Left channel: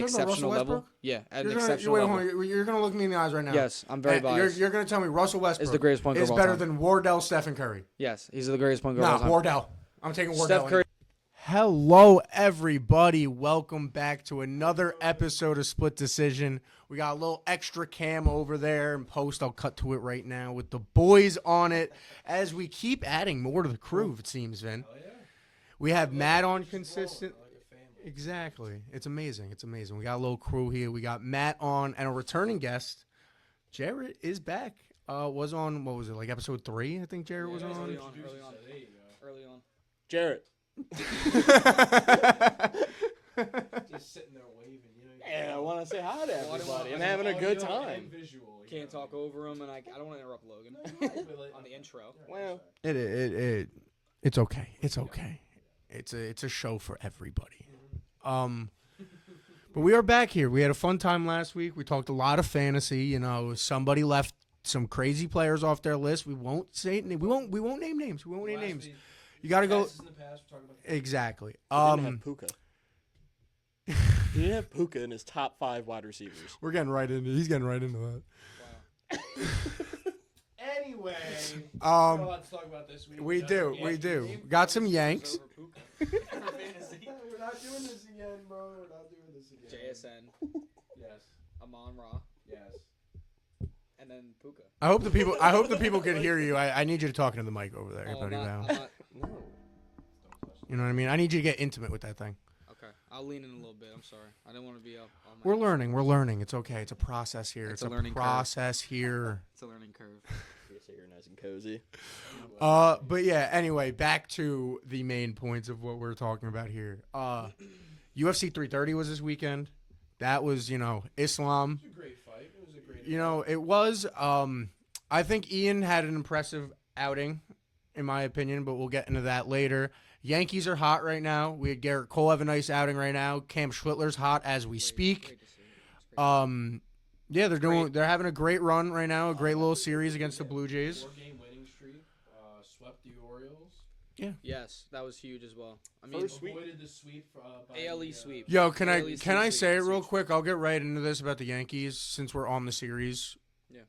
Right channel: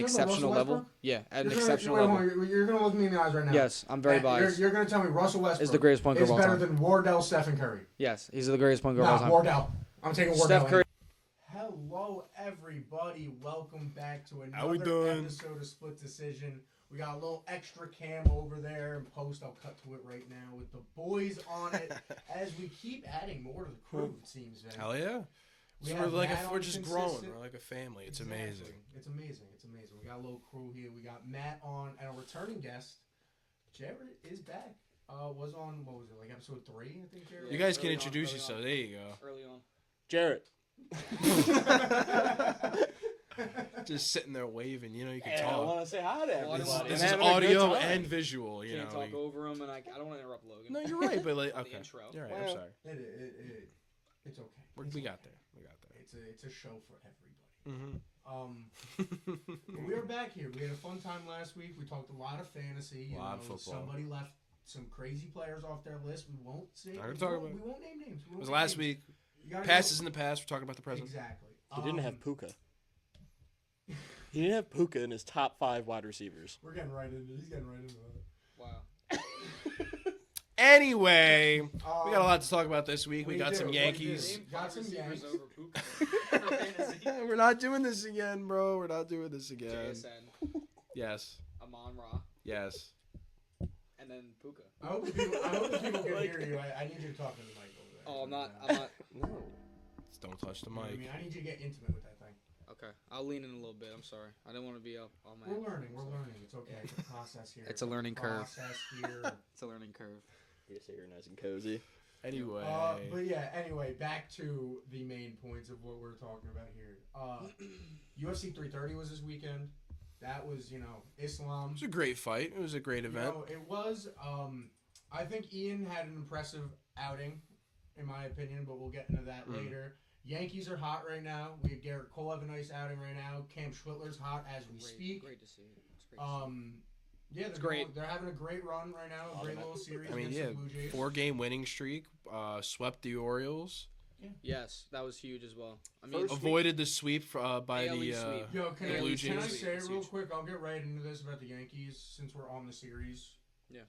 exceptional level. Yeah, at an exceptional level. You're going to look me in the eyes right now. Yes, I'm very biased. You're going to tell me Russell Westbrook is the greatest point guard of all time. better than Wardell, Stephen Curry. Yes, he's the greatest point guard of all time. Wardell. I'm taking Wardell. Steph Curry. Hello, everybody. Welcome back to another episode of Split Decision. We got a little extra cam over there in post. I'll cut to it right now with the boys on it as we keep adding more to the crew, it seems, Vin. Hell yeah. We have Matt on consistent. We're like a family. Exactly. It's amazing. It's amazing. We got a little crew here. We got Matt on and a returning guest. Jared is back. Was on, what was it, like episode 3, I think Jared was You guys on. can introduce yourself. There you go. Early on. Jared. Just sitting there waving, you know. You can Yeah, I talk. want to say hi to everybody. This I'm is having a good audio time. and visual. You Can't know, talk over him, and I don't want to interrupt Logan. No, you're right, but like on okay. the intro. You're right, Well, I'm sorry. It's okay. It's We got okay. It's a show for everybody. Mm-hmm. But we are back here. We had a fun time last week. We talked a lot of fantasy. You know, football. somebody left some crazy players off their list. We won't say. We won't name names. We won't name Last names. week, You got to go. passes in the past. We're talking about the present. Exactly. He didn't have Puka. He didn't have Puka in his top 5 wide receivers. We're getting right into. He's getting right into that. Wow. Anyway, we got a lot to talk about this week. We got do. Some We Yankees. do. Got some Yanks. We're not doing this again, bro. We're not doing this again. JSN, Yes. Amon Ra, Yes. and then Puka. I hope the people can hear you. I need you to talk into the mic over there. Oh, I'm buddy, not. now. I'm not. No. Just don't touch the You know what I mean? I need you to get intimate with that thing. Okay, I'll lean in a little bit. I'm sorry. I didn't want to be up all my. We're learning. It's okay. It's a process here. It's a learning curve. process here. It's a learning curve. You're here nice and cozy. Anyway. But yeah, anyway, back to the main points of what we're talking about here. UFC 330 was this weekend. That was, Islam. It was a great fight. It was a great event. You know, it was. I think Ian had an impressive outing, in my opinion, but we'll get into that later. Yankees are hot right now. We had Garrett Cole have a nice outing right now. Cam Schwittler's hot as we speak. Great to see. It's great. Yeah, they're having a great run right now. A great little series against the Blue Jays. 4-game winning streak. Swept the Orioles. Yes, that was huge as well. I mean, Avoided the sweep by ALE the sweep. Yo, can ALE I sweep. say it real quick? I'll get right into this about the Yankees since we're on the series. Yeah.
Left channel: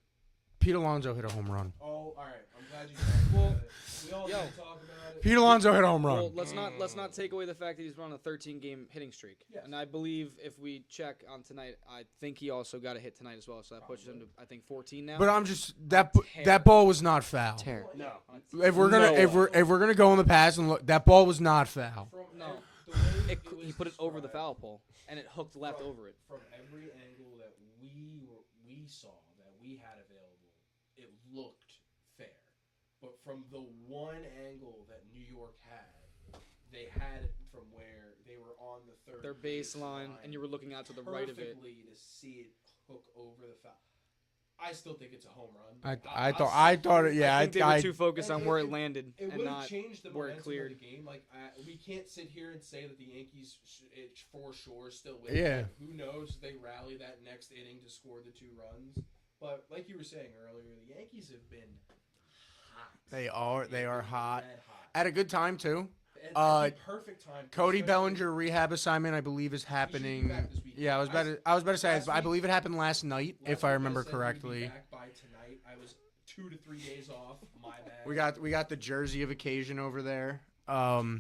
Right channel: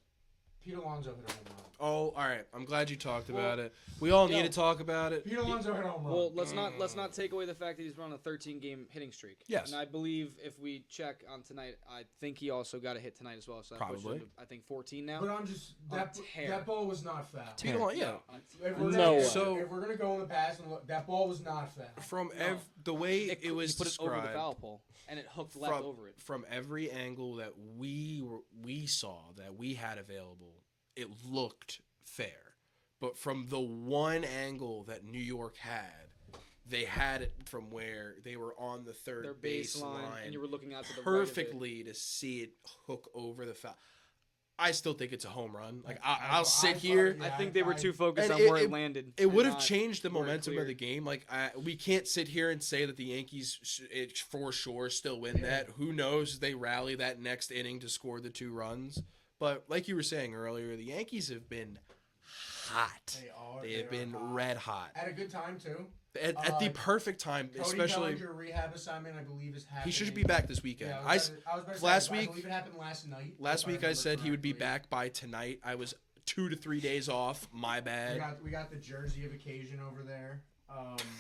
Pete Alonso hit a home run. Oh, all right. I'm glad you talked about it. We all need to talk about it. Pete Alonso hit a home run. Well, let's not take away the fact that he's run a 13-game hitting streak. Yes. And I believe if we check on tonight, I think he also got a hit tonight as well. So that puts him Probably. to, I think, 14 now. But I'm just tear. that ball was not foul. Yeah. If we're gonna go in the past and look, that ball was not foul. From the way it was he put it over the described, foul pole, and it hooked left over it. From every angle that we saw, that we had available, it looked fair. But from the one angle that New York had, they had it from where they were on the third Their baseline, and you were looking out to the right of it. perfectly to see it hook over the foul. I still think it's a home run. Like, I I'll thought sit here. it. Yeah, I think they were too focused and on where it landed. It would and have not changed the where it momentum of cleared. the game. Like we can't sit here and say that the Yankees for sure still win Yeah. that. Who knows? They rally that next inning to score the 2 runs. But like you were saying earlier, the Yankees have been hot. They are been hot. red hot At a good time too. at the perfect time. Cody especially- Bellinger rehab assignment, I believe, is He happening. should be back this weekend. Yeah, I was about to say. last I week- believe it happened last night. Last if I week I remember said correctly. he would be back by tonight. I was 2 to 3 days off. My bad. We got the jersey of occasion over there. Can't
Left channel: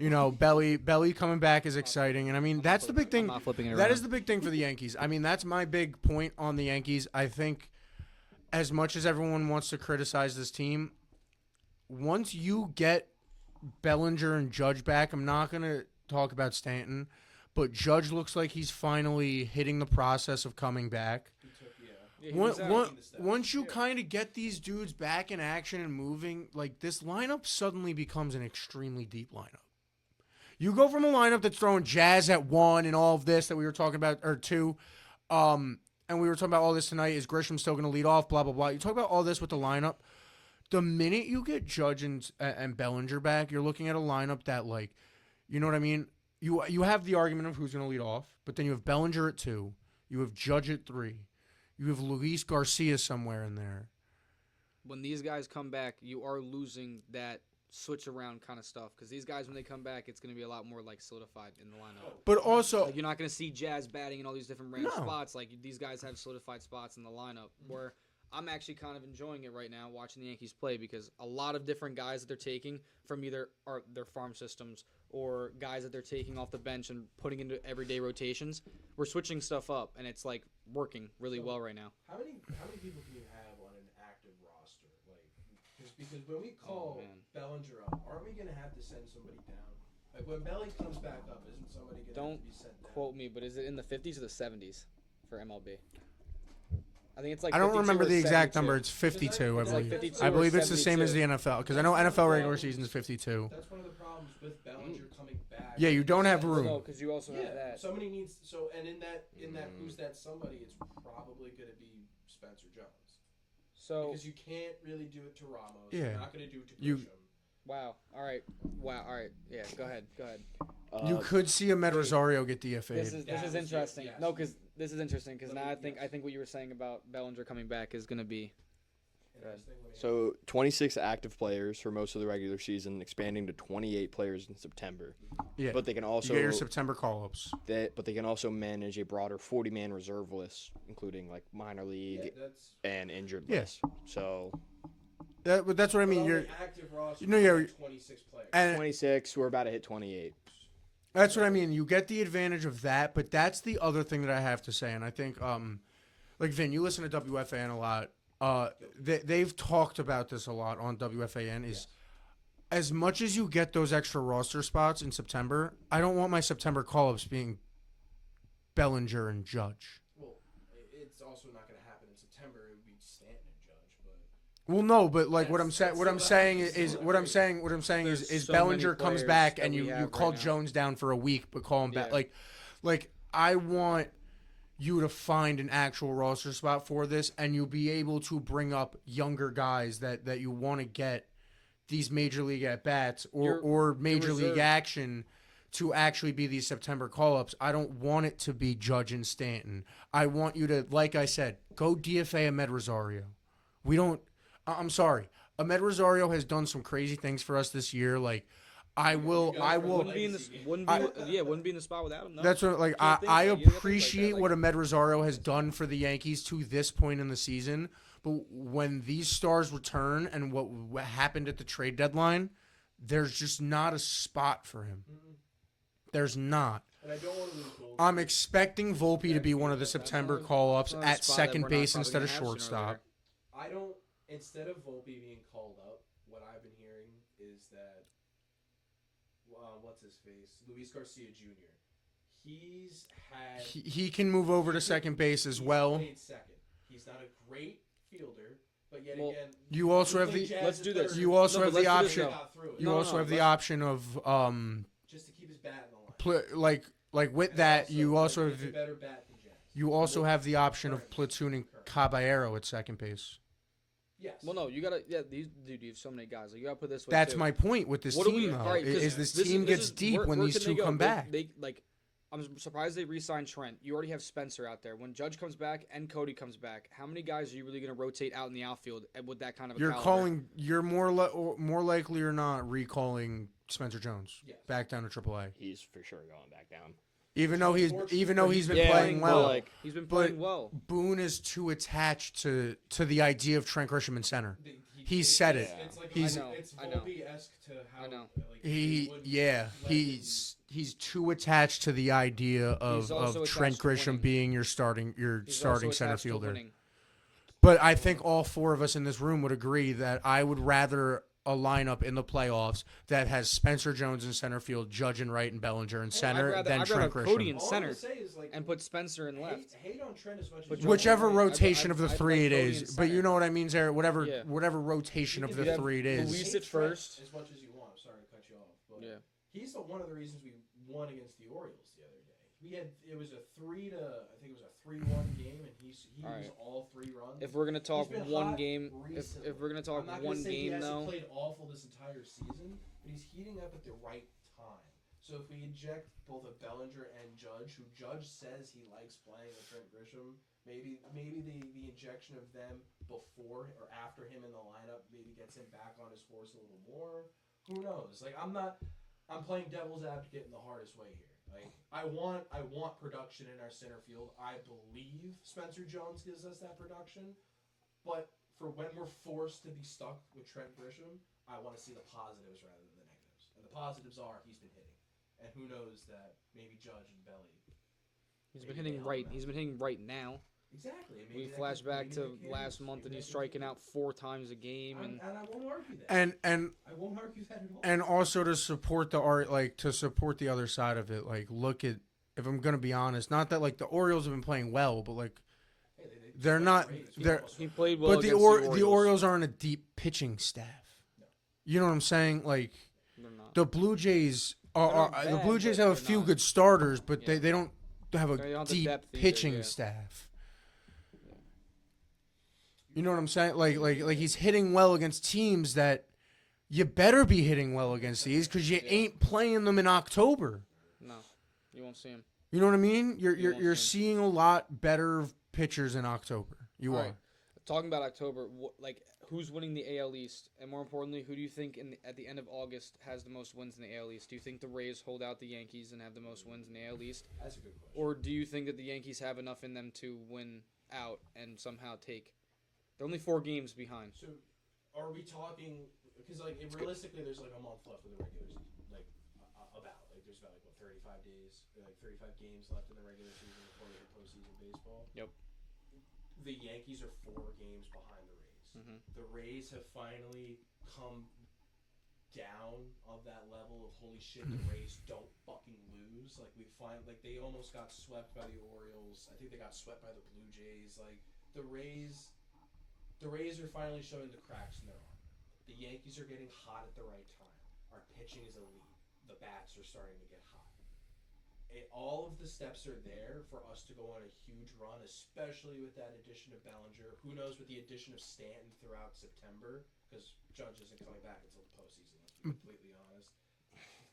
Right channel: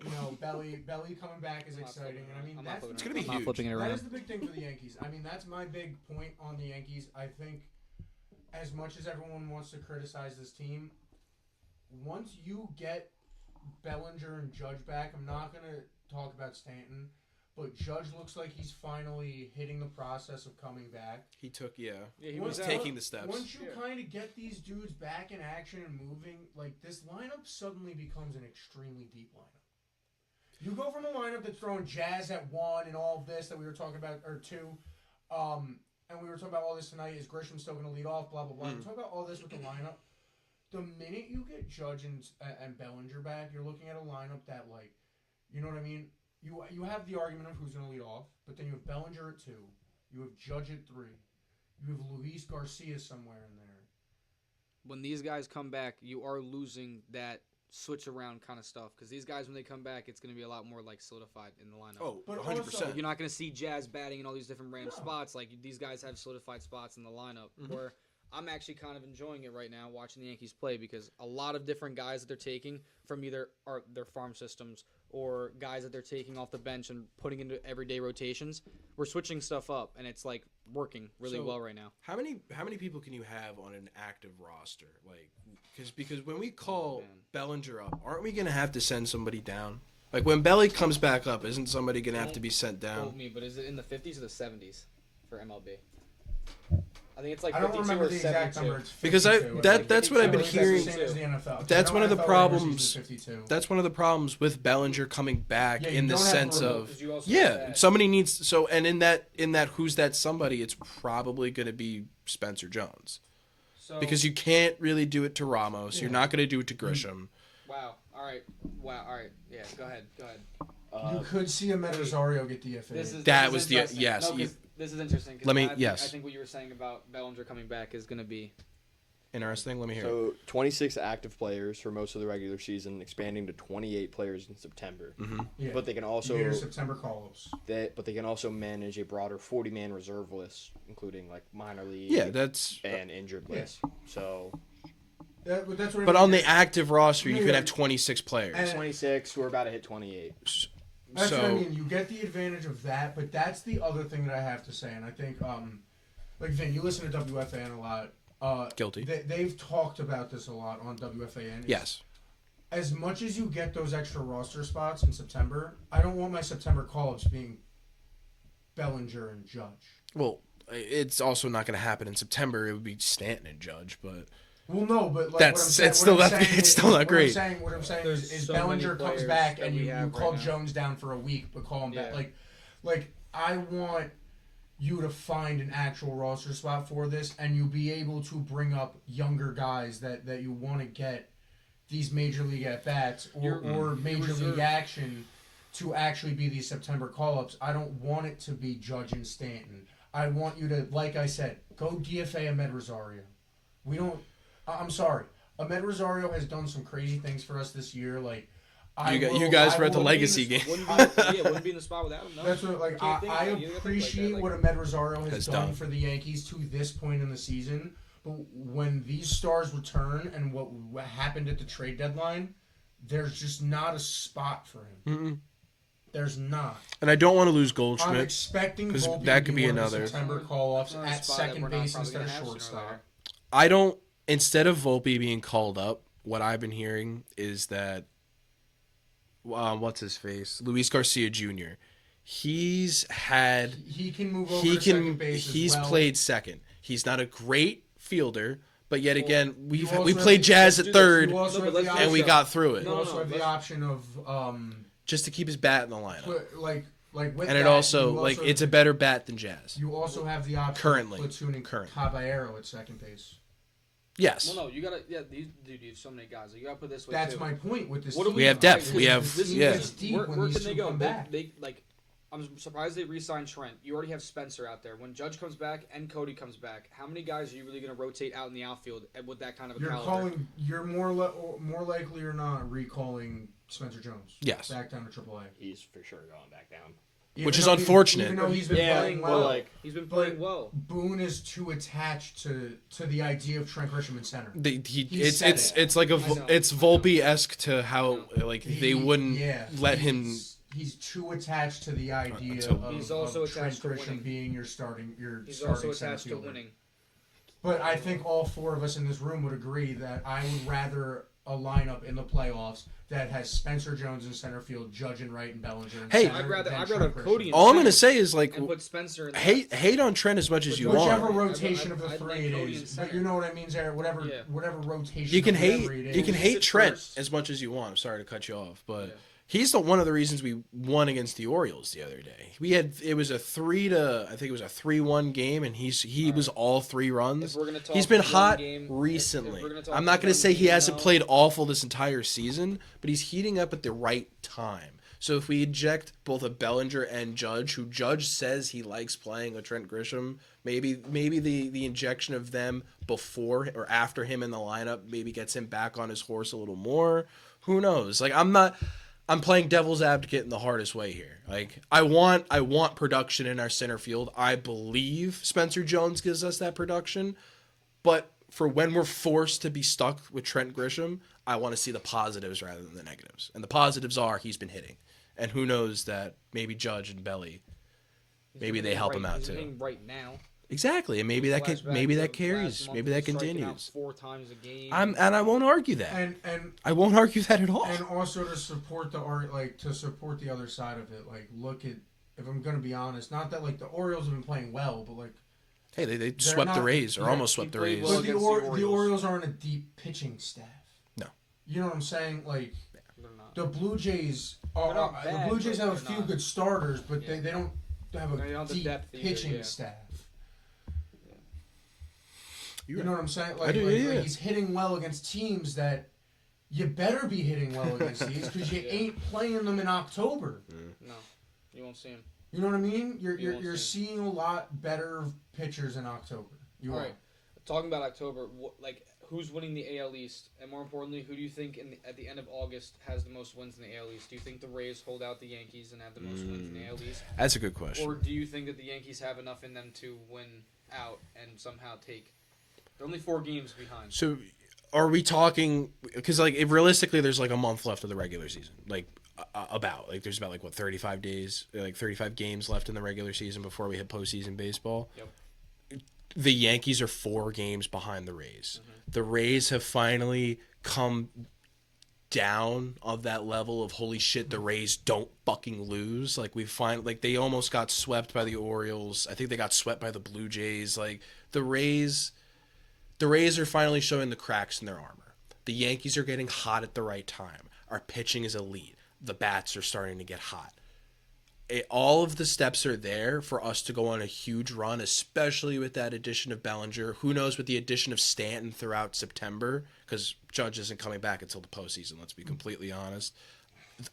even tell. Belly coming back is exciting, and I mean that's the big thing. I'm not flipping it around. That is the big thing for the Yankees. I mean that's my big point on the Yankees. I think, as much as everyone wants to criticize this team, once you get Bellinger and Judge back, I'm not gonna talk about Stanton, but Judge looks like he's finally hitting the process of coming back. He took he was was taking the steps. Once you kind of get these dudes back in action and moving, like this lineup suddenly becomes an extremely deep lineup. You go from a lineup that's throwing Jazz at 1 and all of this that we were talking about, or 2, and we were talking about all this tonight. Is Grisham still going to lead off? Blah, blah, blah. You talk about all this with the lineup. The minute you get Judge and Bellinger back, you're looking at a lineup that, like, you know what I mean? You have the argument of who's going to lead off, but then you have Bellinger at 2. You have Judge at 3. You have Luis Garcia somewhere in there. When these guys come back, you are losing that switch around kind of stuff because these guys when they come back, it's going to be a lot more like solidified in the lineup. But also, So you're not going to see Jazz batting in all these different random No. spots. Like these guys have solidified spots in the lineup. Where I'm actually kind of enjoying it right now watching the Yankees play because a lot of different guys that they're taking from either their farm systems or guys that they're taking off the bench and putting into everyday rotations. We're switching stuff up and it's like working really well right now. How many people can you have on an active roster? Like, because when we call Bellinger up, aren't we gonna have to send somebody down? Like when Belly comes back up, isn't somebody gonna have to be sent down? Quote me, but is it in the 50s or the 70s for MLB? I think it's like I don't 52 remember or the exact 72. number. It's Because 52. that's what I I've been believe that's the hearing. same as the NFL. 'cause That's I know one of the NFL regular problems. season's 52. That's one of the problems with Bellinger coming back. Yeah, you in the don't have sense room. of 'Cause you also have yeah, that. somebody needs and in that who's that somebody? It's probably going to be Spencer Jones So, because you can't really do it to Ramos. Yeah. You're not going to do it to Grisham. wow. All right. Yeah, go ahead. You could see Ahmed wait. Rosario get DFA'd. This is That this is was the- interesting. yes, No, you- because this is interesting. 'Cause Let me- I think, yes. I think what you were saying about Bellinger coming back is going to be Interesting. Let me hear. So 26 active players for most of the regular season, expanding to 28 players in September. yeah. But they can You also get your September call-ups. they can also manage a broader 40-man reserve list, including like minor league yeah, that's. and injured Yeah. lists. So But that's what I But mean. on You're- the active roster, No, you could yeah. have 26 players. And- 26, we're about to hit 28. That's what I So- mean. You get the advantage of that, but that's the other thing that I have to say. And I think, like Vin, you listen to WFAN a lot. Guilty. They've talked about this a lot on WFAN. Yes. As much as you get those extra roster spots in September, I don't want my September call-ups being Bellinger and Judge. Well, it's also not going to happen in September. It would be Stanton and Judge, but Well, no, but like what I'm That's- saying, it's what still I'm not- saying, it's is- still not what great. What I'm saying There's is so many Bellinger comes players back that and we you have call right now. Jones down for a week, but call him back. Yeah. Like I want you to find an actual roster spot for this, and you'll be able to bring up younger guys that you want to get these major league at bats or major league reserve. action to actually be these September call ups. I don't want it to be Judge and Stanton. I want you to, like I said, go DFA Ahmed Rosario. We don't. I'm sorry. Ahmed Rosario has done some crazy things for us this year. Like You guys were at the will- legacy game. Wouldn't be in the spot without him. No. That's what like Can't think I that. You gotta think like appreciate that, what like- Ahmed Rosario has Has done done. for the Yankees to this point in the season. But when these stars return and what happened at the trade deadline, there's just not a spot for him. Mm-mm. There's not. And I don't want to lose I'm Goldschmidt. expecting 'cause Volpe that to could be be one of the another- September call-ups Another at spot that second we're not base probably instead of gonna have sooner or shortstop. later. I don't. Instead of Volpe being called up, what I've been hearing is that what's his face, Luis Garcia Jr. He's had. He can move over to second base as He's well. played second. He's not a great fielder, but yet again, we you also have played the- Jazz let's at do this. third, You also No, have but the let's do and we option. got through it You No, also no, have the let's- option of just to keep his bat in the lineup. like with And that. it also you like also it's a better bat than Jazz. You also have the option Currently. of platooning Currently. Caballero at second base. Yes. Well, no, you gotta. Yeah, you have so many guys. Like, you gotta put this way That's too. my point with this What team. do we have though, depth. is We have- this team yeah. gets deep where when where these can they two go? come back. They like. I'm surprised they re-signed Trent. You already have Spencer out there. When Judge comes back and Cody comes back, how many guys are you really going to rotate out in the outfield with that kind of a caliber? You're more likely or not recalling Spencer Jones. Yes. Back down to AAA. He's for sure going back down. Which is though he's- unfortunate. Even though he's been Yeah, playing but well. like- He's been playing But- well. Boone is too attached to the idea of Trent Grisham in center. He said it's it. it's like a I know, it's I know. Volpe-esque to how like they wouldn't let him. He's too attached to the idea He's also of Trent attached to Grisham winning. being your starting He's also center attached to fielder. winning. But I think all four of us in this room would agree that I would rather a lineup in the playoffs that has Spencer Jones in center field, Judge and Right and Bellinger in Hey, center. I'd rather than have Trent Cody Grisham. in All I'm center gonna say is like and put Spencer in the hate on Trent as much as But you Whichever want. rotation of the I'd three like it Cody in is, but you center. know what I mean, Zarek. Whatever Yeah. rotation You can of hate the three it you can is. hate At Trent first. as much as you want. I'm sorry to cut you off, but Yeah. he's one of the reasons we won against the Orioles the other day. It was a 3-1 game, and he was all 3 runs. If we're gonna talk He's been one hot game, recently. if we're gonna talk I'm not going one to say he game, hasn't though- played awful this entire season, but he's heating up at the right time. So if we eject both a Bellinger and Judge, who Judge says he likes playing with Trent Grisham, maybe the injection of them before or after him in the lineup maybe gets him back on his horse a little more. Who knows? Like I'm playing devil's advocate in the hardest way here. Like I want production in our center field. I believe Spencer Jones gives us that production, but for when we're forced to be stuck with Trent Grisham, I want to see the positives rather than the negatives. And the positives are he's been hitting, and who knows that maybe Judge and Belly, maybe they help him out He's too. hitting right now. Exactly, and maybe that carries. Maybe that continues. 4 times a game. And I won't argue that. And I won't argue that at all. And also to support the other side of it, like look at, if I'm gonna be honest, not that like the Orioles have been playing well, but like hey, they swept the Rays or almost swept the Rays. well but the Orioles. Orioles aren't a deep pitching staff. No, you know what I'm saying? Like They're not. the Blue Jays They're not bad, the Blue Jays but have a they're few not. good starters, but Yeah. they don't have They don't a have the deep depth either, pitching yeah. staff. You're You know right. what I'm saying? I do, yeah. Like he's hitting well against teams that you better be hitting well against these because you Yeah. ain't playing them in October. No, you won't see him. You know what I mean? You won't You're see seeing a lot better pitchers in October. You All are. right. Talking about October, who's winning the AL East, and more importantly, who do you think at the end of August has the most wins in the AL East? Do you think the Rays hold out the Yankees and have the most wins in the AL East, That's a good question. or do you think that the Yankees have enough in them to win out and somehow take? They're only 4 games behind. So, are we talking? Because like, if realistically, there's like a month left of the regular season. Like, there's about 35 days, 35 games left in the regular season before we hit postseason baseball. Yep. The Yankees are 4 games behind the Rays. Mm-hmm. The Rays have finally come down of that level of holy shit, the Rays don't fucking lose. Like they almost got swept by the Orioles. I think they got swept by the Blue Jays. Like the Rays are finally showing the cracks in their armor. The Yankees are getting hot at the right time. Our pitching is elite. The bats are starting to get hot. All of the steps are there for us to go on a huge run, especially with that addition of Bellinger. Who knows with the addition of Stanton throughout September, because Judge isn't coming back until the postseason. Let's be completely honest.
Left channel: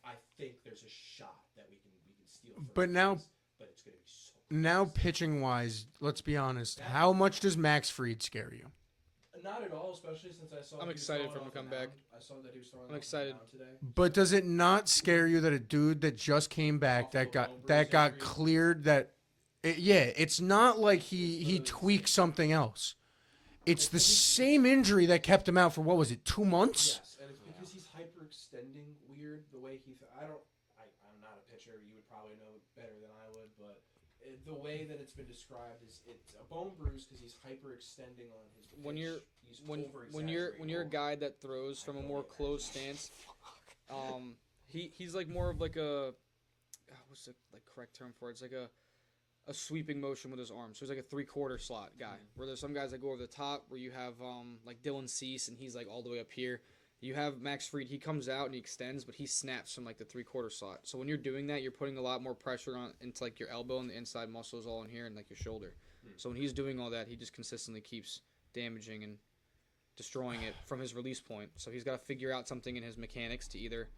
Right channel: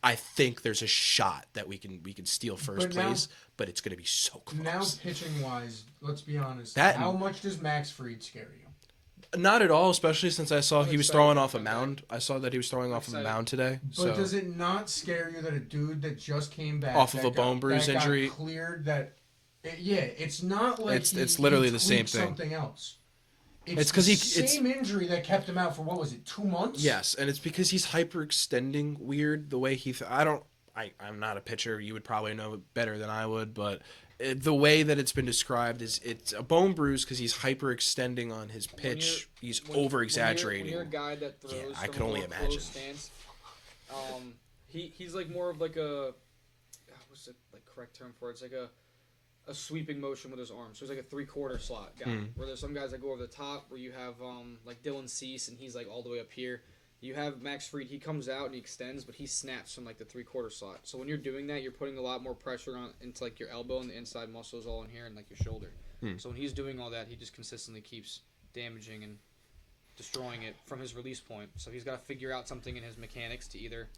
I think there's a shot that we can steal first place, but it's going to be so close. Now, pitching wise, let's be honest. That- how much does Max Fried scare you? Not at all, especially since I saw I'm he was excited throwing for him off to a come mound. I saw that he was throwing I'm off a excited. mound today. But so- does it not scare you that a dude that just came back Off of that a bone got, bruise that got injury? cleared it's not like It's literally he the same tweaked thing. something else. It's It's the 'cause same injury that kept him out for what was it, 2 months? Yes, and it's because he's hyperextending weird the way he. I'm not a pitcher. You would probably know it better than I would, but the way that it's been described is it's a bone bruise because he's hyperextending on his pitch. He's over exaggerating. When you're a guy that throws I from can a only more imagine. close stance, he's like more of like a what's the correct term for it? It's like a sweeping motion with his arms. So he's like a 3/4 slot guy. Where there's some guys that go over the top. Where you have like Dylan Cease and he's like all the way up here. You have Max Fried. He comes out and he extends, but he snaps from like the 3/4 slot. So when you're doing that, you're putting a lot more pressure on into like your elbow and the inside muscles all in here and like your shoulder. So when he's doing all that, he just consistently keeps damaging and destroying it from his release point. So he's got to figure out something in his mechanics to either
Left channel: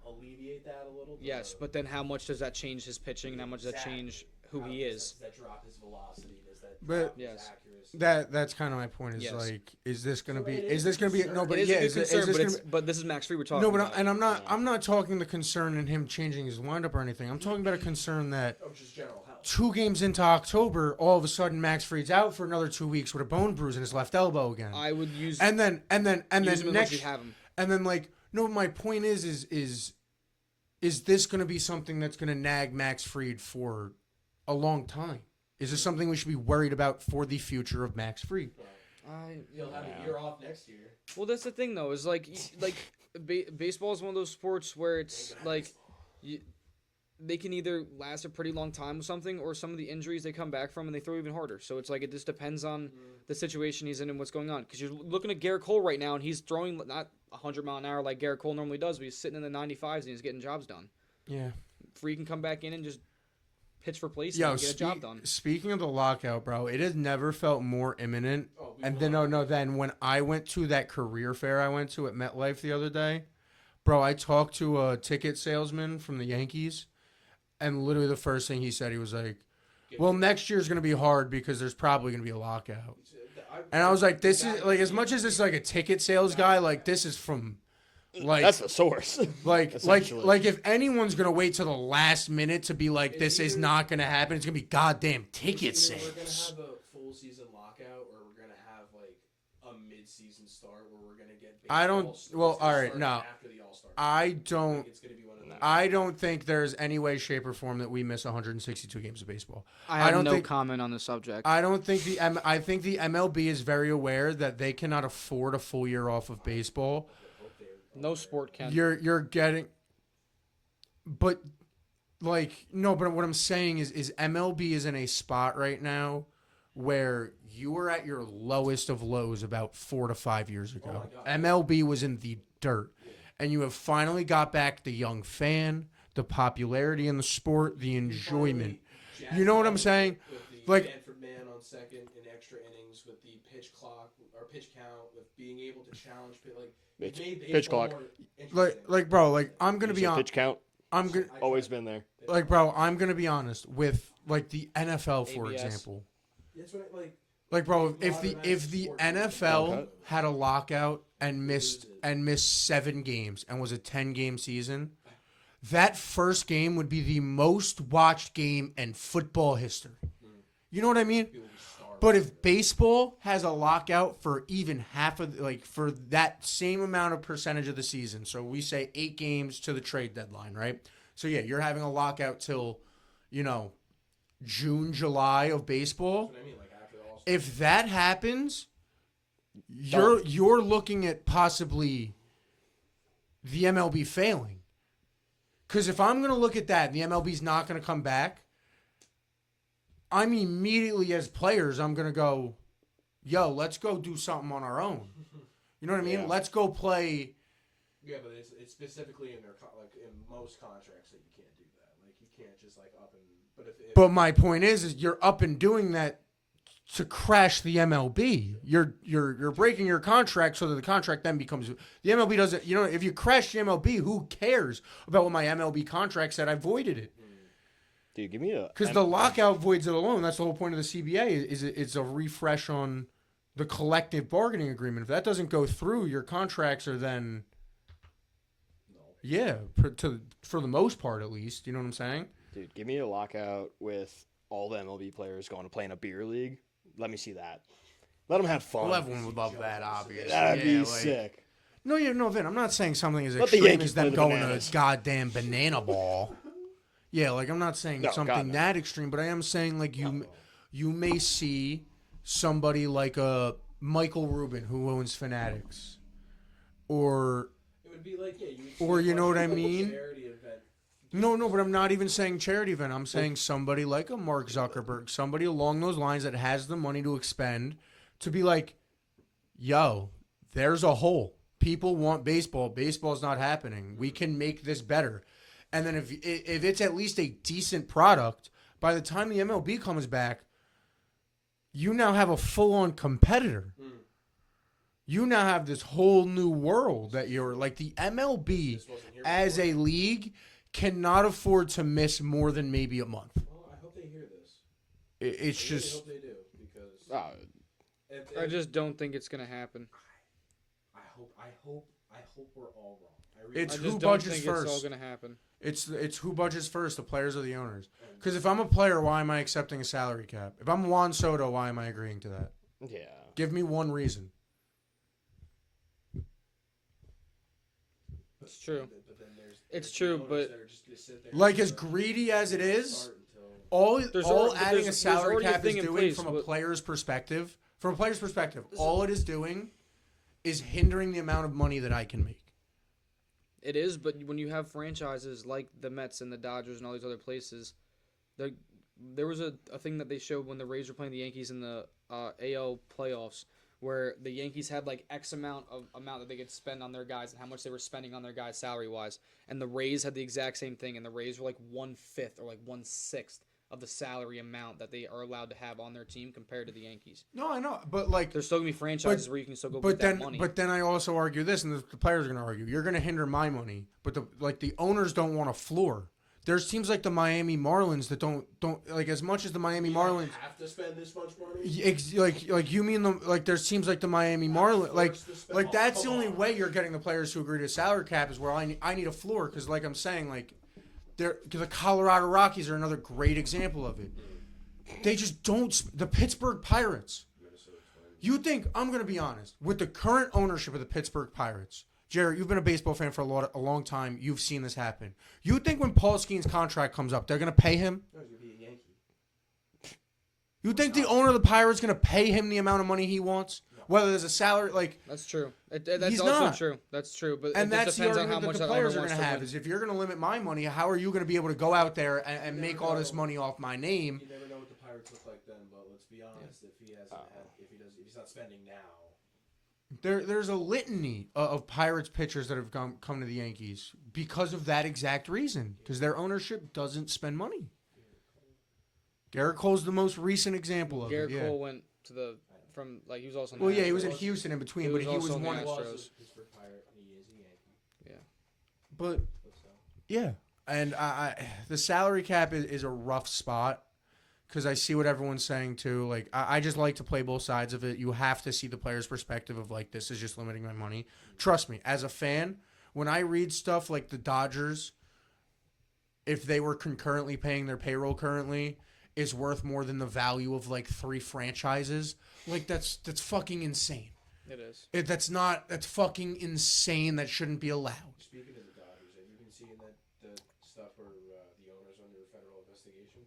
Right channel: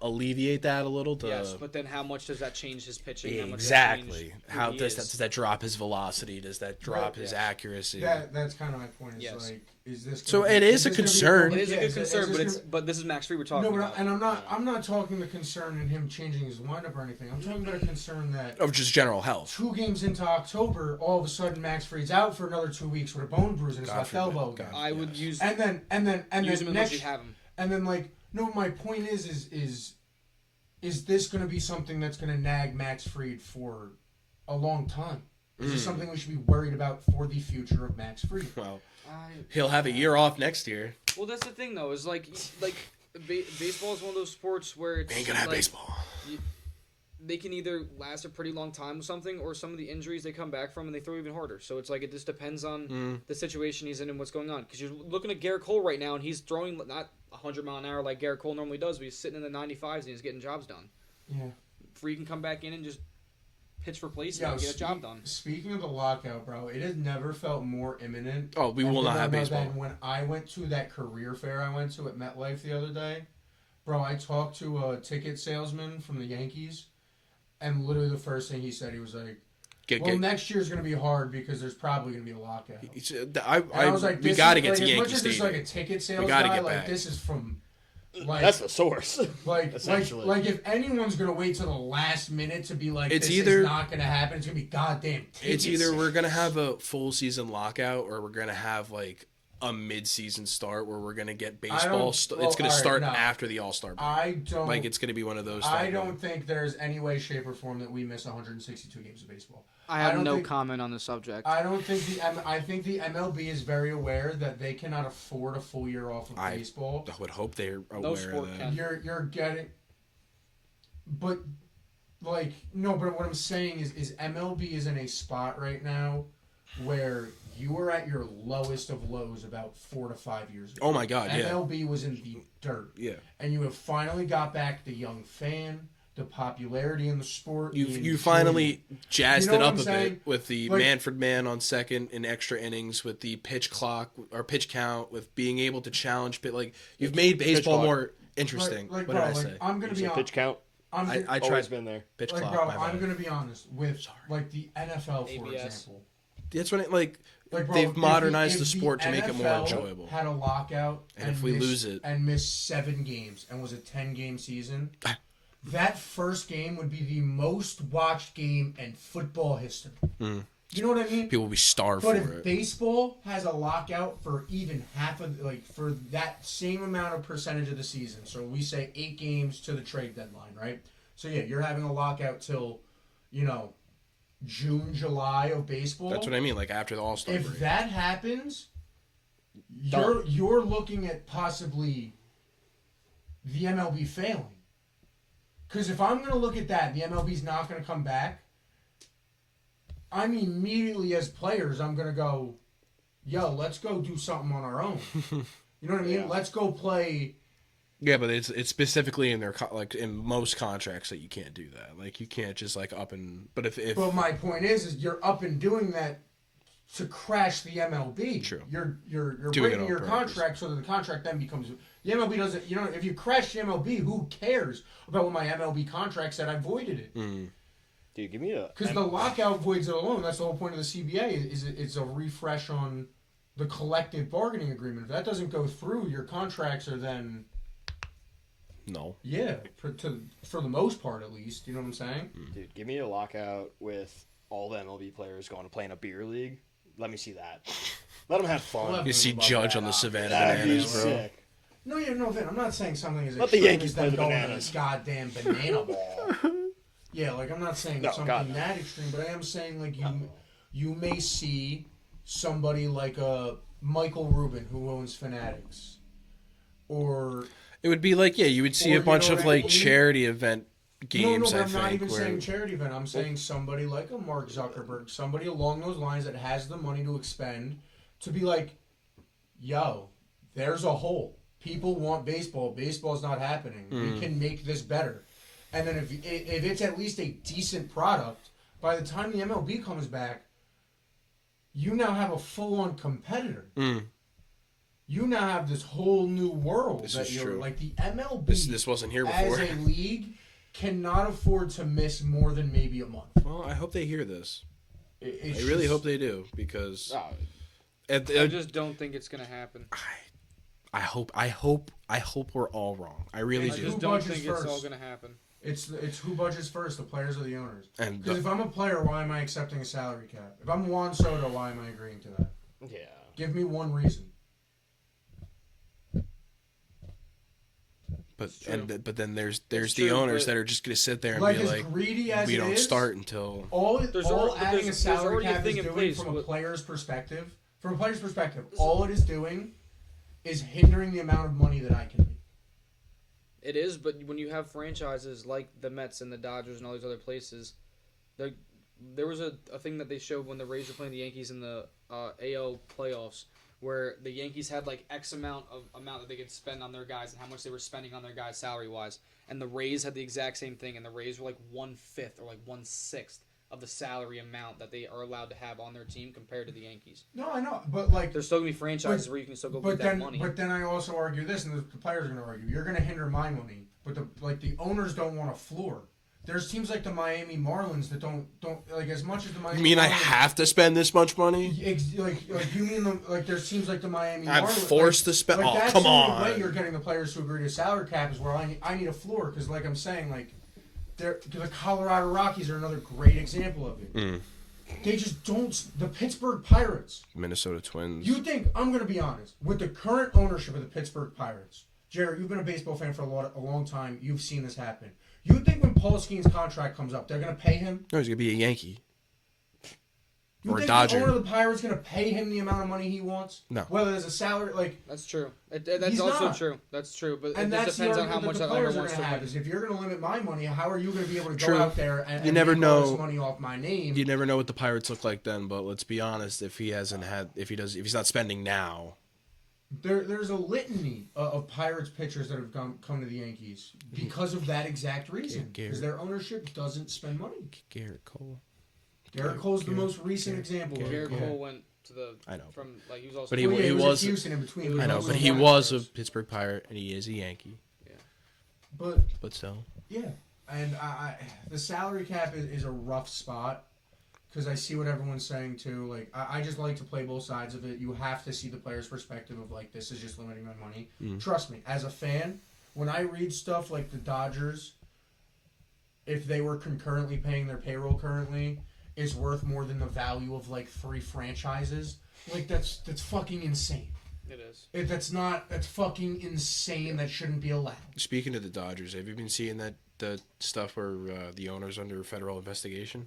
alleviate that a little. yes, but then how much does that change his pitching? How much does that change exactly. who How he does is? that drop his velocity? Does that drop his Yes. accuracy? That's kind of my point. Is Yes. like, is this? So Gonna be, it is a this gonna be concern. It is a yeah, good concern, this but this is Max Fried we're talking no, but about. I'm not talking the concern in him changing his windup or anything. I'm talking about a concern that Of just general health. 2 games into October, all of a sudden Max Fried's out for another 2 weeks with a bone bruise in his left elbow again. I would use And then use him as much next, as you have him. and then like no, my point is this going to be something that's going to nag Max Fried for a long time? Is this something we should be worried about for the future of Max Fried? Well, he'll have a year off next year. Well, that's the thing though. Is like baseball is one of those sports where it's Ain't gonna have like baseball. they can either last a pretty long time with something, or some of the injuries they come back from and they throw even harder. So it's like it just depends on the situation he's in and what's going on. Because you're looking at Garrett Cole right now, and he's throwing not 100 mile an hour like Garrett Cole normally does, but he's sitting in the 95s and he's getting jobs done. Yeah. Free can come back in and just pitch for placement and get a job done. Speaking of the lockout, bro, it has never felt more imminent. Oh, we will not have baseball. Than when I went to that career fair I went to at MetLife the other day. Bro, I talked to a ticket salesman from the Yankees, and literally the first thing he said, he was like, next year's going to be hard because there's probably going to be a lockout. I And I was like, we this gotta is, get like, to as Yankee much as this is Stadium. like a ticket sales gotta guy, get like back. this is from Like That's the source. like essentially. like if anyone's gonna wait till the last minute to be like, It's this either- is not gonna happen, it's gonna be goddamn tickets. It's either we're gonna have a full season lockout, or we're gonna have like a mid-season start where we're gonna get baseball. It's gonna start after the All-Star break. I don't Like it's gonna be one of those. I things. don't think there's any way, shape, or form that we miss 162 games of baseball. I have don't no think- comment on the subject. I don't think I think the MLB is very aware that they cannot afford a full year off of baseball. I would hope they're aware No sport of that. can. You're getting, but like no. But what I'm saying is MLB is in a spot right now where you were at your lowest of lows about 4 to 5 years ago. Oh my God, yeah. MLB was in the dirt. Yeah. And you have finally got back the young fan, the popularity in the sport. You finally jazzed You know it what up I'm a saying? bit with the Like- Manfred man on second in extra innings, with the pitch clock or pitch count, with being able to challenge. But like you've made baseball clock. more interesting. like What bro, did I like say? I'm gonna You be said on. pitch count. I'm I gonna, tried Always been there. pitch like clock, bro, my I'm bad. gonna be honest with like the NFL for ABS. example. That's when it like Like bro, they've if modernized if the sport to make it more NFL enjoyable. had a lockout And and if we lose it- missed 7 games and was a 10-game season, that first game would be the most watched game in football history. You know what I mean? People will be starved. But for if it. baseball has a lockout for even half of like for that same amount of percentage of the season, so we say 8 games to the trade deadline, right? So yeah, you're having a lockout till, June, July of baseball. That's what I mean. Like after the All-Star If break. that happens, Done. you're looking at possibly the MLB failing. Because if I'm gonna look at that, and the MLB's not gonna come back. I'm immediately as players, I'm gonna go, yo, let's go do something on our own. You know what I mean? Yeah. Let's go play. Yeah, but it's specifically in their like in most contracts that you can't do that. Like you can't just like up and. But if But my point is you're up and doing that to crash the MLB. True. You're Doing it breaking on your purpose. contract so that the contract then becomes the MLB doesn't. If you crash the MLB, who cares about what my MLB contract said? I voided it Dude, give me a. because the lockout voids it alone. That's the whole point of the CBA. It's a refresh on the collective bargaining agreement. If that doesn't go through, your contracts are then. no, Yeah, for the most part, at least. You know what I'm saying? Dude, give me a lockout with all the MLB players going to play in a beer league. Let me see that. Let them have fun. Well, you see above Judge that, on the Savannah. That'd be Bananas, bro. sick. No, Vin. I'm not saying something as Let the extreme Yankees as them play the going bananas. to a goddamn banana ball. Yeah, like I'm not saying No, something God, no. that extreme, but I am saying like you may see somebody like a Michael Rubin who owns Fanatics, or It would be like you would see Or a you bunch know of what I like mean? charity event games. no, but I'm not even where- saying charity event. I'm saying somebody like a Mark Zuckerberg, somebody along those lines that has the money to expend, to be like, yo, there's a hole. People want baseball. Baseball's not happening. We can make this better. And then if it's at least a decent product, by the time the MLB comes back, you now have a full-on competitor. You now have this whole new world This that is you're true. like the MLB This wasn't here as before. a league cannot afford to miss more than maybe a month. Well, I hope they hear this. It's I really just- hope they do because Oh, I just don't think it's gonna happen. I hope we're all wrong. I really It's I do. just who don't budgets think it's all first? gonna happen. It's who budgets first, the players or the owners. And Because if I'm a player, why am I accepting a salary cap? If I'm Juan Soto, why am I agreeing to that? yeah. Give me one reason. true. but then there's It's the true, owners but- that are just gonna sit there and Like be as like, greedy as we it don't is, start until all There's all al- adding there's- a salary there's already a cap thing is in doing place from a with- player's perspective. From a player's perspective, all it is doing is hindering the amount of money that I can make. It is, but when you have franchises like the Mets and the Dodgers and all these other places, there was a thing that they showed when the Rays were playing the Yankees in the AL playoffs, where the Yankees had like X amount that they could spend on their guys and how much they were spending on their guys salary wise, and the Rays had the exact same thing, and the Rays were like 1/5 or like 1/6 of the salary amount that they are allowed to have on their team compared to the Yankees. No, I know, but like There's still gonna be franchises where you can still go get that money. But then I also argue this, and the players are going to argue, you're going to hinder my money. But the owners don't want a floor. There's teams like the Miami Marlins that don't like as much as the Miami. You mean Marlins, I have to spend this much money? Like you mean there's teams like the Miami I'm Marlins forced to spend. Like Oh, that's come the only on. way you're getting the players to agree to salary cap is where I need a floor because like I'm saying like the Colorado Rockies are another great example of it. They just don't. The Pittsburgh Pirates. Minnesota Twins. You think I'm gonna be honest with the current ownership of the Pittsburgh Pirates? Jared, you've been a baseball fan for a long time. You've seen this happen. You think when Paul Skeens' contract comes up, they're gonna pay him? No, he's gonna be a Yankee. You Or think Dodger. the owner of the Pirates gonna pay him the amount of money he wants? No. Whether there's a salary, like, That's true. That's He's also not. true. That's true. But and it just that's depends the on how argument much the that owner players are wants to gonna have. win. Is if you're gonna limit my money, how are you gonna be able to go True. out there and never make all know. this money off my name? You never know what the Pirates look like then, but let's be honest. If he's not spending now, There's a litany of Pirates pitchers that have come to the Yankees because of that exact reason. Because their ownership doesn't spend money. Garrett Cole. Garrett Cole's the most recent example of Garrett it. Cole went to the I know. from like he was also. But Well, yeah, he was was- at Houston in between. he was I know, also but he one was a Astros. Pittsburgh Pirate and he is a Yankee. But But still, yeah, and the salary cap is a rough spot because I see what everyone's saying too. Like I just like to play both sides of it. You have to see the player's perspective of like this is just limiting my money. Trust me, as a fan, when I read stuff like the Dodgers, if they were concurrently paying their payroll currently, is worth more than the value of like 3 franchises. Like that's fucking insane. It is. That's fucking insane. That shouldn't be allowed. speaking of the Dodgers, have you been seeing the stuff where the owner's under federal investigation?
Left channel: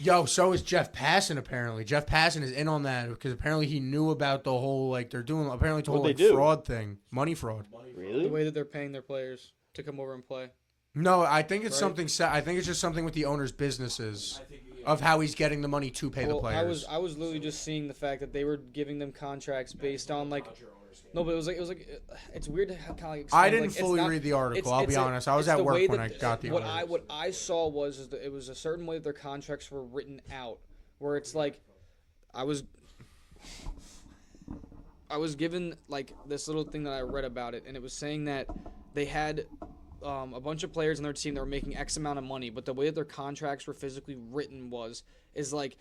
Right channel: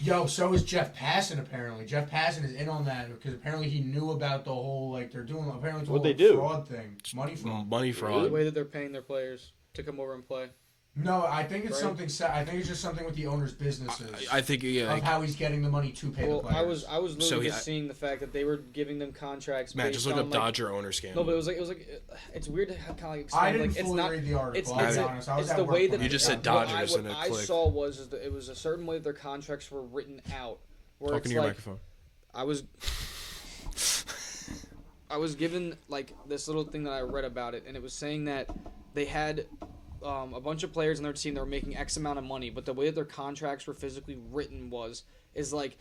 Yo, so is Jeff Passan apparently. Jeff Passan is in on that because apparently he knew about the whole like they're doing apparently the whole What'd like, they do? fraud thing, money fraud. Money The fraud. way that they're paying their players to come over and play. No, I think it's Right. something. I think it's just something with the owner's businesses I think of how he's getting the money to pay the Well, players. I was literally So, just seeing the fact that they were giving them contracts Matt, just based look on up like Dodger owner scandal. no, but it was like it's weird to kind of like I explain didn't like it's fully not read the article. it's I'll it's be honest. I was it's at the work way when that I You just got said that. Dodgers. what and it I clicked. saw was that it was a certain way that their contracts were written out where Talking it's to your like microphone. I was given like this little thing that I read about it, and it was saying that they had a bunch of players on their team that were making X amount of money, but the way that their contracts were physically written is like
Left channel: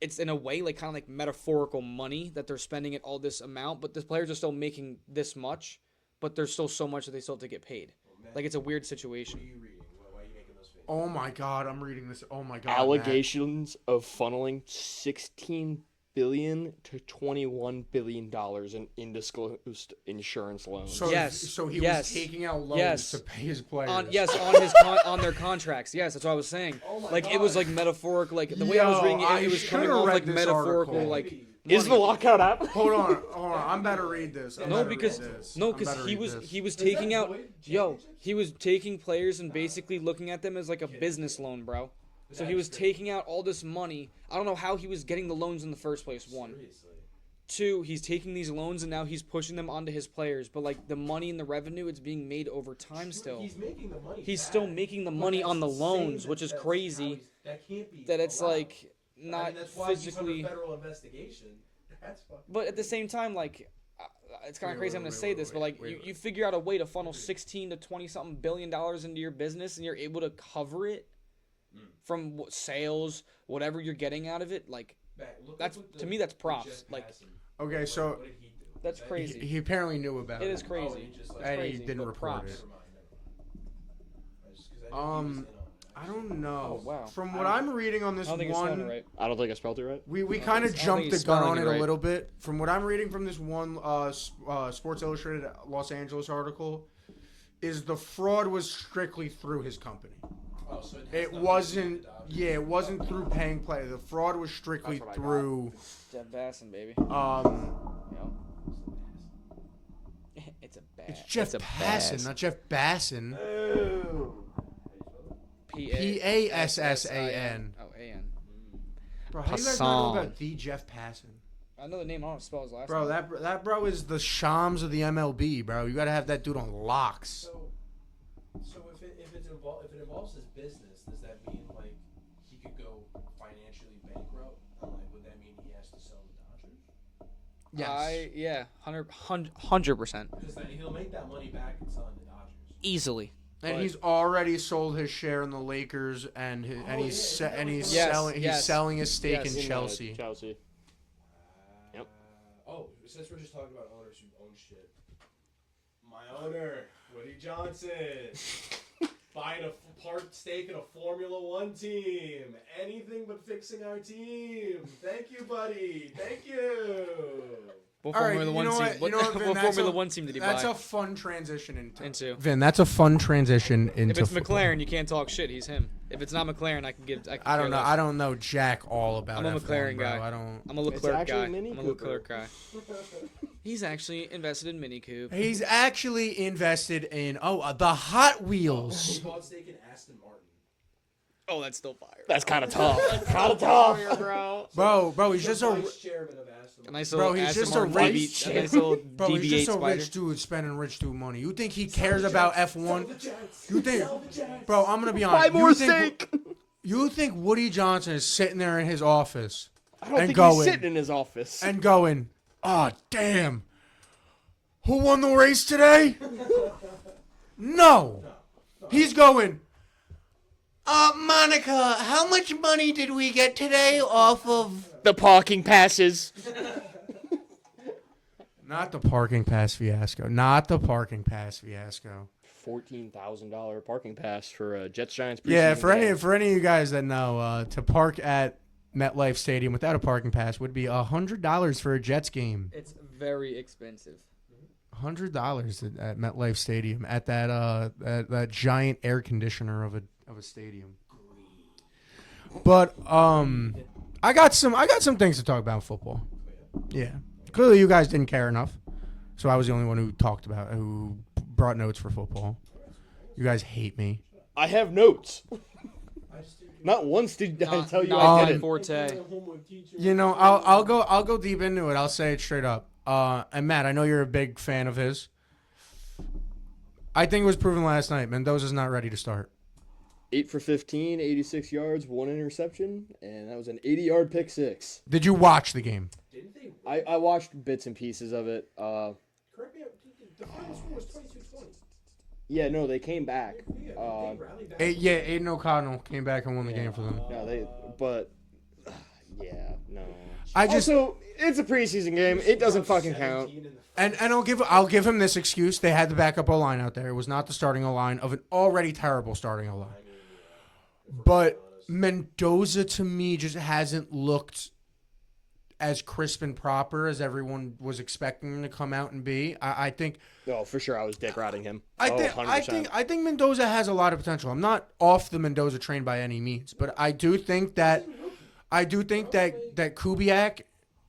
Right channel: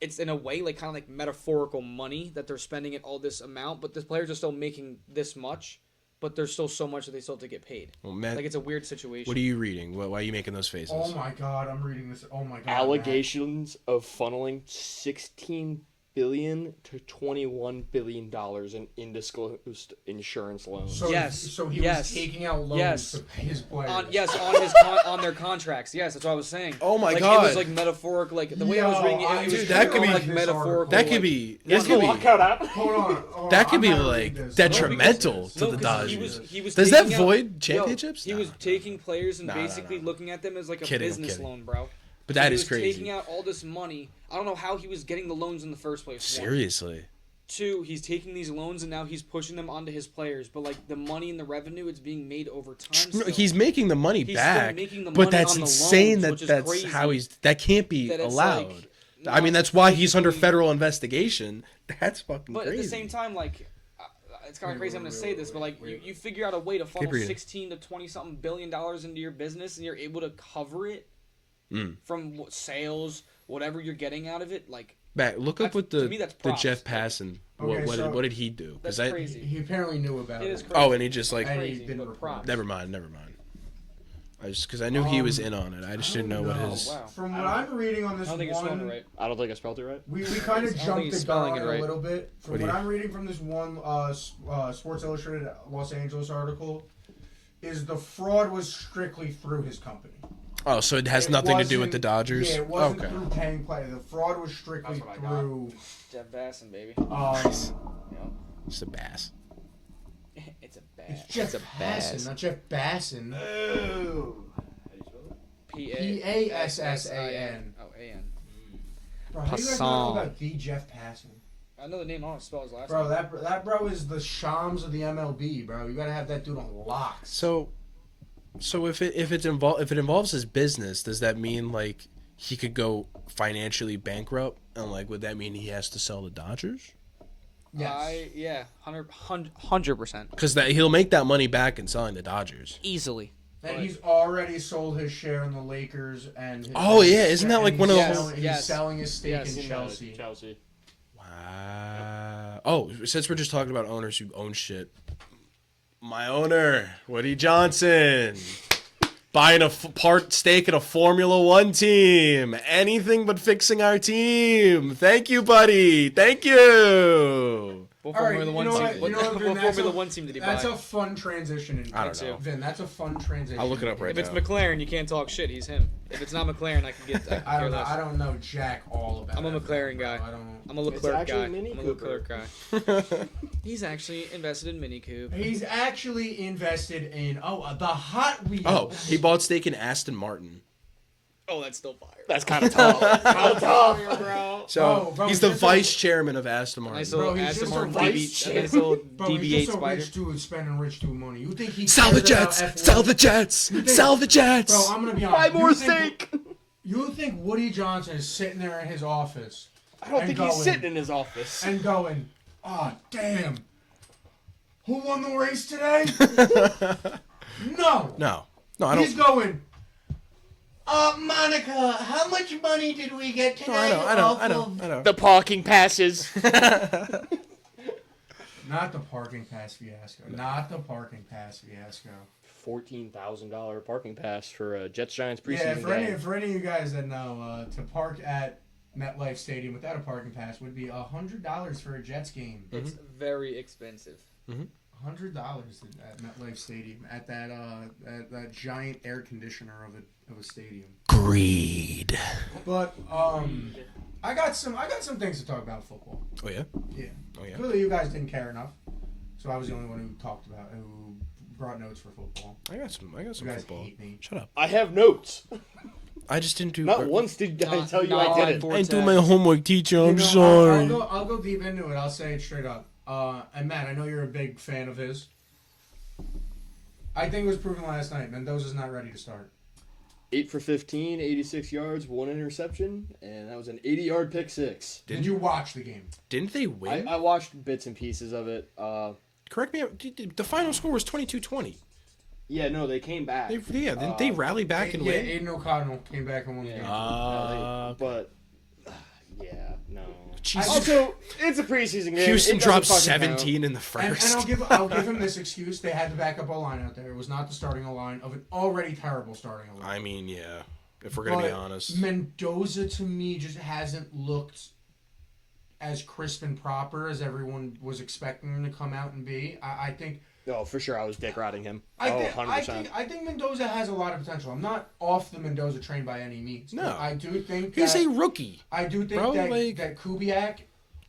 it's in a way like kind of like metaphorical money that they're spending at all this amount, but the players are still making this much, but there's still so much that they still have to get paid. Well, Matt, Like it's a weird situation. what are you reading? Why are you making those faces? Oh my god, I'm reading this. Oh my god. Allegations of funneling $16 billion to $21 billion in undisclosed insurance loans. So, Yes, So he yes, was taking out loans yes. to pay his players. On their contracts. Yes, that's what I was saying. Oh my like god. it was like metaphoric. Like the way I was reading it, it was Dude, coming that could on be- like this metaphorical. that like, could be. Is that the could be- lockout out? Hold on. That could I'm be not like reading this. detrimental to No, the because Dodgers. he was Does that taking out, void championships? He was taking players and No, basically looking at them as like a Kidding, I'm business kidding. loan, bro. But So that he is was crazy. taking out all this money. I don't know how he was getting the loans in the first place. One. Seriously. 2, he's taking these loans and now he's pushing them onto his players. But like the money and the revenue, it's being made over time. Still. He's making the money He's back. still making the but money that's on the insane loans, that which is that's crazy. how that can't be that it's allowed. like. I mean, not that's why he's under physically- federal investigation. That's fucking But crazy. at the same time, like, it's kind of crazy. I'm gonna say this, but like, you figure out a way to funnel breathing. 16 to 20 something $billion into your business, and you're able to cover it from sales, whatever you're getting out of it. Like, Matt, look up that's- what to me, that's the props. Jeff Like, Passan. Okay, so- What did he do? 'Cause that's crazy. He apparently knew about it. It is crazy. Oh, and he just like And he crazy, didn't but report props. it. never mind. I just because I knew he was in on it. I just didn't know what his. Oh, wow. From what I'm reading on I this don't think you're spelling one, it right. I don't think I spelled it right. we kind of I don't think jumped he's the gun spelling on it it a right. little bit. From What what do you- I'm reading from this one Sports Illustrated Los Angeles article, is the fraud was strictly through his company. Oh, so it has It nothing to do with the wasn't- Dodgers. Yeah, it wasn't Okay. through paying play. The fraud was strictly That's what I got. through. Jeff Basson, baby. Um, You know? It's a bass. It's a bad. it's Jeff It's a Passan, bass. not Jeff Basson. P-A-S-S-A-N. Oh, A-N. Bro, how do you guys not know about the Jeff Passan? I know the name. I don't spell his last Bro, name. that bro is the Shams of the MLB, bro. You gotta have that dude on locks. So if it involves his business, does that mean like he could go financially bankrupt, and like would that mean he has to sell the Dodgers? Yes. 100%. Because that he'll make that money back in selling the Dodgers. Easily. And he's already sold his share in the Lakers and. Oh, and yeah, he's- isn't that and like he's one of those- selling- Yes. He's selling his stake Yes. in Chelsea. Chelsea. Wow. Oh, since we're just talking about owners who own shit, my owner, Woody Johnson, buying a part stake in a Formula One team. Anything but fixing our team. Thank you, buddy. Thank you. What All right, Formula One you know team? what, What, you know what, Vin, what that's Formula a- One team did he That's buy? a fun transition. I don't know. Vin, that's a fun transition. I'll look it up right If it's into- McLaren, you can't talk shit. He's him. If it's not McLaren, I can get. I, can I care don't know. less. I don't know jack all about. I'm a F1, McLaren bro. guy. I don't. I'm a It's Leclerc actually guy. Mini I'm a Cooper. Leclerc guy. He's actually invested in Mini Coupe. He's actually invested in the Hot Oh, Wheels. he bought stake in Aston Martin. Oh, that's still fire. That's kind of tough. Kind of tough. bro. So Bro, he's he's the just vice chairman of Aston Martin. Nice Bro, little he's Aston just a Martin vice DB. A nice little Bro, he's DB8 just a spider. rich dude spending rich dude money. You think he Sell cares the Jets. about F1? Sell the Jets. You think- Sell the Jets. Bro, I'm gonna be honest. Buy more You think- steak. You think Woody Johnson is sitting there in his office I don't and think going- he's sitting in his office. and going, "Oh, damn, who won the race today?" No. No, I He's don't. going, Monica, how much money did we get today I know. The parking passes. Not the parking pass fiasco. Not the parking pass fiasco. $14,000 parking pass for a Jets Giants preseason Yeah, for game. any of you guys that know, to park at MetLife Stadium without a parking pass would be $100 for a Jets game. It's very expensive. $100 at MetLife Stadium at that giant air conditioner of a stadium. Greed. But I got some things to talk about in football. Oh yeah. Yeah. Oh, yeah. Clearly you guys didn't care enough. So I was the only one who brought notes for football. I got some. You guys football. hate me. Shut up. I have notes. I just didn't do. Not once did I Not- tell you not I on did it. Vortex. I do my homework, teacher. You I'm know, sorry. I'll go deep into it. I'll say it straight up. And Matt, I know you're a big fan of his. I think it was proven last night. Mendoza's not ready to start. 8 for 15, 86 yards, 1 interception, and that was an 80-yard pick six. Did you watch the game? Didn't they win? I watched bits and pieces of it. Correct me. The final score was 22-20. Yeah, no, they came back. Didn't they rally back and Yeah, win? Aiden O'Connell came back and won the game. But yeah, no. I just- Also, it's a preseason game. Houston it doesn't dropped fucking 17 count. in the first. And I'll give him this excuse. They had the backup O line out there. It was not the starting O line of an already terrible starting O line. I mean, yeah. If we're gonna be But honest. Mendoza to me just hasn't looked as crisp and proper as everyone was expecting him to come out and be. I think. Oh, for sure, I was dick riding him. I 100%. think Mendoza has a lot of potential. I'm not off the Mendoza train by any means. No. But I do think He's that a rookie. I do think bro, that like- that Kubiak,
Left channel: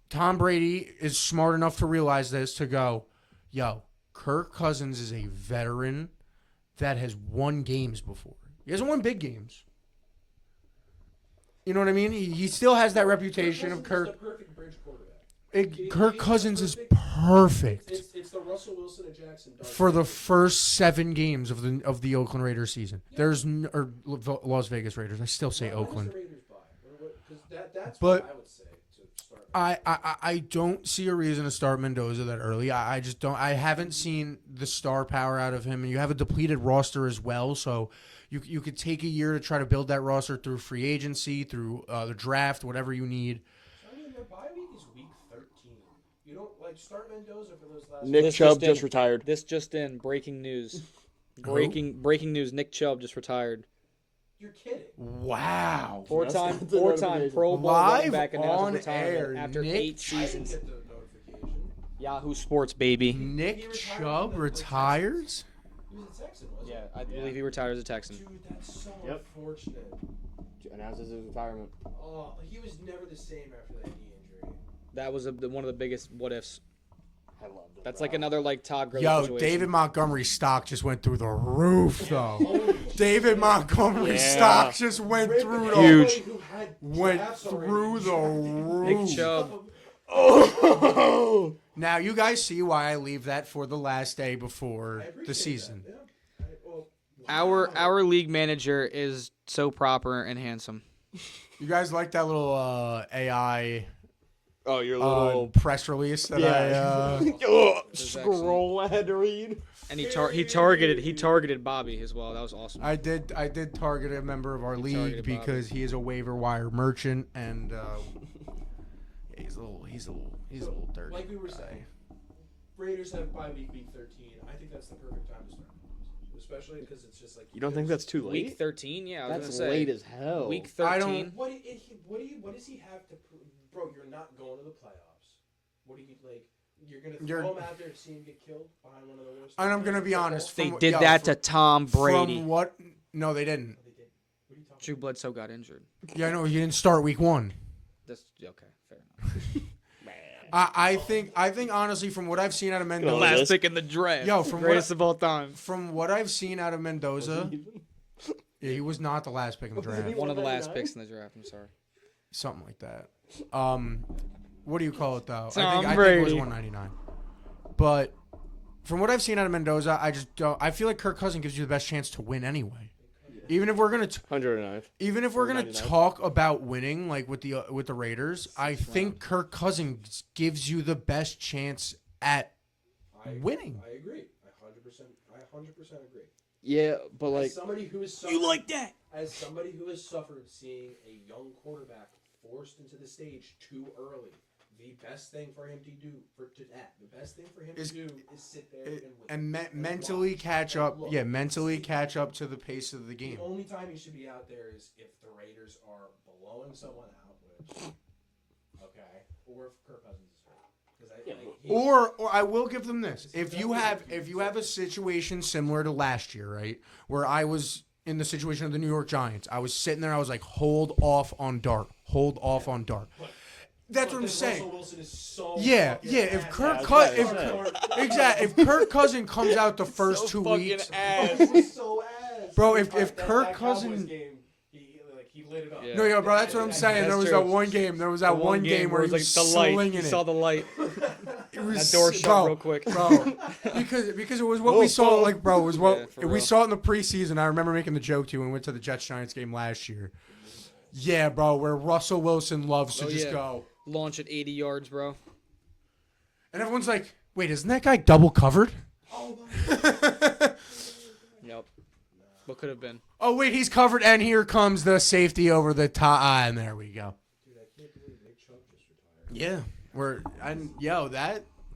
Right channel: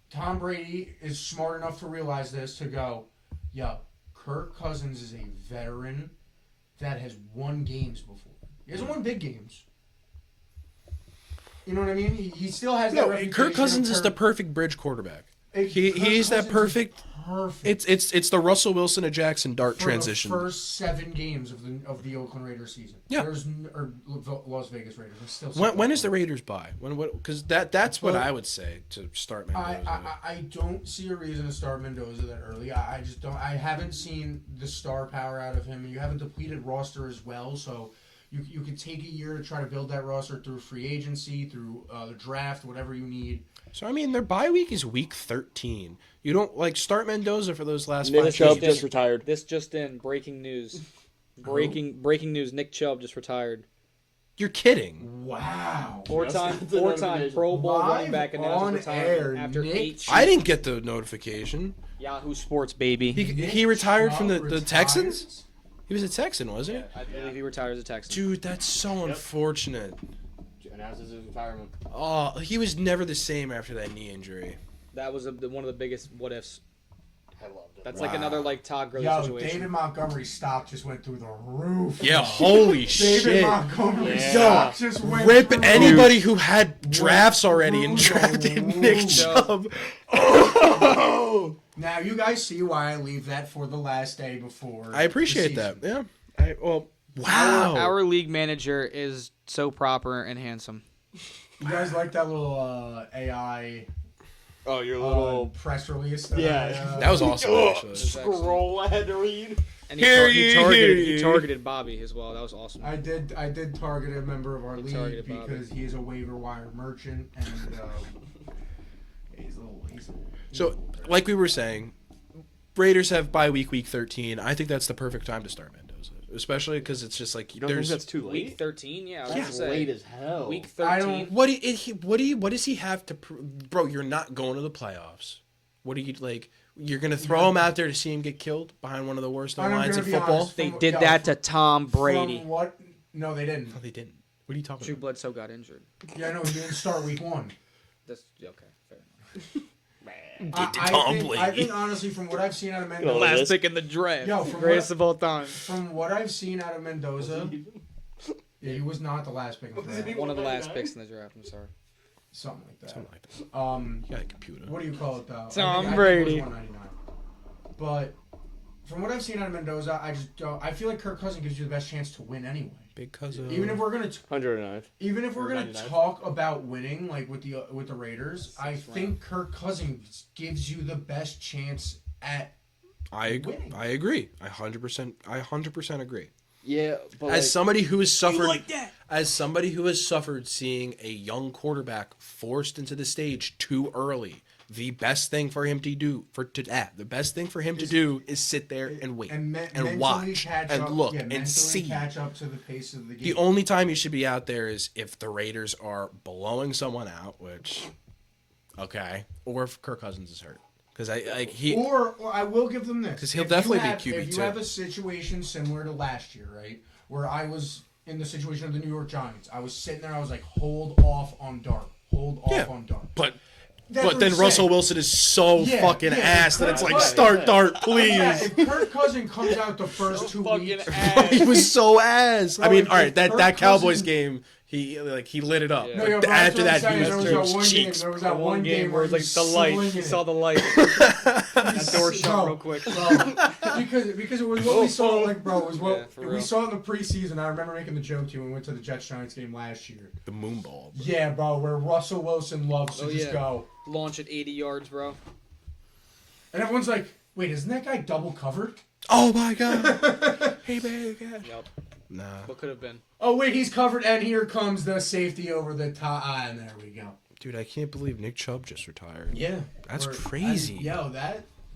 Tom Brady is smart enough to realize this to go, yo, Kirk Cousins is a veteran that has won games before. He hasn't won big games. You know what I mean? He still has that No, reputation. Kirk Cousins is Kirk- the perfect bridge quarterback. Kirk he's that Cousins is perfect. Perfect. It's the Russell Wilson to Jackson Dart for transition. the first 7 games of the Oakland Raiders season. Yeah. Or Las Vegas Raiders. I still say when is the Oakland. Raiders bye? Because that's what But I would say to start. I don't see a reason to start Mendoza that early. I just don't. I haven't seen the star power out of him, and you have a depleted roster as well. So you could take a year to try to build that roster through free agency, through the draft, whatever you need. So I mean, their bye week is week 13. You don't start Mendoza for those last. Nick 5 Chubb games. just retired. This just in, breaking news. Breaking news. Nick Chubb just retired. You're kidding. Wow. Four-time That's a notification. Pro Bowl running Live back announced on retirement air, after Nick 8 seasons. I didn't get the notification. Yahoo Sports, baby. He retired from the Chubb Texans. He was a Texan, wasn't I believe he retired as a Texan. he? Dude, that's so unfortunate. Announces his retirement. Oh, he was never the same after that knee injury. That was one of the biggest what ifs. I loved it. That's like another Todd Gurley Yo, situation. David Montgomery's stock just went through the roof. Yeah, bro. holy David shit. Montgomery's Yeah. stock just went Rip through anybody who had drafts Went already and through the drafted Nick roof. Chubb. Now you guys see why I leave that for the last day before. I appreciate the that. season. Yeah. Wow. Our league manager is so proper and handsome. You guys like that little AI Oh, your little press release? That yeah. I, That was awesome. Oh, actually. scroll I had to read. And he targeted Bobby as well. That was awesome. I did target a member of our league targeted Bobby. because he is a waiver wire merchant, and he's a little. So, like we were saying, Raiders have bye week 13. I think that's the perfect time to start Mendoza, especially because it's just like You don't think that's too late? Week 13, yeah. I was gonna That's say, late as hell. Week I 13. don't- What does he have to bro? You're not going to the playoffs. What do you like? You're gonna throw him out there to see him get killed behind one of the worst And I'm lines gonna in be football? honest. They From- did yo, that to Tom Brady. From what? No, they didn't. No, they didn't. What are you talking Drew about? Bledsoe got injured. Yeah, I know. He didn't start week 1. That's okay. Fair enough. I think honestly, from what I've seen out of Go Mendoza, last Last pick in the draft. Yo, from Greatest of all time. from what I've seen out of Mendoza, yeah, he was not the last pick in the draft. One of the last picks in the draft. I'm sorry. Something like that. Something like that. You got a computer. what do you call it though? Tom I think Brady. it was 199. But from what I've seen out of Mendoza, I just don't. I feel like Kirk Cousins gives you the best chance to win anyway. Because Even if we're gonna 109th. Even if we're gonna 99. talk about winning, like with the Raiders, I Sixth think Kirk Cousins gives you the best chance at winning. I agree. I 100% agree. Yeah, but As like, somebody who has suffered, that? as somebody who has suffered seeing a young quarterback forced into the stage too early, the best thing for him to do is sit there and wait and mentally watch catch and up. look Yeah, and mentally see. catch up to the pace of the game. The only time you should be out there is if the Raiders are blowing someone out, which, okay, or if Kirk Cousins is hurt, because or I will give them this 'Cause he'll If definitely you be have, QB2. If you have a situation similar to last year, right, where I was in the situation of the New York Giants, I was sitting there, I was like, hold off on Dart, on Dart. but That's but what then I'm Russell saying. Wilson is so fucking ass that it's Kirk like Cousins- start Dart, please. Yeah, if Kirk Cousins comes out the first 2 fucking weeks, ass. He was so ass. Bro, I mean, if all right, Kirk that Cowboys Cousins- game, he lit it up. Yeah. No, bro, After that's what I'm that, saying. he There was was that one game. cheeks. There was The that one game where it was like the light. You saw the light. That door shut real quick. because it was what we saw. Like, bro, it was what Yeah, for we real. saw in the preseason. I remember making the joke to you when we went to the Jets Giants game last year. The moon balls. Yeah, bro, where Russell Wilson loves to Oh, just yeah. go, Launch at 80 yards, bro. and everyone's like, "Wait, isn't that guy double covered?" Oh my god. Hey baby. Yep. Nah. What could have been? Oh wait, he's covered, and here comes the safety over the top, and there we go. Dude, I can't believe Nick Chubb just retired. Yeah, That's crazy.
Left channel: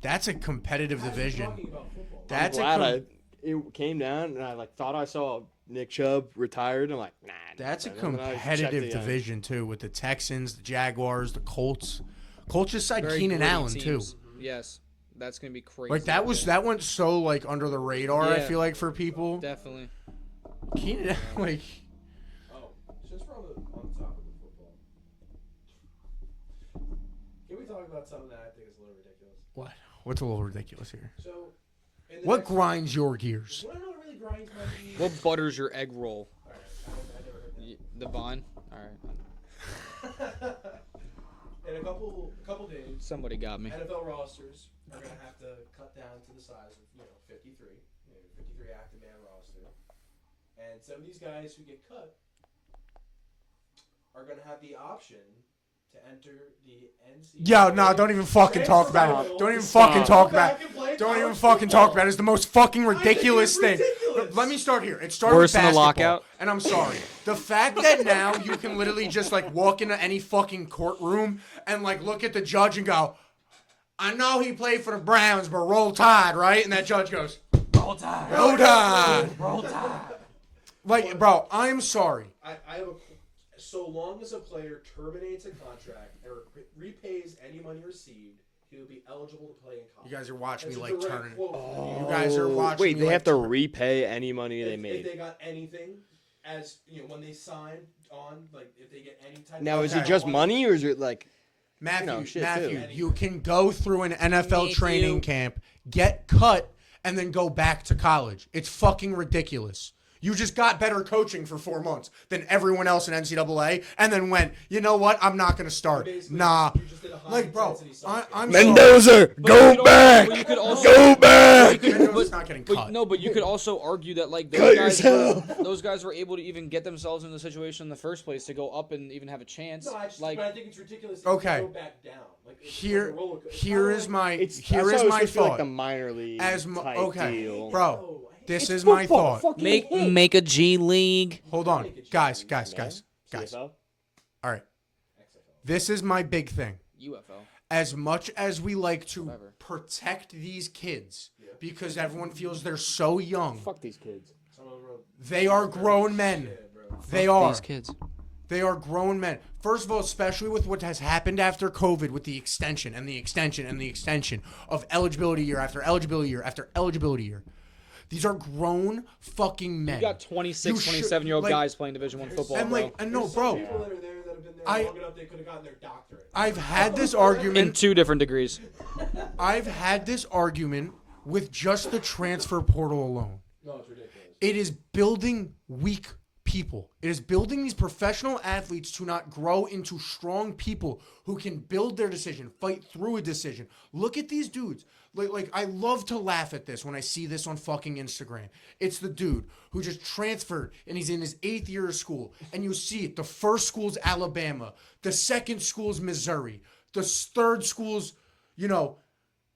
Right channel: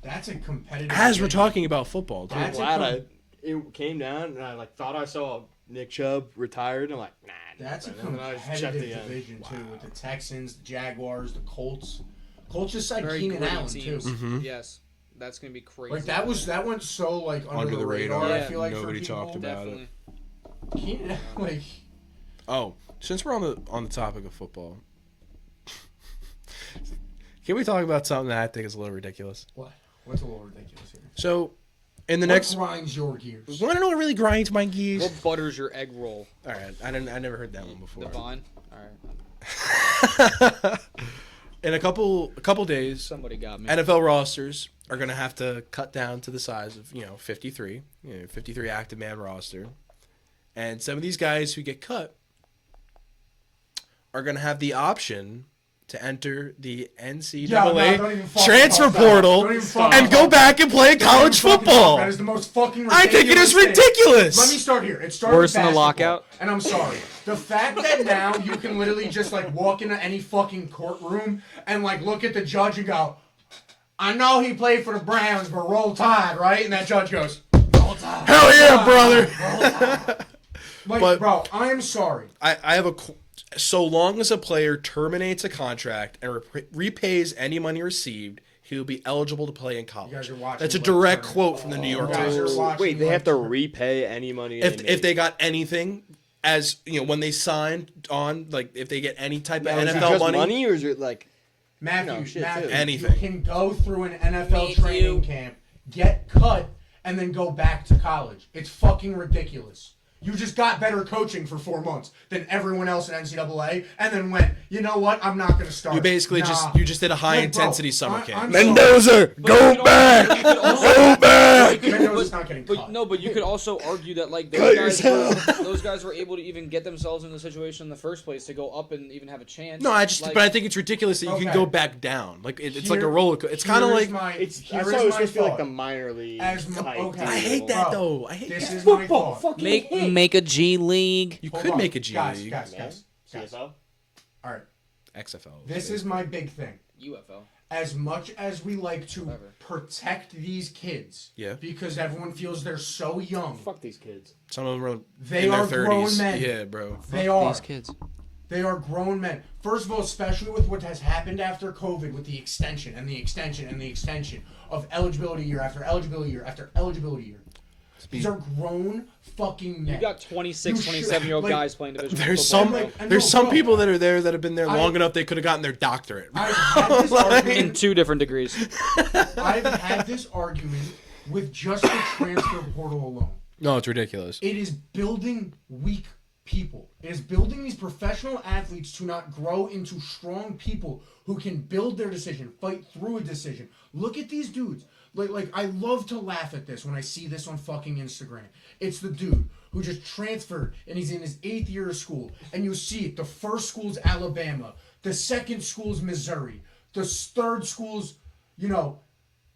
That's a competitive. As we're division. talking about football, dude. That's I'm a glad it came down and I like thought I saw Nick Chubb retired. I'm like, nah. That's a and then I checked competitive again. division too, with the Texans, the Jaguars, the Colts. Colts just signed Very Keenan gritty Allen teams. too. Mhm. Yes. That's going to be crazy. Like that went so like under the radar. Yeah. I feel like for Nobody people. talked about Definitely. Keenan, like Oh, since we're on the topic of football, can we talk about something that I think is a little ridiculous? what's a little ridiculous here? So, in the What next, grinds your gears? want to know what really grinds my gears? What butters your egg roll? All right, I never heard that one The before. Vine? All right. In a couple days, Somebody got me. NFL rosters are gonna have to cut down to the size of 53, 53 active man roster, and some of these guys who get cut are gonna have the option to enter the NCAA don't even fucking transfer talk about it. portal Don't even fucking and talk go about back and play Don't even college fucking talk football. about it. That is the most fucking I ridiculous. think it is thing. ridiculous. Let me start here. It started Worse with than the basketball, lockout? And I'm sorry. The fact that now you can literally just like walk into any fucking courtroom and like look at the judge and go, I know he played for the Browns, but roll tide, right? And that judge goes, roll tide. Hell yeah, brother. Roll tide. Like, But- bro, I'm sorry. I have so long as a player terminates a contract and repays any money received, he will be eligible to play in college. You guys are watching. That's a like, direct Turner. quote from the New York You guys are Times. watching, Wait, they like, have to Turner. repay any money they made. If they got anything, as when they signed on, like if they get any type Now, of is it NFL just money or is it like Matthew, shit, Matthew, too. you Anything. can go through an NFL Matthew. training camp, get cut, and then go back to college. It's fucking ridiculous. You just got better coaching for 4 months than everyone else in NCAA, and then went, you know what? I'm not going to start. You basically Nah. just did a high intensity summer camp. Mendoza, go back! Go back! Mendoza's not getting cut. But you could also argue that like Cut those guys were able to even get themselves in the situation in the first place to go up and even have a chance. No, like, but I think it's ridiculous that you can Okay. go back down. Like it's like a roller coaster. It's kind of Here's like my, I here's saw it was my supposed to be like thought. the minor league As mo- type okay. I hate deal. that Bro, though. I hate This that. is my thought. Fucking make a G League. You Hold could on. make a G guys, League. guys. CFL? All right. XFL. This is my big thing. UFL. As much as we like to Whatever. protect these kids, Yeah. because everyone feels they're so young, Fuck these kids. Some of them are they in are their grown 30s. men. Yeah, bro. They are. These kids. They are grown men. First of all, especially with what has happened after COVID, with the extension and the extension and the extension of eligibility year after eligibility year after eligibility year. These are grown fucking men. You got 26, You should- 27-year-old like, guys playing Division I There's football, some bro. And there's no, some bro. people that are there that have been there I- long enough they could have gotten their doctorate. I've had this In argument. 2 different degrees. I've had this argument with just the transfer portal alone. No, it's ridiculous. It is building weak people. It is building these professional athletes to not grow into strong people who can build their decision, fight through a decision. Look at these dudes. Like I love to laugh at this when I see this on fucking Instagram. It's the dude who just transferred and he's in his 8th year of school. And you see it. The first school's Alabama. The second school's Missouri. The third school's,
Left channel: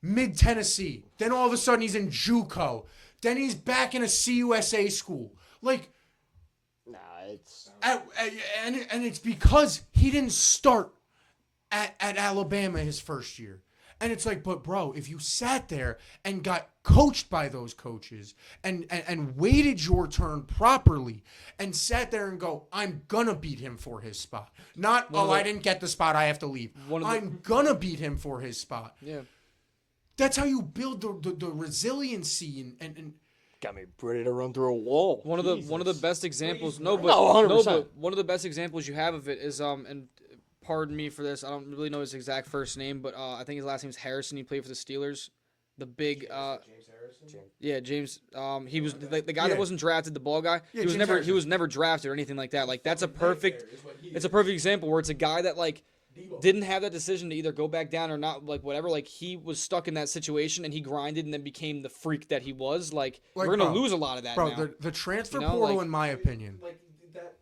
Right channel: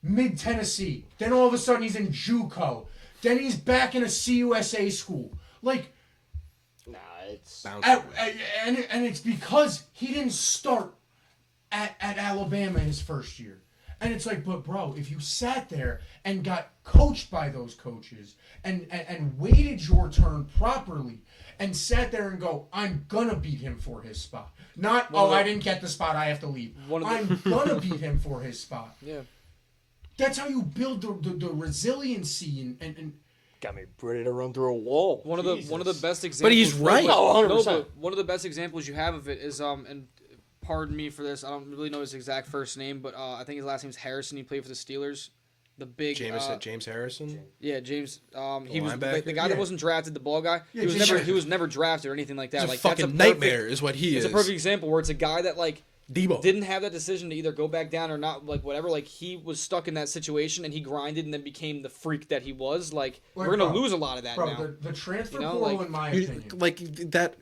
mid-Tennessee. Then all of a sudden he's in JUCO. Then he's back in a CUSA school. Like, Nah, it's and it's because he didn't start at Alabama his first year. And it's like, but bro, if you sat there and got coached by those coaches and waited your turn properly and sat there and go, I'm gonna beat him for his spot. Not, I didn't get the spot, I have to leave. I'm gonna beat him for his spot. Yeah. That's how you build the resiliency and got me ready to run through a wall. One of the best examples. he's right. Oh, 100%. but one of the best examples you have of it is and pardon me for this, I don't really know his exact first name, but I think his last name is Harrison. He played for the Steelers. The big James Harrison. yeah, James. He was linebacker? the guy that wasn't drafted, the ball guy. Yeah, He was never drafted or anything like that. He's Like a that's a fucking perfect nightmare, is what he is. It's a perfect example where it's a guy that like Debo didn't have that decision to either go back down or not, like whatever. Like he was stuck in that situation and he grinded and then became the freak that he was. Like we're gonna bro, lose a lot of that now. the transfer You know, portal, like- in my opinion, like that.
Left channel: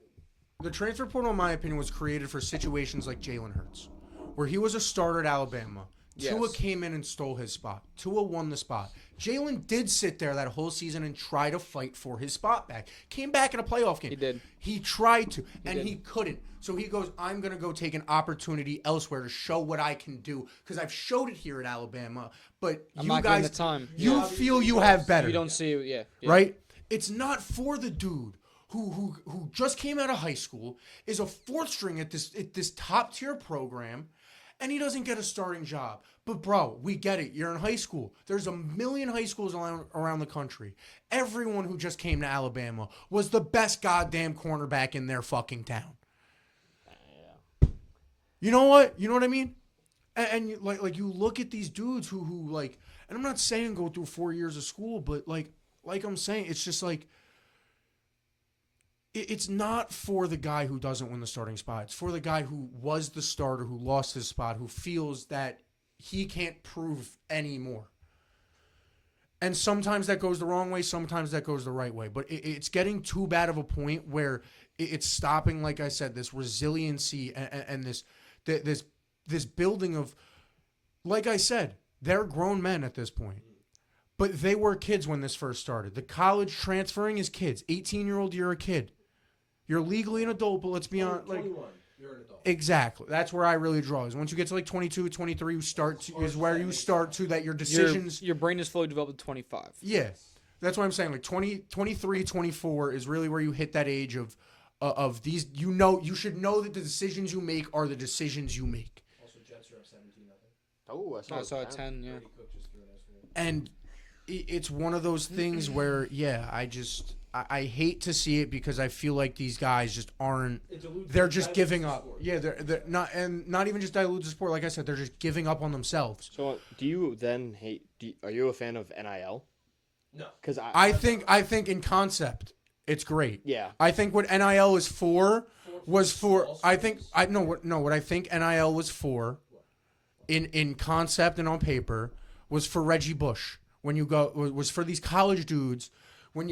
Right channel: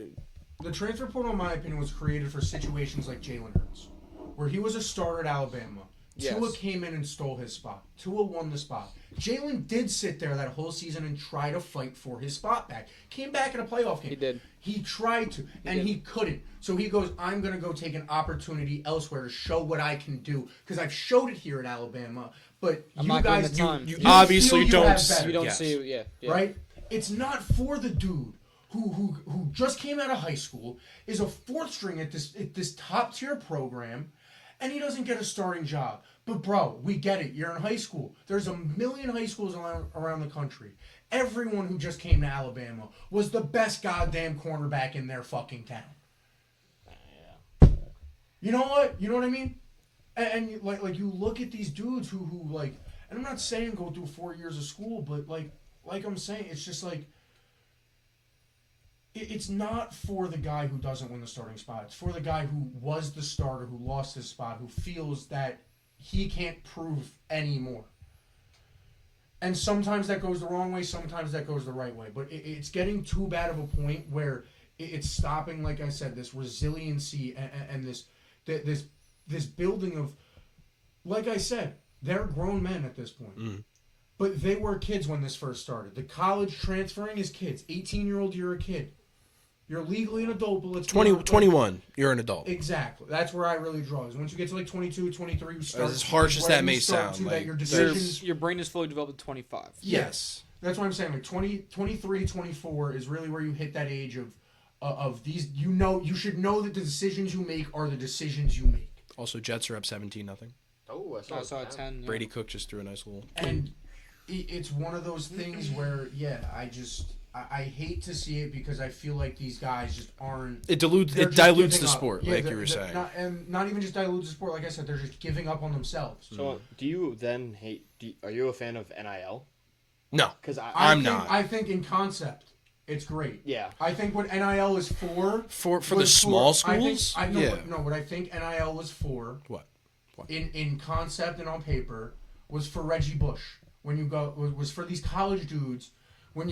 the transfer portal, in my opinion, was created for situations like Jalen Hurts, where he was a starter at Alabama. Yes. Tua came in and stole his spot. Tua won the spot. Jalen did sit there that whole season and try to fight for his spot back. Came back in a playoff game. He did. He tried to, and did. he couldn't. So he goes, I'm going to go take an opportunity elsewhere to show what I can do. Because I've showed it here at Alabama, but I'm you not guys, getting the time. You you obviously feel you don't have see- better. You don't Yes. see, yeah. Right? It's not for the dude who just came out of high school, is a fourth string at this top tier program, and he doesn't get a starting job. But bro, we get it. You're in high school. There's a million high schools around the country. Everyone who just came to Alabama was the best goddamn cornerback in their fucking town. You know what? You know what I mean? And like you look at these dudes who like, and I'm not saying go through 4 years of school, but like I'm saying, it's just like, it's not for the guy who doesn't win the starting spot. It's for the guy who was the starter, who lost his spot, who feels that he can't prove anymore. And sometimes that goes the wrong way, sometimes that goes the right way. But it's getting too bad of a point where it's stopping, like I said, this resiliency and this building of, like I said, they're grown men at this point. But they were kids when this first started. The college transferring is kids. 18-year-old, you're a kid. You're legally an adult, but let's be 20, honest, 21, you're an adult. Exactly. That's where I really draw. Is once you get to like 22, 23, you start. As harsh as where that you may start sound, to like, that your Your, decisions. your brain is fully developed at 25. Yes. That's what I'm saying. Like 20, 23, 24 is really where you hit that age of these. You should know that the decisions you make are the decisions you make. Also, Jets are up 17-0. Oh, I saw a 10. Yeah. Brady Cook just threw a nice little. And it's one of those things where, I hate to see it because I feel like these guys just aren't. It They're dilutes just the giving up. sport, Yeah, like you they're- were they're saying. not even just dilutes the sport. Like I said, they're just giving up on themselves. So, do you then hate? Are you a fan of NIL? No, Because I'm think not. I think in concept It's great. Yeah. I think what NIL is for the small schools. What I think NIL was for. What? In concept and on paper was for Reggie Bush. When you go was for these college dudes. When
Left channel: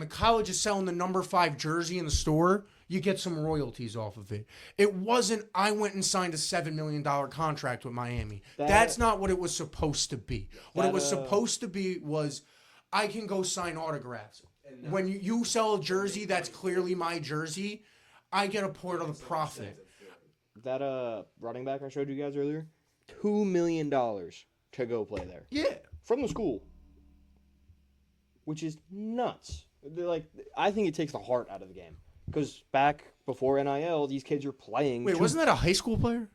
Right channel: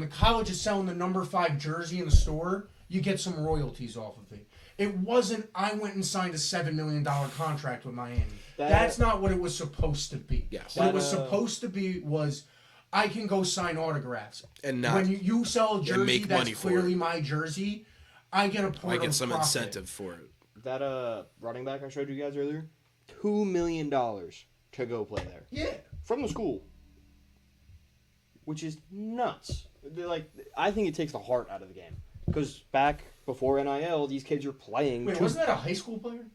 the college is selling the number 5 jersey in the store, you get some royalties off of it. It wasn't I went and signed a $7 million contract with Miami. That's not what it was supposed to be. Yes. What it was supposed to be was I can go sign autographs. And not, when you sell a jersey that's clearly it. my jersey, I get a part of I get some profit. incentive for it. That running back I showed you guys earlier, $2 million to go play there. Yeah. From the school. Which is nuts. I think it takes the heart out of the game. Because back before NIL, these kids are playing. Wait, wasn't that a high school player?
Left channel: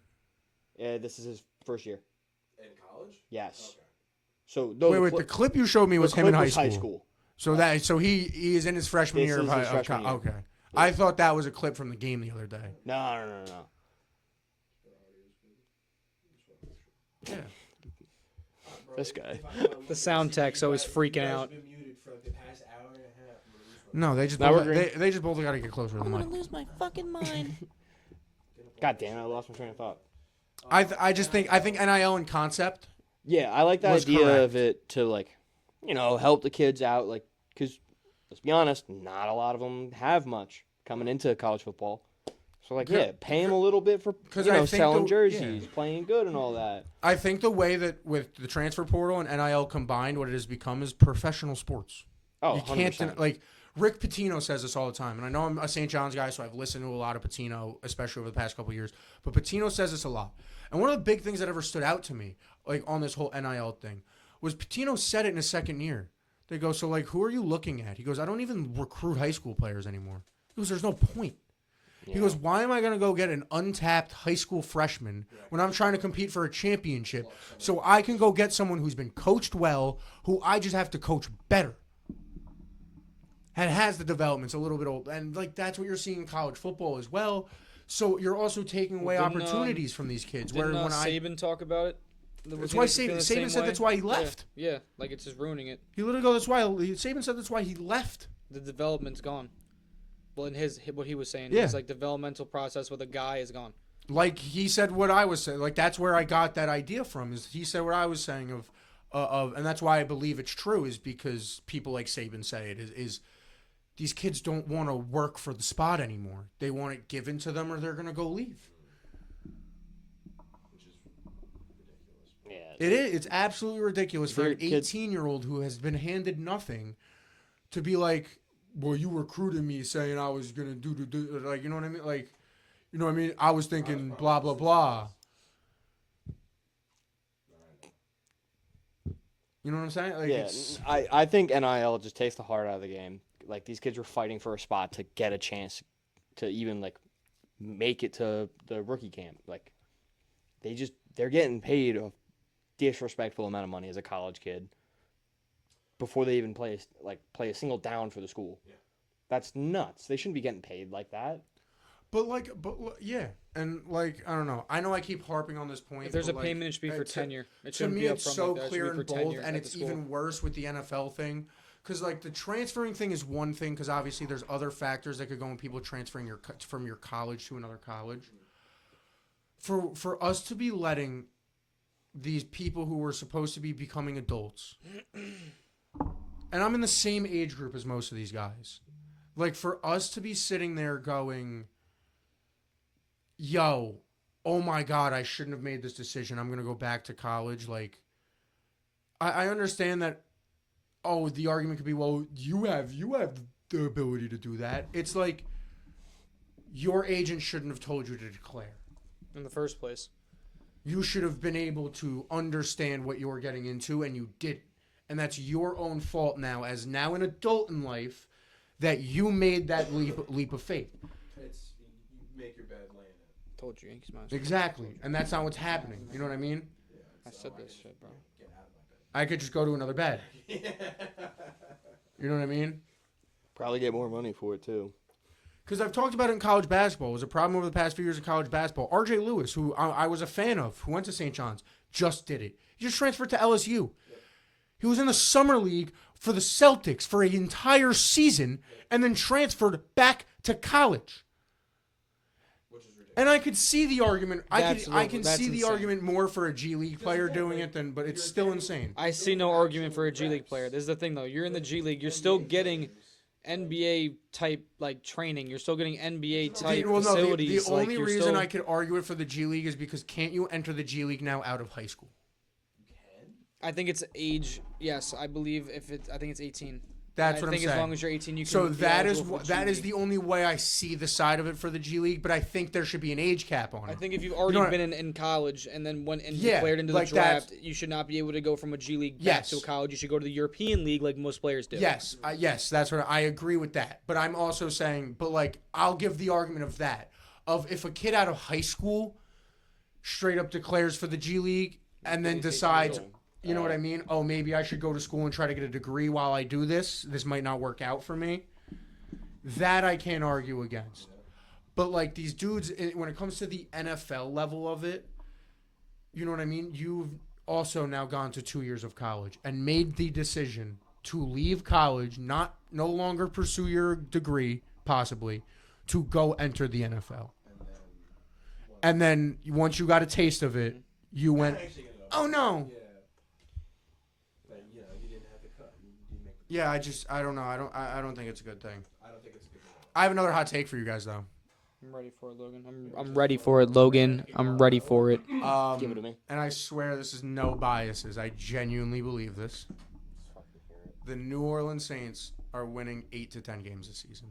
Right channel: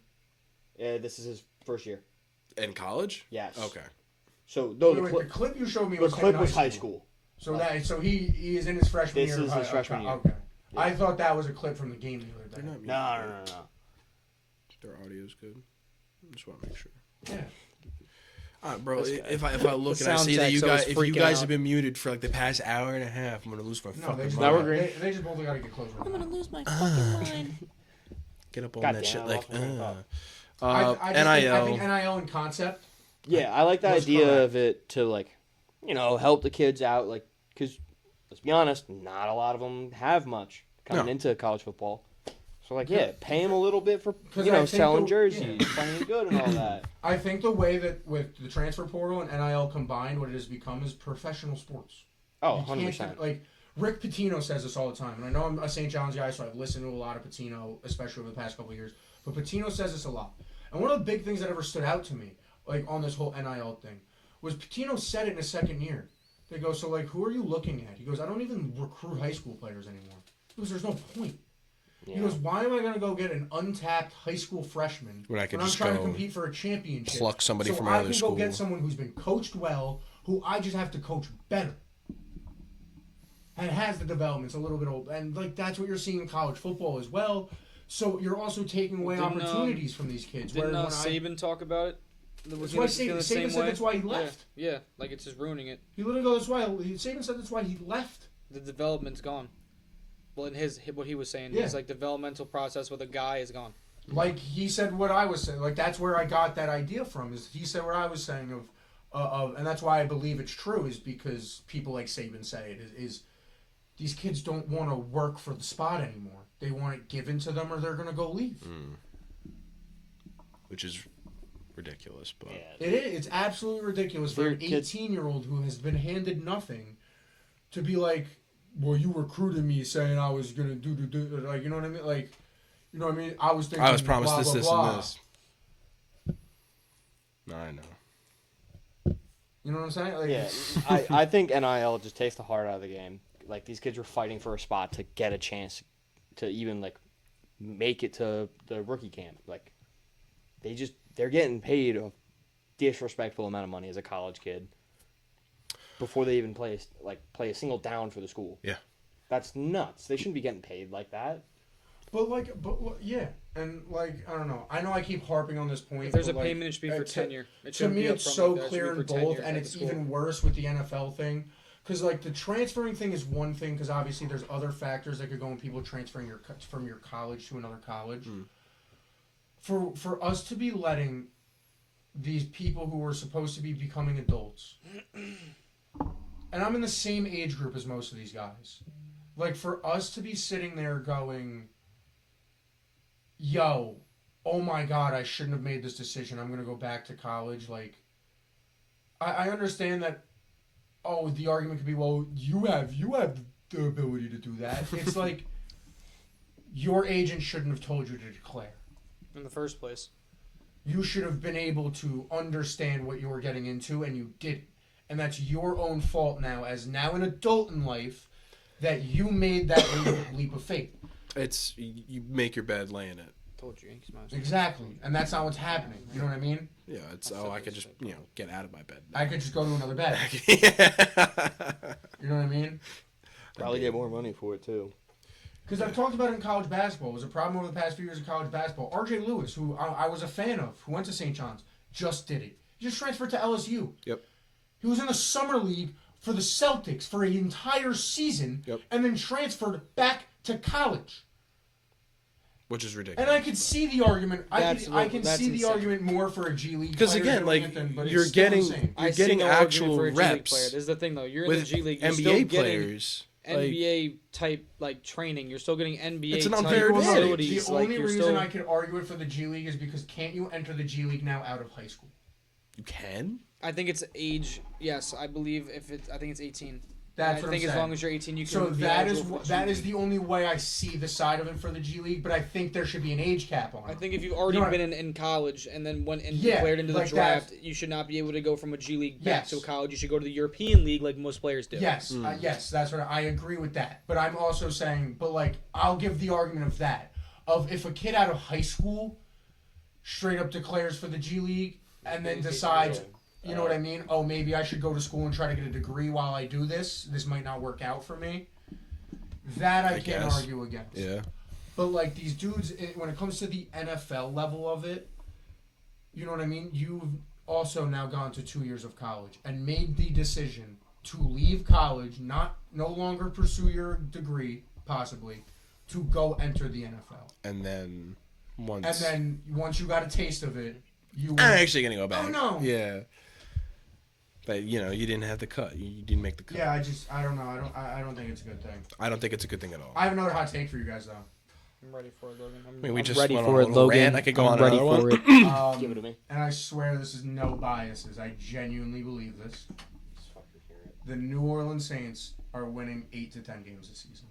Yeah, this is his first year. In college? Yes. Okay. So the clip you showed me was him in high school. So he is in his freshman year. This is his freshman year. Okay. Yeah. I thought that was a clip from the game the other day. No. Their audio's good. I just want to make sure. Yeah. All right, bro. If I look The and I sound see that tech's you guys, always if you freaking guys out. have been muted for like the past hour and a half, I'm gonna lose my. No, they just Now we're green. they just both got to get closer. I'm gonna lose my fucking mind. Get up on God that damn, shit I like. lost my train of thought. I think NIL in concept. Yeah, I like the Was idea correct. of it to help the kids out, because let's be honest, not a lot of them have much coming No. into college football. So pay them a little bit for 'Cause I think selling the- jerseys, playing good and all that. I think the way that with the transfer portal and NIL combined, what it has become is professional sports. Oh, You 100%. can't Rick Pitino says this all the time, and I know I'm a St. John's guy, so I've listened to a lot of Pitino, especially over the past couple of years. But Pitino says this a lot, and one of the big things that ever stood out to me, on this whole NIL thing, was Pitino said it in his second year. They go, so who are you looking at? He goes, I don't even recruit high school players anymore. He goes, there's no point. Yeah. He goes, why am I going to go get an untapped high school freshman When I can I'm just trying to go compete for a championship? pluck somebody So from I another can school. go get someone who's been coached well, who I just have to coach better. And has the developments a little bit old. And that's what you're seeing in college football as well. So you're also taking away Didn't, opportunities from these kids. Didn't Saban talk about it? That's why Saban said that's why he left. Yeah, it's just ruining it. He literally goes, that's why Saban said that's why he left. The development's gone. Well, in what he was saying, Yeah. his developmental process with a guy is gone. He said what I was saying. That's where I got that idea from. Is he said what I was saying of, and that's why I believe it's true. Is because people like Saban say it is these kids don't want to work for the spot anymore. They want it given to them, or they're gonna go leave. Which is ridiculous, but Yeah. It is. It's absolutely ridiculous for They're an kids- 18-year-old who has been handed nothing to be like, well, you recruited me saying I was gonna do you know what I mean? You know what I mean? I was thinking I was promised blah this, blah this, blah. and this. No, I know. You know what I'm saying? Yeah, I think NIL just takes the heart out of the game. These kids were fighting for a spot to get a chance to even make it to the rookie camp. They're getting paid a disrespectful amount of money as a college kid before they even play a single down for the school. Yeah. That's nuts. They shouldn't be getting paid like that. But yeah, and I don't know. I know I keep harping on this point. If there's a but, payment, it should be for to- tenure. It To shouldn't me, be it's upfront so like that. It should clear be in for both, tenure and at it's the school. even worse with the NFL thing. Because the transferring thing is one thing. Because obviously there's other factors that could go in people transferring from your college to another college. For us to be letting these people who are supposed to be becoming adults, and I'm in the same age group as most of these guys, for us to be sitting there going, yo, oh my God, I shouldn't have made this decision. I'm going to go back to college. I understand that, the argument could be, well, you have the ability to do that. It's your agent shouldn't have told you to declare. In the first place. You should have been able to understand what you were getting into, and you didn't. And that's your own fault now, as now an adult in life, that you made that leap of faith. It's you make your bed, lay in it. Told you, Yankees minus. Exactly. And that's not what's happening. You know what I mean? Yeah, it's I said I this could just shit, bro. get out of my bed. I could just go to another bed. You know what I mean? Probably get more money for it too. Because I've talked about it in college basketball. It was a problem over the past few years of college basketball. R.J. Lewis, who I was a fan of, who went to St. John's, just did it. He just transferred to LSU. Yep. He was in the summer league for the Celtics for an entire season and then transferred back to college. Which is ridiculous. And I could see the argument. I can see the argument more for a G League player. Because again, like Anthony, but you're it's still getting, insane. I see no argument for a G League reps player. This is the thing, though. You're in the with G League. You're NBA still getting players. NBA type like training. You're still getting It's NBA an type unfair facilities. The Like only you're reason still. I could argue it for the G League is because can't you enter the G League now out of high school? You can? I think it's age. Yes, I believe if it's. I think it's 18. That's I what think I'm as saying. long as you're 18, you can. So be that is eligible for the that G is League. the only way I see the side of it for the G League. But I think there should be an age cap on it. I think if you've already You know what- been in college and then went and Yeah, declared into the like draft, you should not be able to go from a G League back Yes. to a college. You should go to the European League like most players do. Yes, yes, that's what I agree with that. But I'm also saying, but like, I'll give the argument of that. Of if a kid out of high school straight up declares for the G League and then decides, you know what I mean? Oh, maybe I should go to school and try to get a degree while I do this. This might not work out for me. That I can't guess. argue against. Yeah. But like these dudes, when it comes to the NFL level of it, you know what I mean? You've also now gone to 2 years of college and made the decision to leave college, no longer pursue your degree, possibly, to go enter the NFL. And then once you got a taste of it, you I'm went. actually gonna go back. Oh, no. Yeah. But you didn't have the cut. You didn't make the cut. Yeah, I don't know. I don't think it's a good thing. I don't think it's a good thing at all. I have another hot take for you guys though. I'm ready for it, Logan. mean, we I'm just ready went for on a it, little Logan. rant. I could go on I'm ready another for one. it. Give it to me. And I swear this is no biases. I genuinely believe this. The New Orleans Saints are winning 8 to 10 games this season.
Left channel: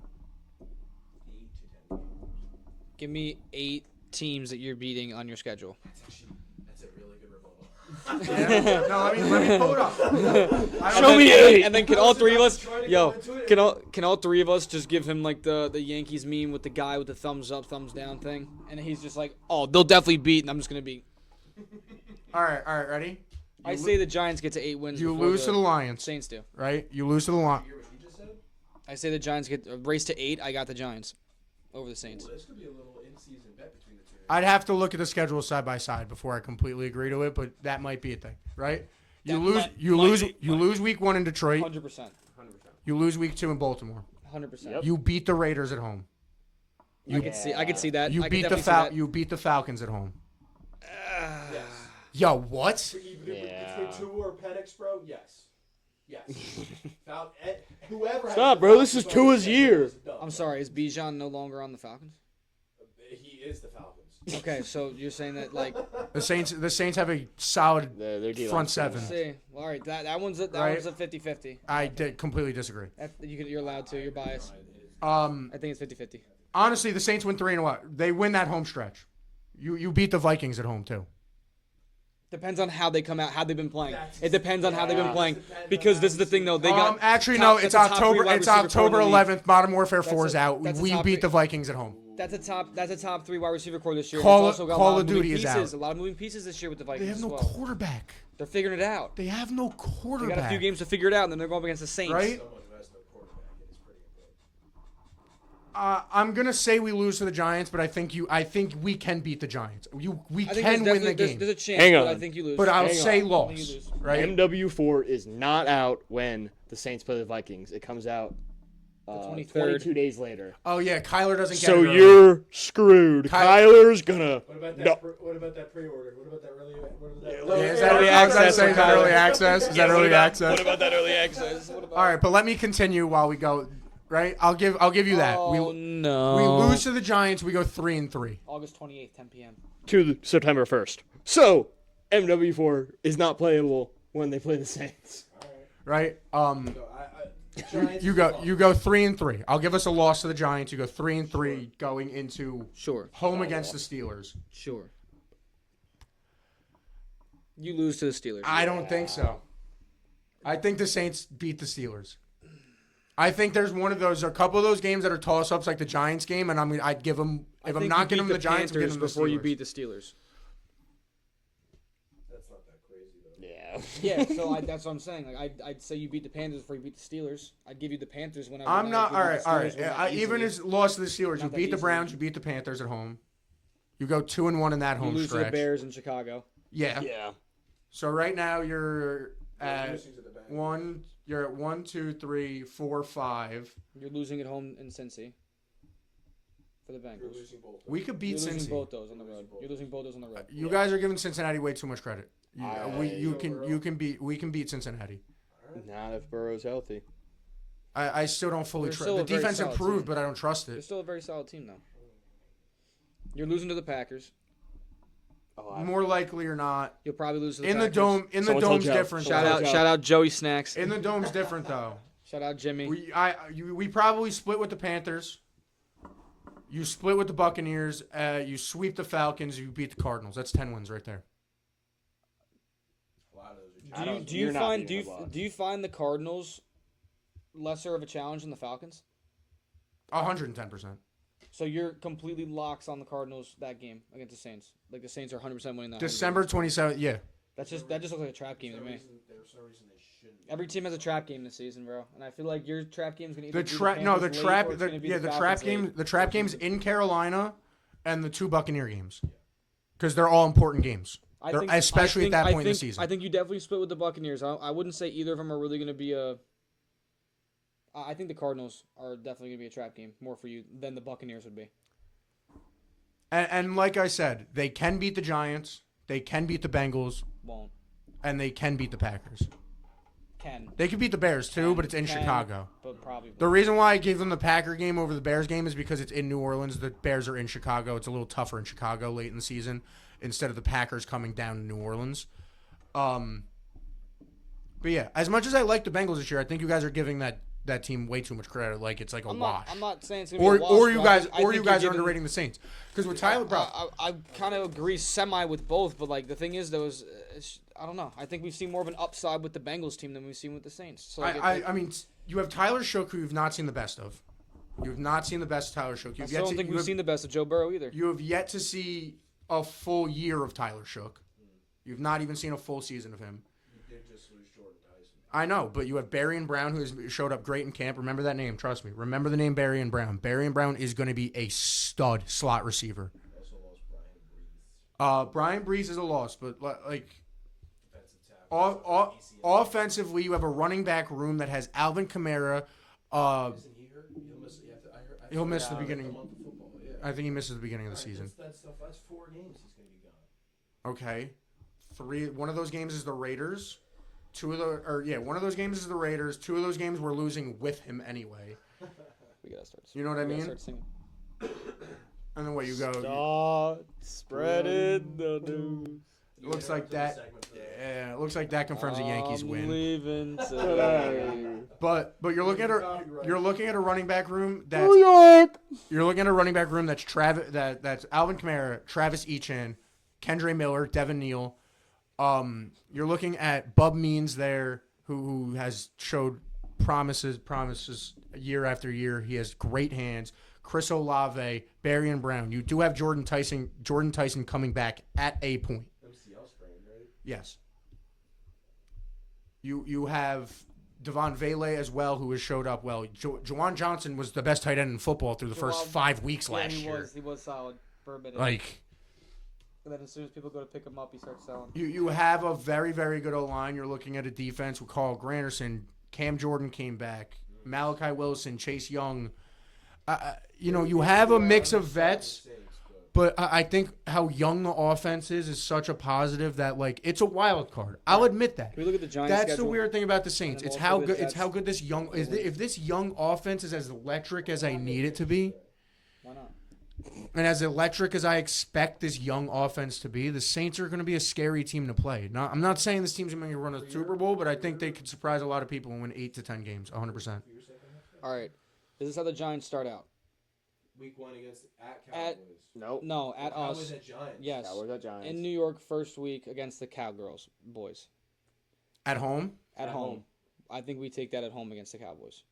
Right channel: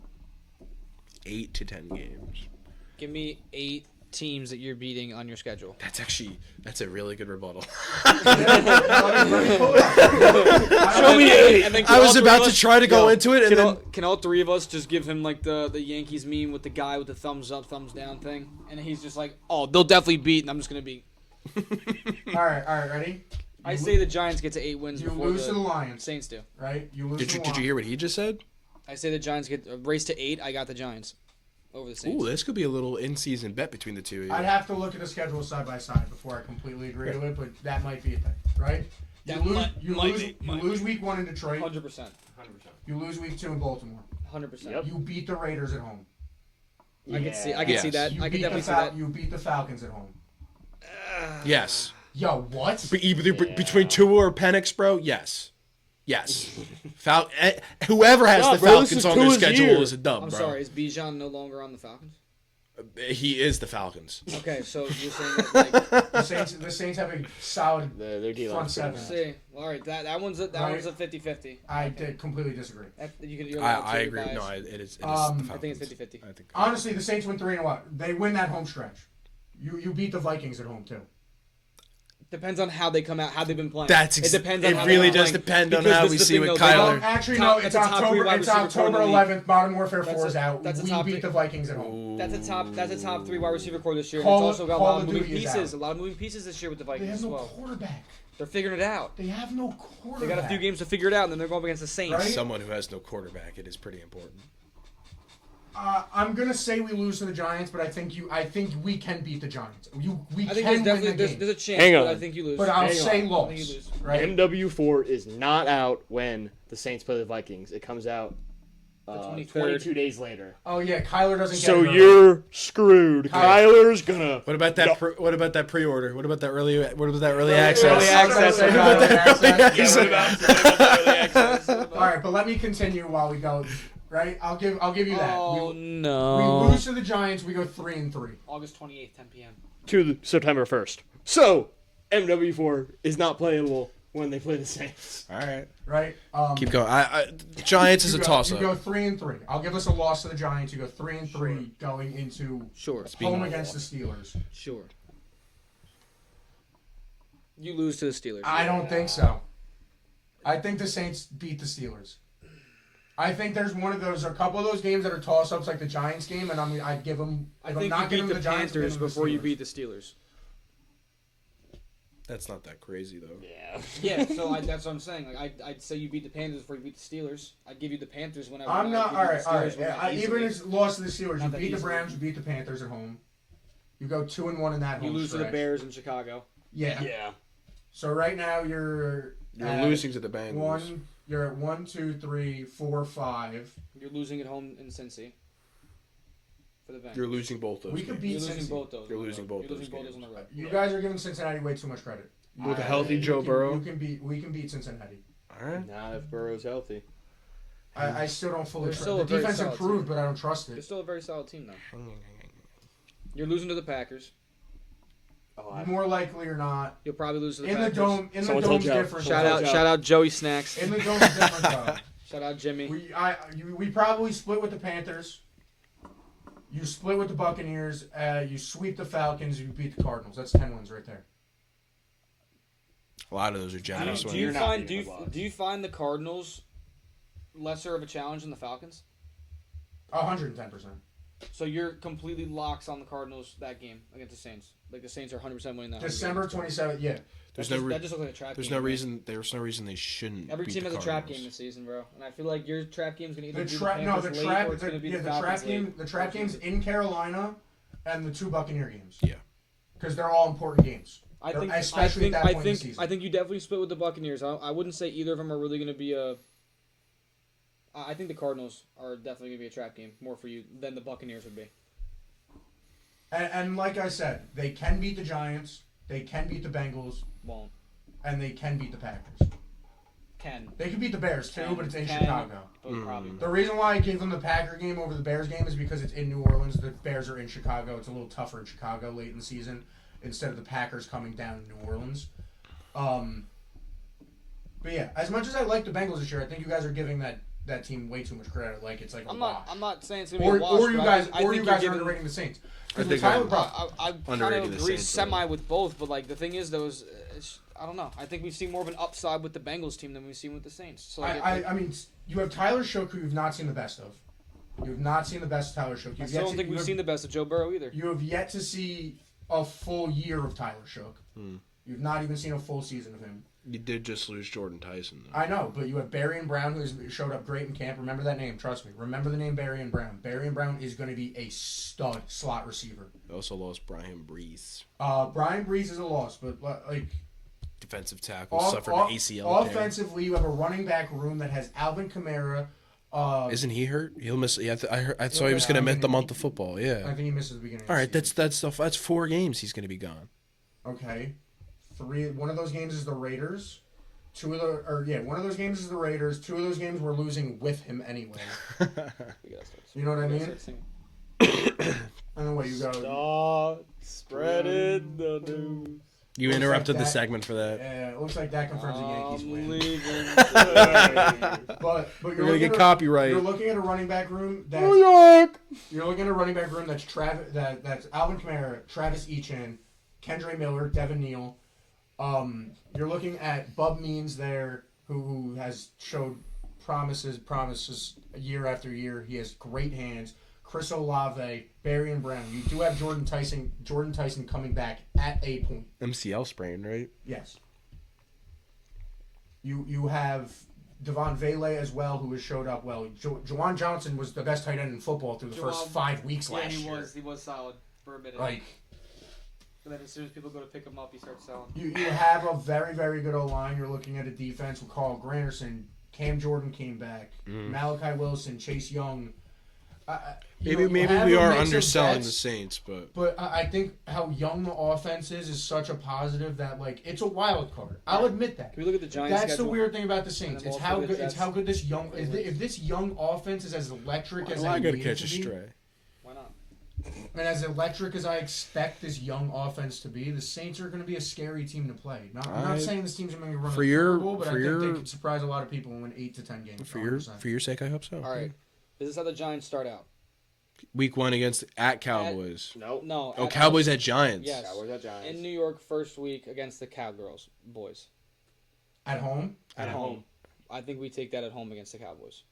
8 to 10 games. Give me 8 teams that you're beating on your schedule. That's a really good rebuttal. Show me 8. And then I was about to try to go into it. Can all 3 of us just give him like the Yankees meme with the guy with the thumbs up, thumbs down thing? And he's just like, oh, they'll definitely beat, and I'm just going to beat. All right, ready? I say the Giants get to 8 wins You before lose to the the Lions, Saints do. right? You lose to the Did you Lions. hear what he just said? I say the Giants get a race to 8. I got the Giants over the Saints. Ooh, this could be a little in-season bet between the two. I'd have to look at the schedule side by side before I completely agree to it, but that might be a thing, right? You lose week 1 in Detroit. 100%. You lose week 2 in Baltimore. 100%. Yep. You beat the Raiders at home. I could see that. You I could beat definitely see that. You beat the Falcons at home. Yes. Yo, what? Between Tua or Penix, bro, yes. Whoever has Stop, the bro, this Falcons is on their Tua's schedule year. is a dub, I'm bro. sorry, is Bijan no longer on the Falcons? He is the Falcons. Okay, so you're saying that like The Saints have a solid. Their D Front seven. see. All right, that one's a 50-50. I completely disagree. You're allowed to. I You're agree. biased. No, it is. I think it's 50-50. I think. Honestly, the Saints win 3 in a row. They win that home stretch. You beat the Vikings at home too. Depends on how they come out, how they've been playing. It depends on it how really they've been does playing. depend on because how this we is the see thing, with though. They Kyler. got Actually, top- no. It's that's a top 3 October. wide It's receiver core in October the league. 11th. Modern Warfare That's 4 is a- out. that's a We top beat three- the Vikings at home. That's a top 3 wide receiver core this year. And Call- it's also got a Call lot of of moving Duty is pieces. out. A lot of moving pieces this year with the They Vikings have as no well. quarterback. They're figuring it out. They have no quarterback. They got a few games to figure it out, and then they're going up against the Saints. Right? Someone who has no quarterback, it is pretty important. I'm gonna say we lose to the Giants, but I think we can beat the Giants. We I think can there's win the definitely game. there's a chance, Hang but on. I think you lose. But I'll Hang say on. loss. I think you lose. Right? MW4 is not out when the Saints play the Vikings. It comes out 23rd. 22 days later. Oh yeah, Kyler doesn't. So get it you're screwed. Kyler's gonna. What about that? No. What about that pre-order? What about that early? What about that early access? Early access for Kyler. Access. What about the early access? All right, but let me continue while we go. Right, I'll give you that. Oh We no! lose to the Giants. We go 3-3. August 28th, 10 p.m. To September 1st. So MW4 is not playable when they play the Saints. All right, Right. keep going. Giants is a toss-up. You go 3-3. I'll give us a loss to the Giants. You go 3-3 going into Sure. home against the Steelers. Sure. You lose to the Steelers. I don't think so. I think the Saints beat the Steelers. I think there's a couple of those games that are toss-ups like the Giants game, and I'd give them. I If think I'm not you giving beat them the the Giants, Panthers I'm giving them the before you Steelers. beat the Steelers. That's not that crazy though. Yeah. Yeah, so that's what I'm saying. Like I'd say you beat the Panthers before you beat the Steelers. I'd give you the Panthers whenever. I'm not. you All beat right, the all Steelers right. when that Even easily. as lost to the Steelers, Not you that beat the easily. Browns, you beat the Panthers at home. You go 2-1 in that home You lose to stretch. the Bears in Chicago. Yeah. Yeah. So right now you're losing to the Bengals. You're at 1, 2, 3, 4, 5. You're losing at home in Cincy. For the Bengals. You're losing both those. We could games. beat You're losing Cincy. both those. You're on the losing road. both You're losing those both those on the road. You guys are giving Cincinnati way too much credit. With a healthy Joe Burrow? We can beat Cincinnati. All right. Not if Burrow's healthy. I still don't fully They're trust still the a very defense solid improved, team. but I don't trust They're it. still a very solid team, though. You're losing to the Packers. More likely or not. You'll probably lose to the In the Packers. dome, in the Someone told dome's Joe. different. Shout though. out Joey Snacks. In the dome's different though. Shout out Jimmy. We probably split with the Panthers. You split with the Buccaneers. You sweep the Falcons. You beat the Cardinals. That's 10 wins right there. A lot of those are Do Jags. you You're not find beating the Bucs. do you find the Cardinals lesser of a challenge than the Falcons? 110%. So you're completely locks on the Cardinals that game against the Saints. Like the Saints are 100% winning that. December 27th. Yeah. That There's just looks like a trap There's game. no to me. reason. There's no reason they shouldn't. Every beat team the has a trap Cardinals. game this season, bro. And I feel like your trap game's gonna either The be the trap. Panthers No, the late, trap. or it's gonna be The the trap Falcons game. late. The trap games in Carolina, and the 2 Buccaneer games. Yeah. Because they're all important games. I think, especially at that point in the season. I think you definitely split with the Buccaneers. I wouldn't say either of them are really going to be a. I think the Cardinals are definitely going to be a trap game more for you than the Buccaneers would be. And like I said, they can beat the Giants. They can beat the Bengals. Won't. And they can beat the Packers. Can. They can beat the Bears too, but it's in Chicago. But probably. The reason why I give them the Packer game over the Bears game is because it's in New Orleans. The Bears are in Chicago. It's a little tougher in Chicago late in the season instead of the Packers coming down to New Orleans. But yeah, as much as I like the Bengals this year, I think you guys are giving that team way too much credit. Like it's like a wash. I'm not saying it's going to be a wash. Or you but guys, I think you're are giving, underrating the Saints. Because I with think Tyler I kind Underrating of the agree Saints, semi with both, but like the thing is, though, is I don't know. I think we've seen more of an upside with the Bengals team than we've seen with the Saints. So like, I mean, you have Tyler Shook, who you've not seen the best of. You have not seen the best of Tyler Shook. I still don't think we've seen the best of Joe Burrow either. You have yet to see a full year of Tyler Shook. You've not even seen a full season of him. You did just lose Jordan Tyson, though. I know, but you have Barry and Brown, who has showed up great in camp. Remember that name, trust me. Remember the name Barry and Brown. Barry and Brown is going to be a stud slot receiver. They also lost Brian Brees. Brian Brees is a loss, but like Defensive tackle suffered an ACL tear. offensively, you have a running back room that has Alvin Kamara. Isn't he hurt? He'll miss. Yeah, I saw He'll he was miss going to the miss the beginning. month of football. I Yeah. think he misses the beginning. All of right, the season. that's 4 games he's going to be gone. Okay. One of those games is the Raiders. One of those games is the Raiders. 2 of those games we're losing with him anyway. We gotta start. You know what I we gotta mean? start singing. And then what you go? Start spreading the news. You Looks interrupted like the that. segment for that. Yeah, it looks like that confirms the Yankees I'm win. leaving today. But You're you're gonna looking get at copyright. You're looking at a running back room that's New York. You're looking at a running back room that's that's Alvin Kamara, Travis Etienne, Kendre Miller, Devin Neal. You're looking at Bub Means there, who has showed promises year after year. He has great hands. Chris Olave, Barry and Brown. You do have Jordan Tyson coming back at a point. MCL sprain, right? Yes. You have Devon Vele as well, who has showed up well. Juwan Johnson was the best tight end in football through the first 5 weeks Yeah, last year. he was solid for a minute. Like, And then as soon as people go to pick him up, he starts selling. you have a very, very good O-line. You're looking at a defense with Carl Granderson. Cam Jordan came back. Malachi Wilson, Chase Young. You Maybe have we a are mix of underselling the vets. Saints, but But I think how young the offense is such a positive that, like, it's a wild card. I'll admit that. Can we look at the Giants That's schedule? the weird thing about the Saints. And It's then we'll how look at good. the It's how Jets. good this young. If this young offense is as electric as I gotta need it catch to a be, stray. Why not? and as electric as I expect this young offense to be, the Saints are going to be a scary team to play. I'm not saying this team's going to run For a your- Super Bowl, but I for think they your- could surprise a lot of people and win 8 to 10 games. For 100%. your sake, I hope so. All right. This is how the Giants start out. Week 1 at Cowboys. Nope. No. Oh, at Cowboys house. at Giants. Yes. Cowboys at Giants. In New York, first week against the Cowgirls boys At home, at home. I think we take that at home against the Cowboys.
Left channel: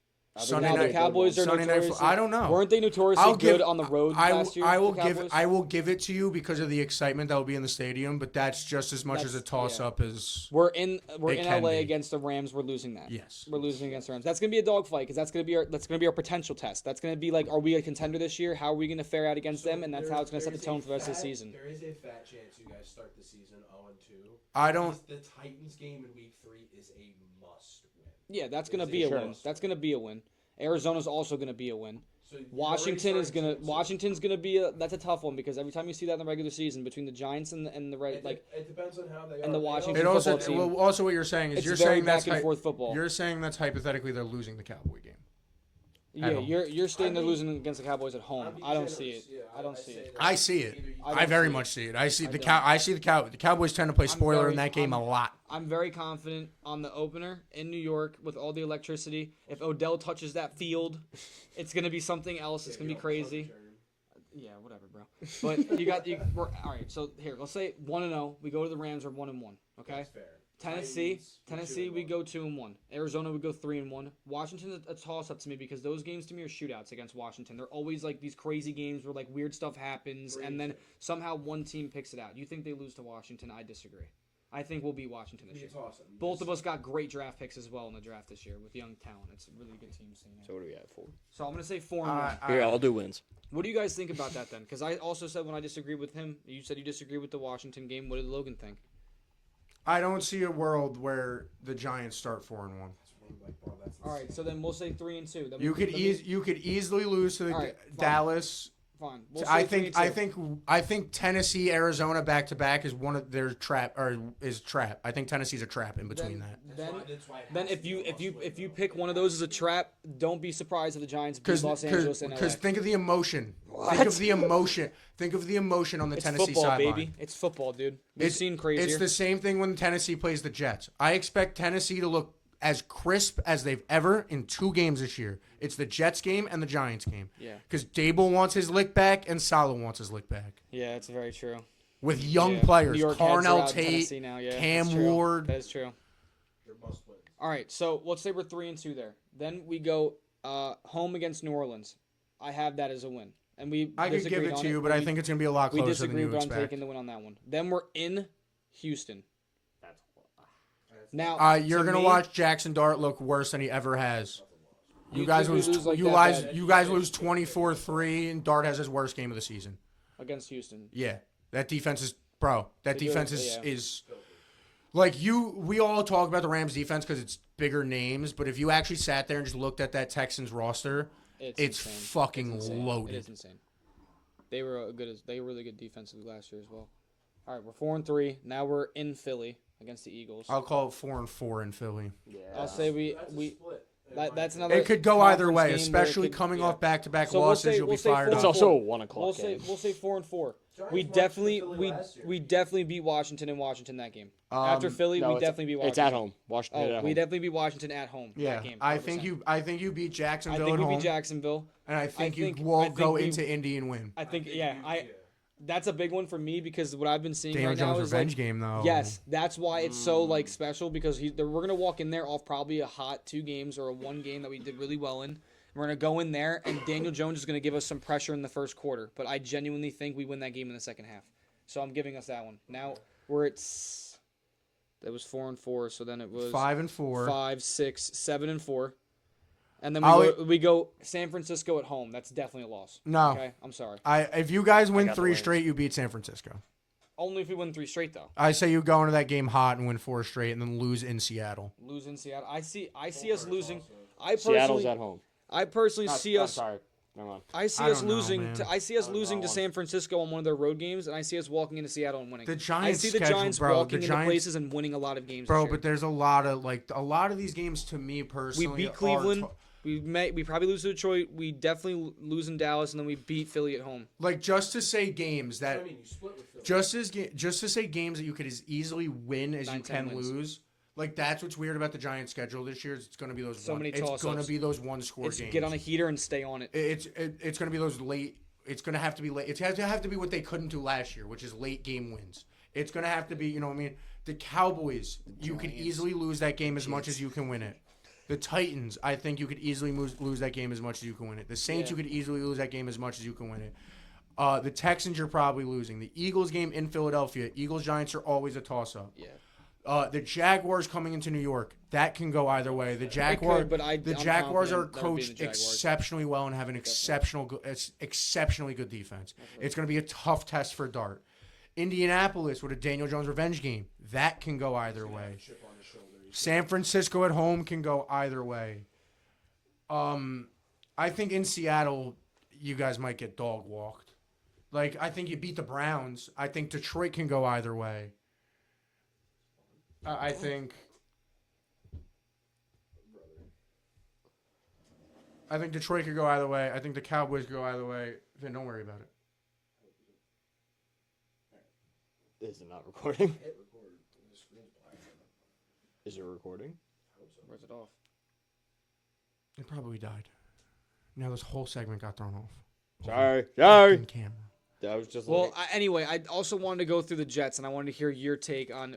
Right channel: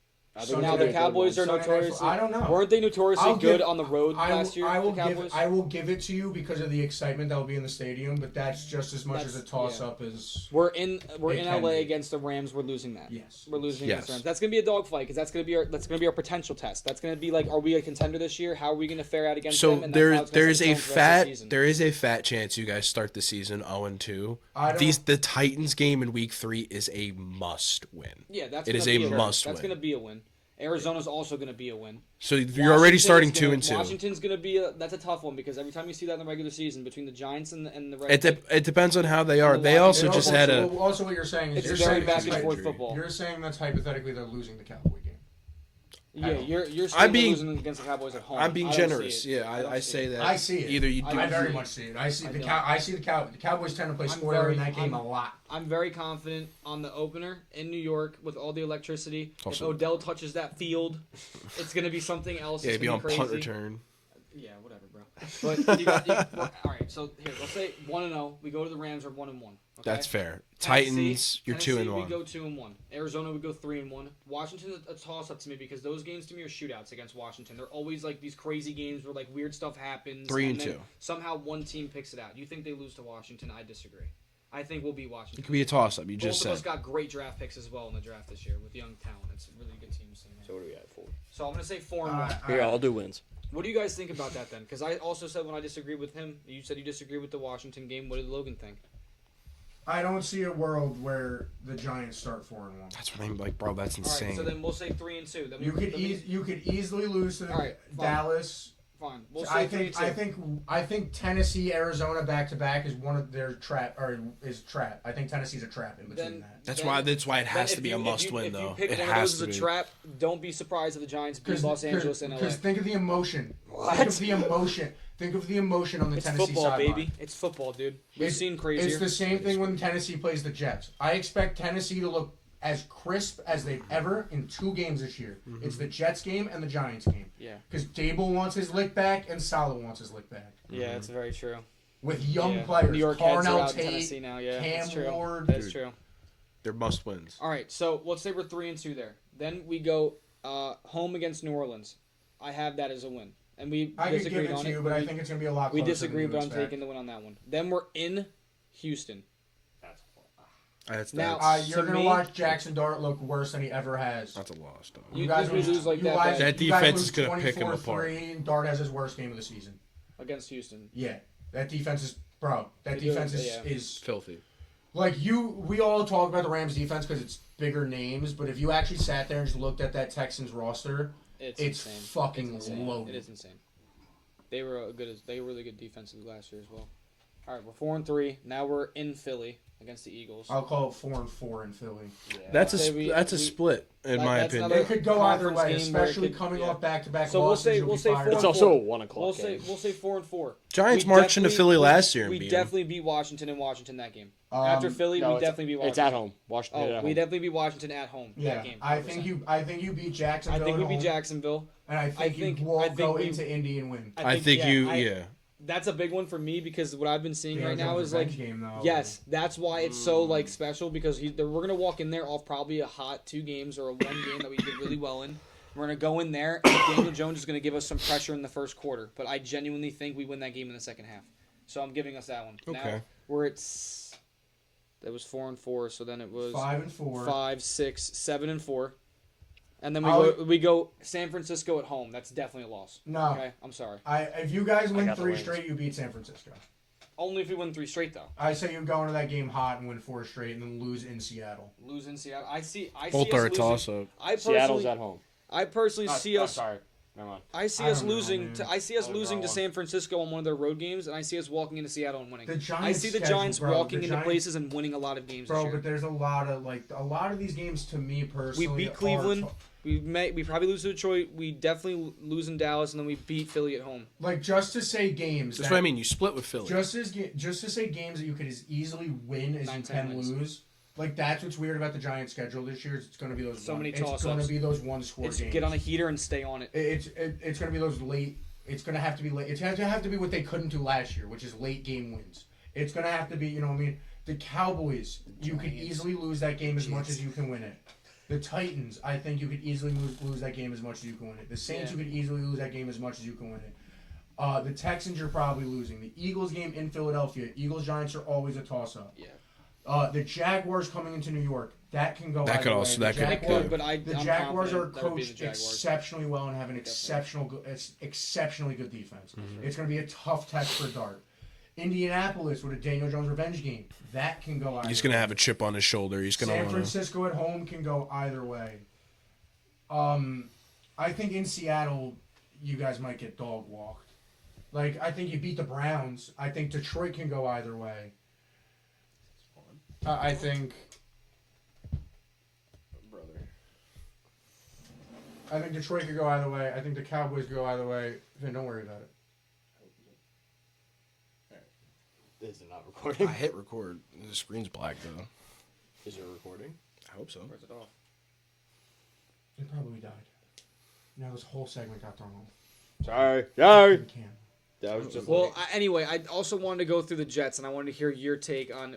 Sunday Now the night- Cowboys are Sunday night notoriously. I don't know. Weren't they notoriously I'll good give- on the road last year? I will the Cowboys. give it to you because of the excitement that will be in the stadium, but that's just as much as a toss up as. We're in It LA can be. against the Rams. We're losing that. Yes. We're losing against the Yes. Rams. That's gonna be a dogfight because that's gonna be our potential test. That's gonna be like, are we a contender this year? How are we gonna fare out against So them? And that's how it's gonna there is set the a tone for the rest of the season. there is a fat chance you guys start the season 0-2. I don't. The Titans game in Week 3 is a must win. Yeah, that's It gonna is be a a win. must That's win. gonna be a win. Arizona's also gonna be a win. So you're already starting 2-2. Washington's gonna be that's a tough one because every time you see that in the regular season between the Giants and the Red. It depends on how they are. the They also Washington just had a. Also, what you're saying is It's you're very saying that's back and forth football. You're saying that's hypothetically they're losing the Cowboy game. Yeah, you're saying they're being- losing against the Cowboys at home. I'm being I don't generous. see it. Yeah, don't I see say it. that. I see it. Either you. I I don't very see much it. see it. I see I the don't. I see the Cowboys tend to play spoiler in that game a lot. I'm very confident on the opener in New York with all the electricity. If Also- Odell touches that field, it's gonna be something else. Yeah, It's be gonna on be punt crazy. return. Yeah, whatever, bro. But all right. So here, let's say 1-0. We go to the Rams. We're 1-1. Okay. That's fair. Tennessee, Titans, you're Tennessee, 2-1. we go 2-1. Arizona, we go 3-1. Washington's a toss up to me because those games to me are shootouts against Washington. They're always like these crazy games where like weird stuff happens 3-2. and then somehow one team picks it out. You think they lose to Washington? I disagree. I think we'll beat Washington. It could be a toss-up. You Both just of us said. got great draft picks as well in the draft this year with young talent. It's a really good team. So what do we got for? So I'm gonna say 4-1. Here, I'll do wins. What do you guys think about that then? Because I also said when I disagreed with him, you said you disagree with the Washington game. What did Logan think? I don't see a world where the Giants start 4-1. That's what I'm like, bro. That's All insane. right, so then we'll say 3-2. Then You could easily lose to the All right, fine. Dallas. fine. We'll say I 3-2. think Tennessee, Arizona back to back is one of their trap or is trap. I think Tennessee's a trap in between Then- that. That's why it Then has to be a must win. if you though. pick It one of has those as to a be. trap, don't be surprised if the Giants beat Los Angeles and LA. Because think of the emotion. What? Think of the emotion. Think of the emotion on the It's Tennessee football, sideline. baby. It's football, dude. We've It's- seen crazier. It's the same thing when Tennessee plays the Jets. I expect Tennessee to look as crisp as they've ever in 2 games this year. Mm-hmm. It's the Jets game and the Giants game. Yeah. Because Dable wants his lick back and Salah wants his lick back. Yeah, it's very true. With young Yeah. players, New York heads are Carnell out in Tate, Tennessee now. Yeah, Cam that's true. Ward. That is true. They're must wins. All right, so let's say we're 3-2 there. Then we go home against New Orleans. I have that as a win, and we I could give disagreed it on to you, but I think it's going to be a lot we closer disagree, than you but I'm expect. taking the win on that one. Then we're in Houston. That's Now- You're To going to me- watch Jackson Dart look worse than he ever has. that's a loss. You think we lose like you that guys, bad? That you guys defense lose is gonna pick him 24-3, and Dart has his worst game of the season. against Houston. Yeah, that defense is That They do, defense yeah. is Filthy. like we all talk about the Rams defense because it's bigger names, but if you actually sat there and just looked at that Texans roster, It's It's insane. fucking It's insane. loaded. It is insane. They were really good defensively last year as well. All right, we're 4-3. Now we're in Philly against the Eagles. I'll call it 4-4 in Philly. That's I'd say we- a we- split in that- my that's opinion. another- It could go either way, conference game where it especially could- coming yeah. off back-to-back So we'll losses. say- you'll we'll be say fired four- It's up. also a 1 o'clock We'll game. say 4-4. Giants We marched into definitely- Philly we- last year. and We beat 'em. definitely beat Washington and Washington that game. After Philly, No, we it's- definitely beat Washington. It's at home. Washington Oh, at we home. definitely beat Washington at home Yeah, that game. I 100%. think you beat Jacksonville. I think we at beat home, Jacksonville. and I think you I won't think go we- into Indy and win. I think yeah. That's a big one for me because what I've been seeing Daniel right now Jones is like revenge game though. yes, that's why it's so like special because we're gonna walk in there off probably a hot 2 games or a 1 game that we did really well in. We're gonna go in there and Daniel Jones is gonna give us some pressure in the first quarter, but I genuinely think we win that game in the second half. So I'm giving us that one. Now Okay. we're at that was 4-4, so then it was 5-4. 5, 6, 7-4, and then I'll- we go San Francisco at home. That's definitely a loss. No. Okay, I'm sorry. If you guys win got the 3 Rams. straight, you beat San Francisco. Only if we win 3 straight though. I say you go into that game hot and win 4 straight, and then lose in Seattle. Lose in Seattle. I see Both us are a losing. toss-up. Seattle's at home. I personally see us. Sorry. Never mind. I see I us don't know, losing. man. I see us That was losing the to wrong San Francisco on one of their road games, and I see us walking into Seattle and winning. The I Giants see the schedule, Giants bro, walking the into Giants- places and winning a lot of games Bro, this year. but there's a lot of these games to me personally. We beat are Cleveland. tou- We probably lose to Detroit. We definitely lose in Dallas, and then we beat Philly at home. Like just to say games. That's that, what I mean. You split with Philly. Just to say games that you could as easily win as 9, you 10 can wins. lose. Like that's what's weird about the Giants' schedule this year. It's going to be those So many It's going toss-ups. to be those 1-score It's games. get on a heater and stay on it. It's going to be those late. It's going to have to be late. It's going to have to be what they couldn't do last year, which is late game wins. It's going to have to be. You know what I mean? The Cowboys. You could Giants. easily lose that game as much as you can win it. The Titans, I think you could easily lose that game as much as you can win it. The Saints, you could easily lose that game as much as you can win it. The Texans, you're probably losing. The Eagles game in Philadelphia, Eagles-Giants are always a toss-up. Yeah. The Jaguars coming into New York, that can go either way. The Jaguars are coached exceptionally well and have an exceptionally good defense. Mm-hmm. It's going to be a tough test for Dart. Indianapolis with a Daniel Jones revenge game, that can go either way. He's going to have a chip on his shoulder. San Francisco at home can go either way. I think in Seattle, you guys might get dog walked. Like, I think you beat the Browns. I think Detroit can go either way. I think Detroit could go either way. I think the Cowboys go either way. Then don't worry about it. Is it not recording? I hit record. The screen's black, though. Is it recording? I hope so. Where's it off? It probably died. Now this whole segment got thrown off. Sorry. Camera. That was just anyway, I also wanted to go through the Jets, and I wanted to hear your take on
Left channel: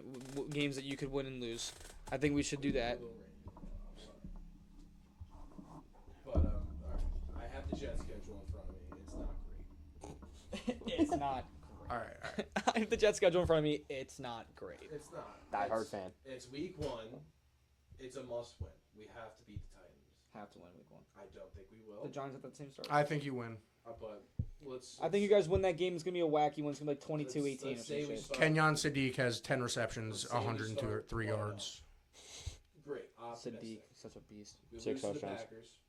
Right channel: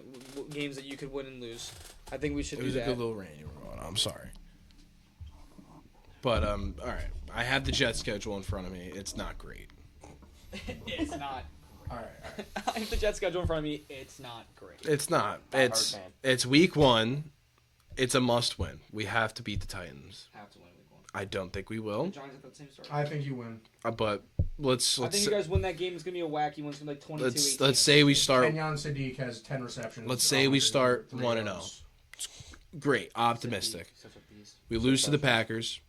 games that you could win and lose. I think we should do that. A little rain you were going on. I'm sorry. But, all right. I have the Jets schedule in front of me. It's not great. It's not. All right. I have the Jets schedule in front of me. It's not great. It's not. It's It's week 1. It's a must win. We have to beat the Titans. Have to win week 1. I don't think we will. The Giants have that same start. I think you win. But let's I think you guys win that game. It's going to be a wacky one. It's going to be like 22-18. let's say we start. Kenyon Sadiq has 10 receptions. Let's say we start 103 1-0. yards. Great. Optimistic. Such a beast. We lose to the Packers.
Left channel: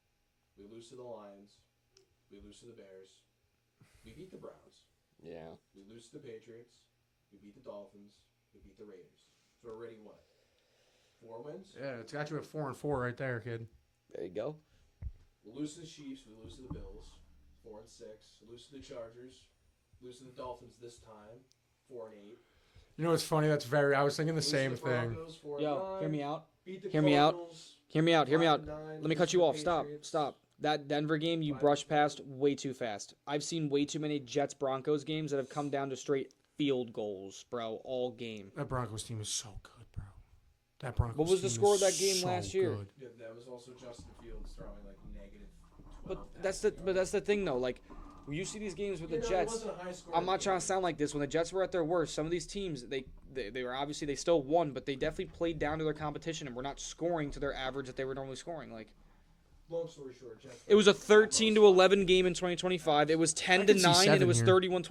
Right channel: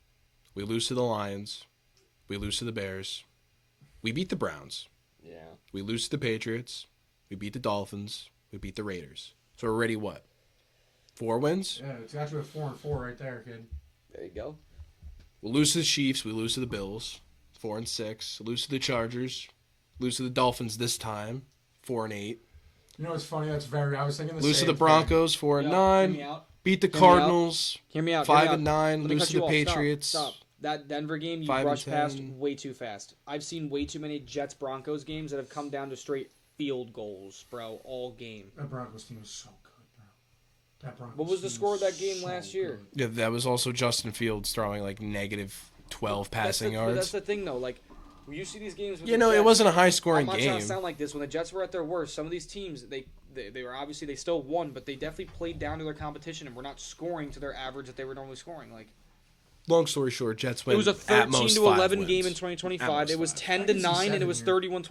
We lose to the Lions. We lose to the Bears. We beat the Browns. Yeah. We lose to the Patriots. We beat the Dolphins. We beat the Raiders. So we're already what? 4 wins? Yeah, it's actually a 4-4 right there, kid. There you go. We'll lose to the Chiefs. We lose to the Bills. 4-6. Lose to the Chargers. Lose to the Dolphins this time. 4-8. You know what's funny? I was thinking the Lose same to the Broncos. 4-9. Hear me out. Beat the Hear me out. Cardinals. Hear me out. 5-9. Let me Lose cut to you the off. Patriots. Stop. That Denver game, you 5-10. rushed past way too fast. I've seen way too many Jets-Broncos games that have come down to straight field goals, bro, all game. That Broncos team is so good, bro. That Broncos What was the team score is of that game so last year? good. Yeah, that was also Justin Fields throwing like negative 12 passing yards. But that's the thing, though. Like, when you see these games with You the know, Jets, it wasn't a high-scoring I'm not game. trying to sound like this. When the Jets were at their worst, some of these teams, they were obviously, they still won, but they definitely played down to their competition and were not scoring to their average that they were normally scoring. Like, Long story short, Jets win. it was a at most 13-11 5 game in wins. 2025. It was I can see 10-9, and 7 it was here. 31-20.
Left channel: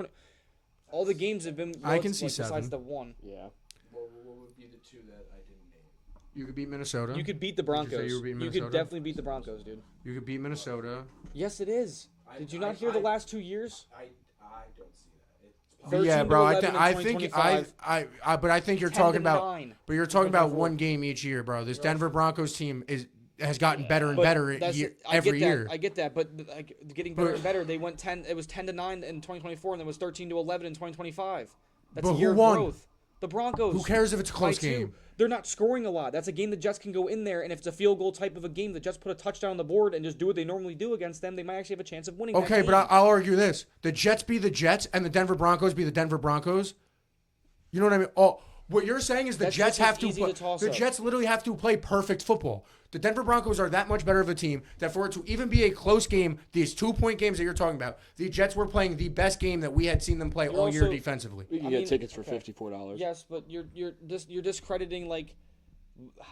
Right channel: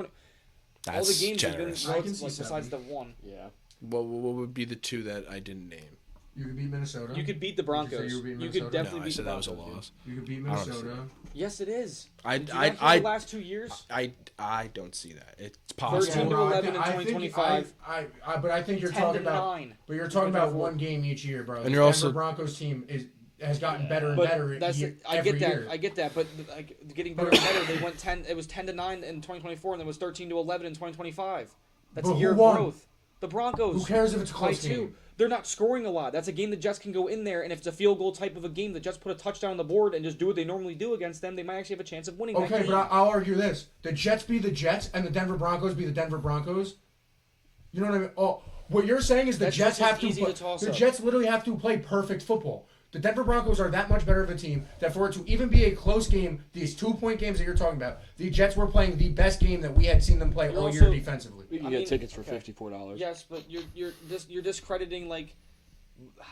All the That's games have been generous. I can see like, besides 7. the one. Yeah. What would be the 2 that I didn't name? You could beat Minnesota. You could beat the Did Broncos. you say you were beating You could Minnesota? definitely No, I beat the said that was a Broncos, dude. loss. You could beat I don't see Minnesota. Yes, it is. Did you not hear I the last 2 years? I don't see that. It's possible. 13 to bro. 11 in I think 2025. but I think you're 10 talking to about. 9. But you're talking about 2024. one game each year, bro. This you're Denver also- Broncos team has gotten better and But better I every get year. that. I get that. But like getting better and better, they went 10. It was 10-9 in 2024, and it was 13-11 in 2025. That's But a who year of won? growth. The Broncos. Who cares if it's a by close 2. game? They're not scoring a lot. That's a game the Jets can go in there, and if it's a field goal type of a game, the Jets put a touchdown on the board and just do what they normally do against them, they might actually have a chance of winning that Okay, game. but I'll argue this: the Jets be the Jets, and the Denver Broncos be the Denver Broncos. You know what I mean? Oh, what you're saying is the That's Jets just have to. easy to toss The up. Jets literally have to play perfect football. The Denver Broncos are that much better of a team that for it to even be a close game, these 2-point games that you're talking about, the Jets were playing the best game that we had seen them play You're all year also- defensively. We can I get mean, tickets for okay. $54. Yes, but you're discrediting like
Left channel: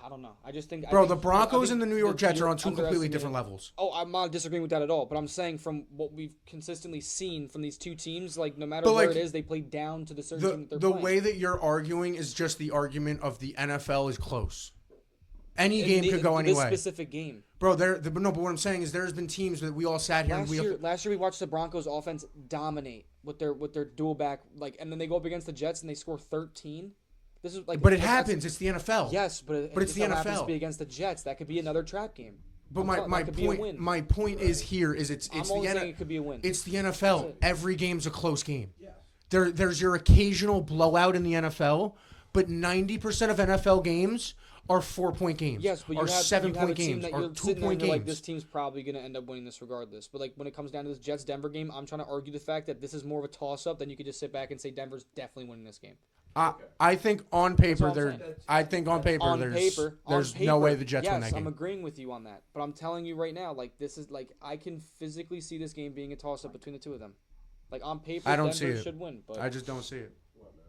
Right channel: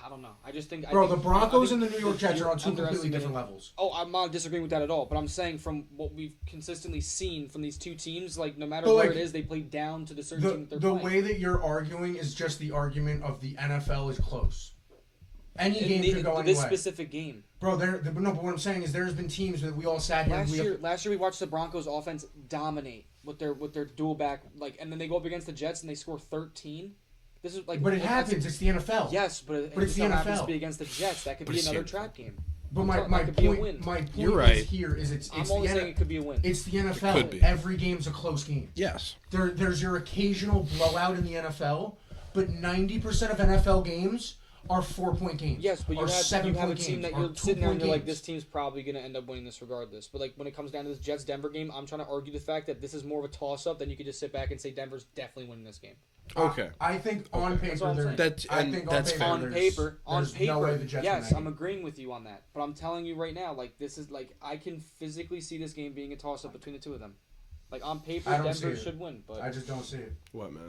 I don't know. I just think Bro, I the think, Broncos I and think the New York Jets you're are on 2 completely underestimating- different levels. Oh, I'm not disagreeing with that at all. But I'm saying from what we've consistently seen from these two teams, like no matter But, where like, it is, they play down to the certain team that they're The playing. way that you're arguing is just the argument of the NFL is close. Any In game could go this anyway. specific game. Bro, but what I'm saying is there's been teams that we all sat here and Last year we watched the Broncos offense dominate with their dual back and then they go up against the Jets and they score 13. This is like But it that's- happens. It's the NFL. Yes, but it But it's just the so happens NFL. to be against the Jets. That could be it's another the- trap game. But That my could be a point, win. my point You're right. is here is it's I'm the only saying N- it could be a win. it's the NFL. Could be. Every game's a close game. Yes. There's your occasional blowout in the NFL, but 90% of NFL games are 4-point games. Yes, but you are have a 7-point team games, that are you're sitting there and 2-point you're like, games. this team's probably going to end up winning this regardless. But like when it comes down to this Jets-Denver game, I'm trying to argue the fact that this is more of a toss-up than you could just sit back and say Denver's definitely winning this game. Okay. I think on That's paper all I'm they're. saying. That's- I and think on that's paper On there's, paper, there's no way the Jets win yes, that I'm game. agreeing with you on that. But I'm telling you right now, like this is like I can physically see this game being a toss-up between the two of them. Like on paper, I don't see Denver it. should win, but I just don't see it. What, Matt?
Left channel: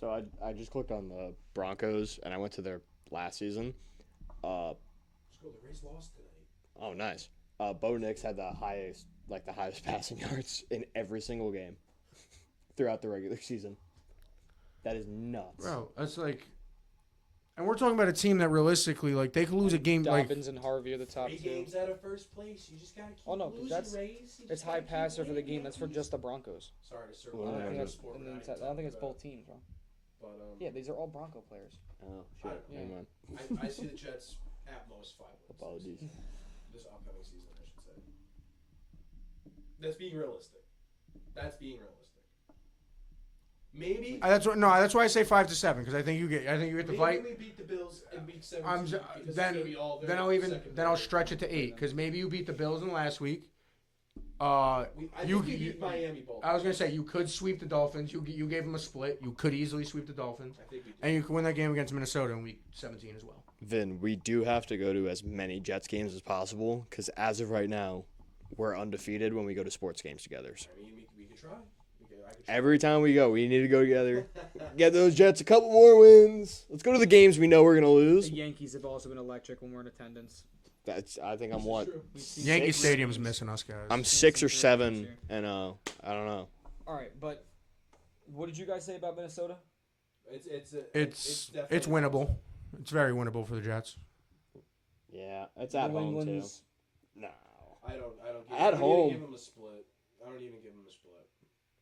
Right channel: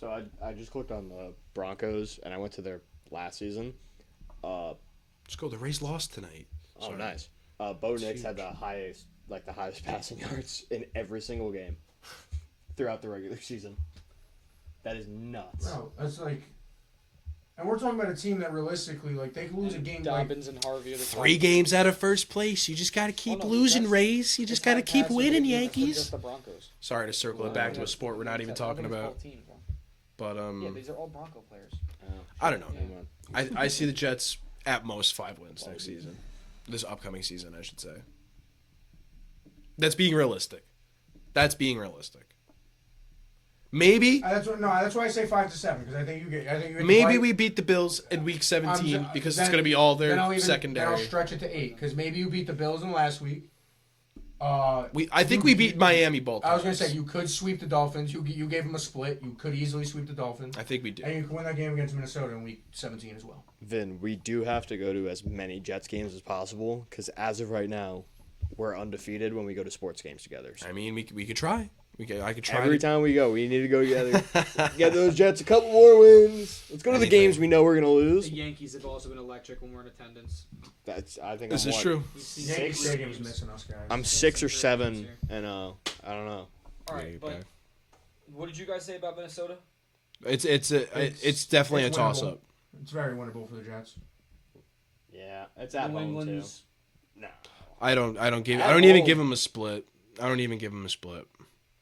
So I just clicked on the Broncos and I went to their last season. Let's go. The Rays lost tonight. Oh, Sorry. nice. Bo Nix had the highest passing yards in every single game throughout the regular season. That is nuts. Bro, that's like, and we're talking about a team that realistically, like, they could lose a game. Like, Dobbins and Harvey are the top 3 two. games out of first place. You just got to keep no, losing, that's- Rays. You just got to It's keep high winning, passing, but it's Yankees. just the Broncos. Sorry to circle Well, it back to a that's- sport we're not even I talking think it's about. both teams, bro. But Yeah, these are all Bronco players. I don't know. Yeah. I see the Jets at most 5 wins next season. This upcoming season, I should say. That's being realistic. Maybe that's why I say 5-7 because I think you get. maybe we beat the Bills in Week 17 because it's going to be all their secondary. Then I'll stretch it to 8 because maybe you beat the Bills in last week. I think we beat Miami both. I was gonna say you could sweep the Dolphins. You gave them a split. You could easily sweep the Dolphins. I think we did. And you could win that game against Minnesota in Week 17 as well. Vin, we do have to go to as many Jets games as possible because as of right now, we're undefeated when we go to sports games together. So I mean, we could try. I could try. every time we go, we need to go together. Get those Jets a couple more wins. Let's go to the games we know we're gonna lose. The Yankees have also been electric when we're in attendance. I think This I'm is what? true. We've seen Yankee six Stadium's games. missing us, guys. I'm 6 or 7, and I don't know. All right, but what did you guys say about Minnesota? It's definitely it's a toss winnable. up. It's very winnable for the Jets. Yeah, it's at New home England's too. No. I don't At even home. give him a split. I don't even give him a split.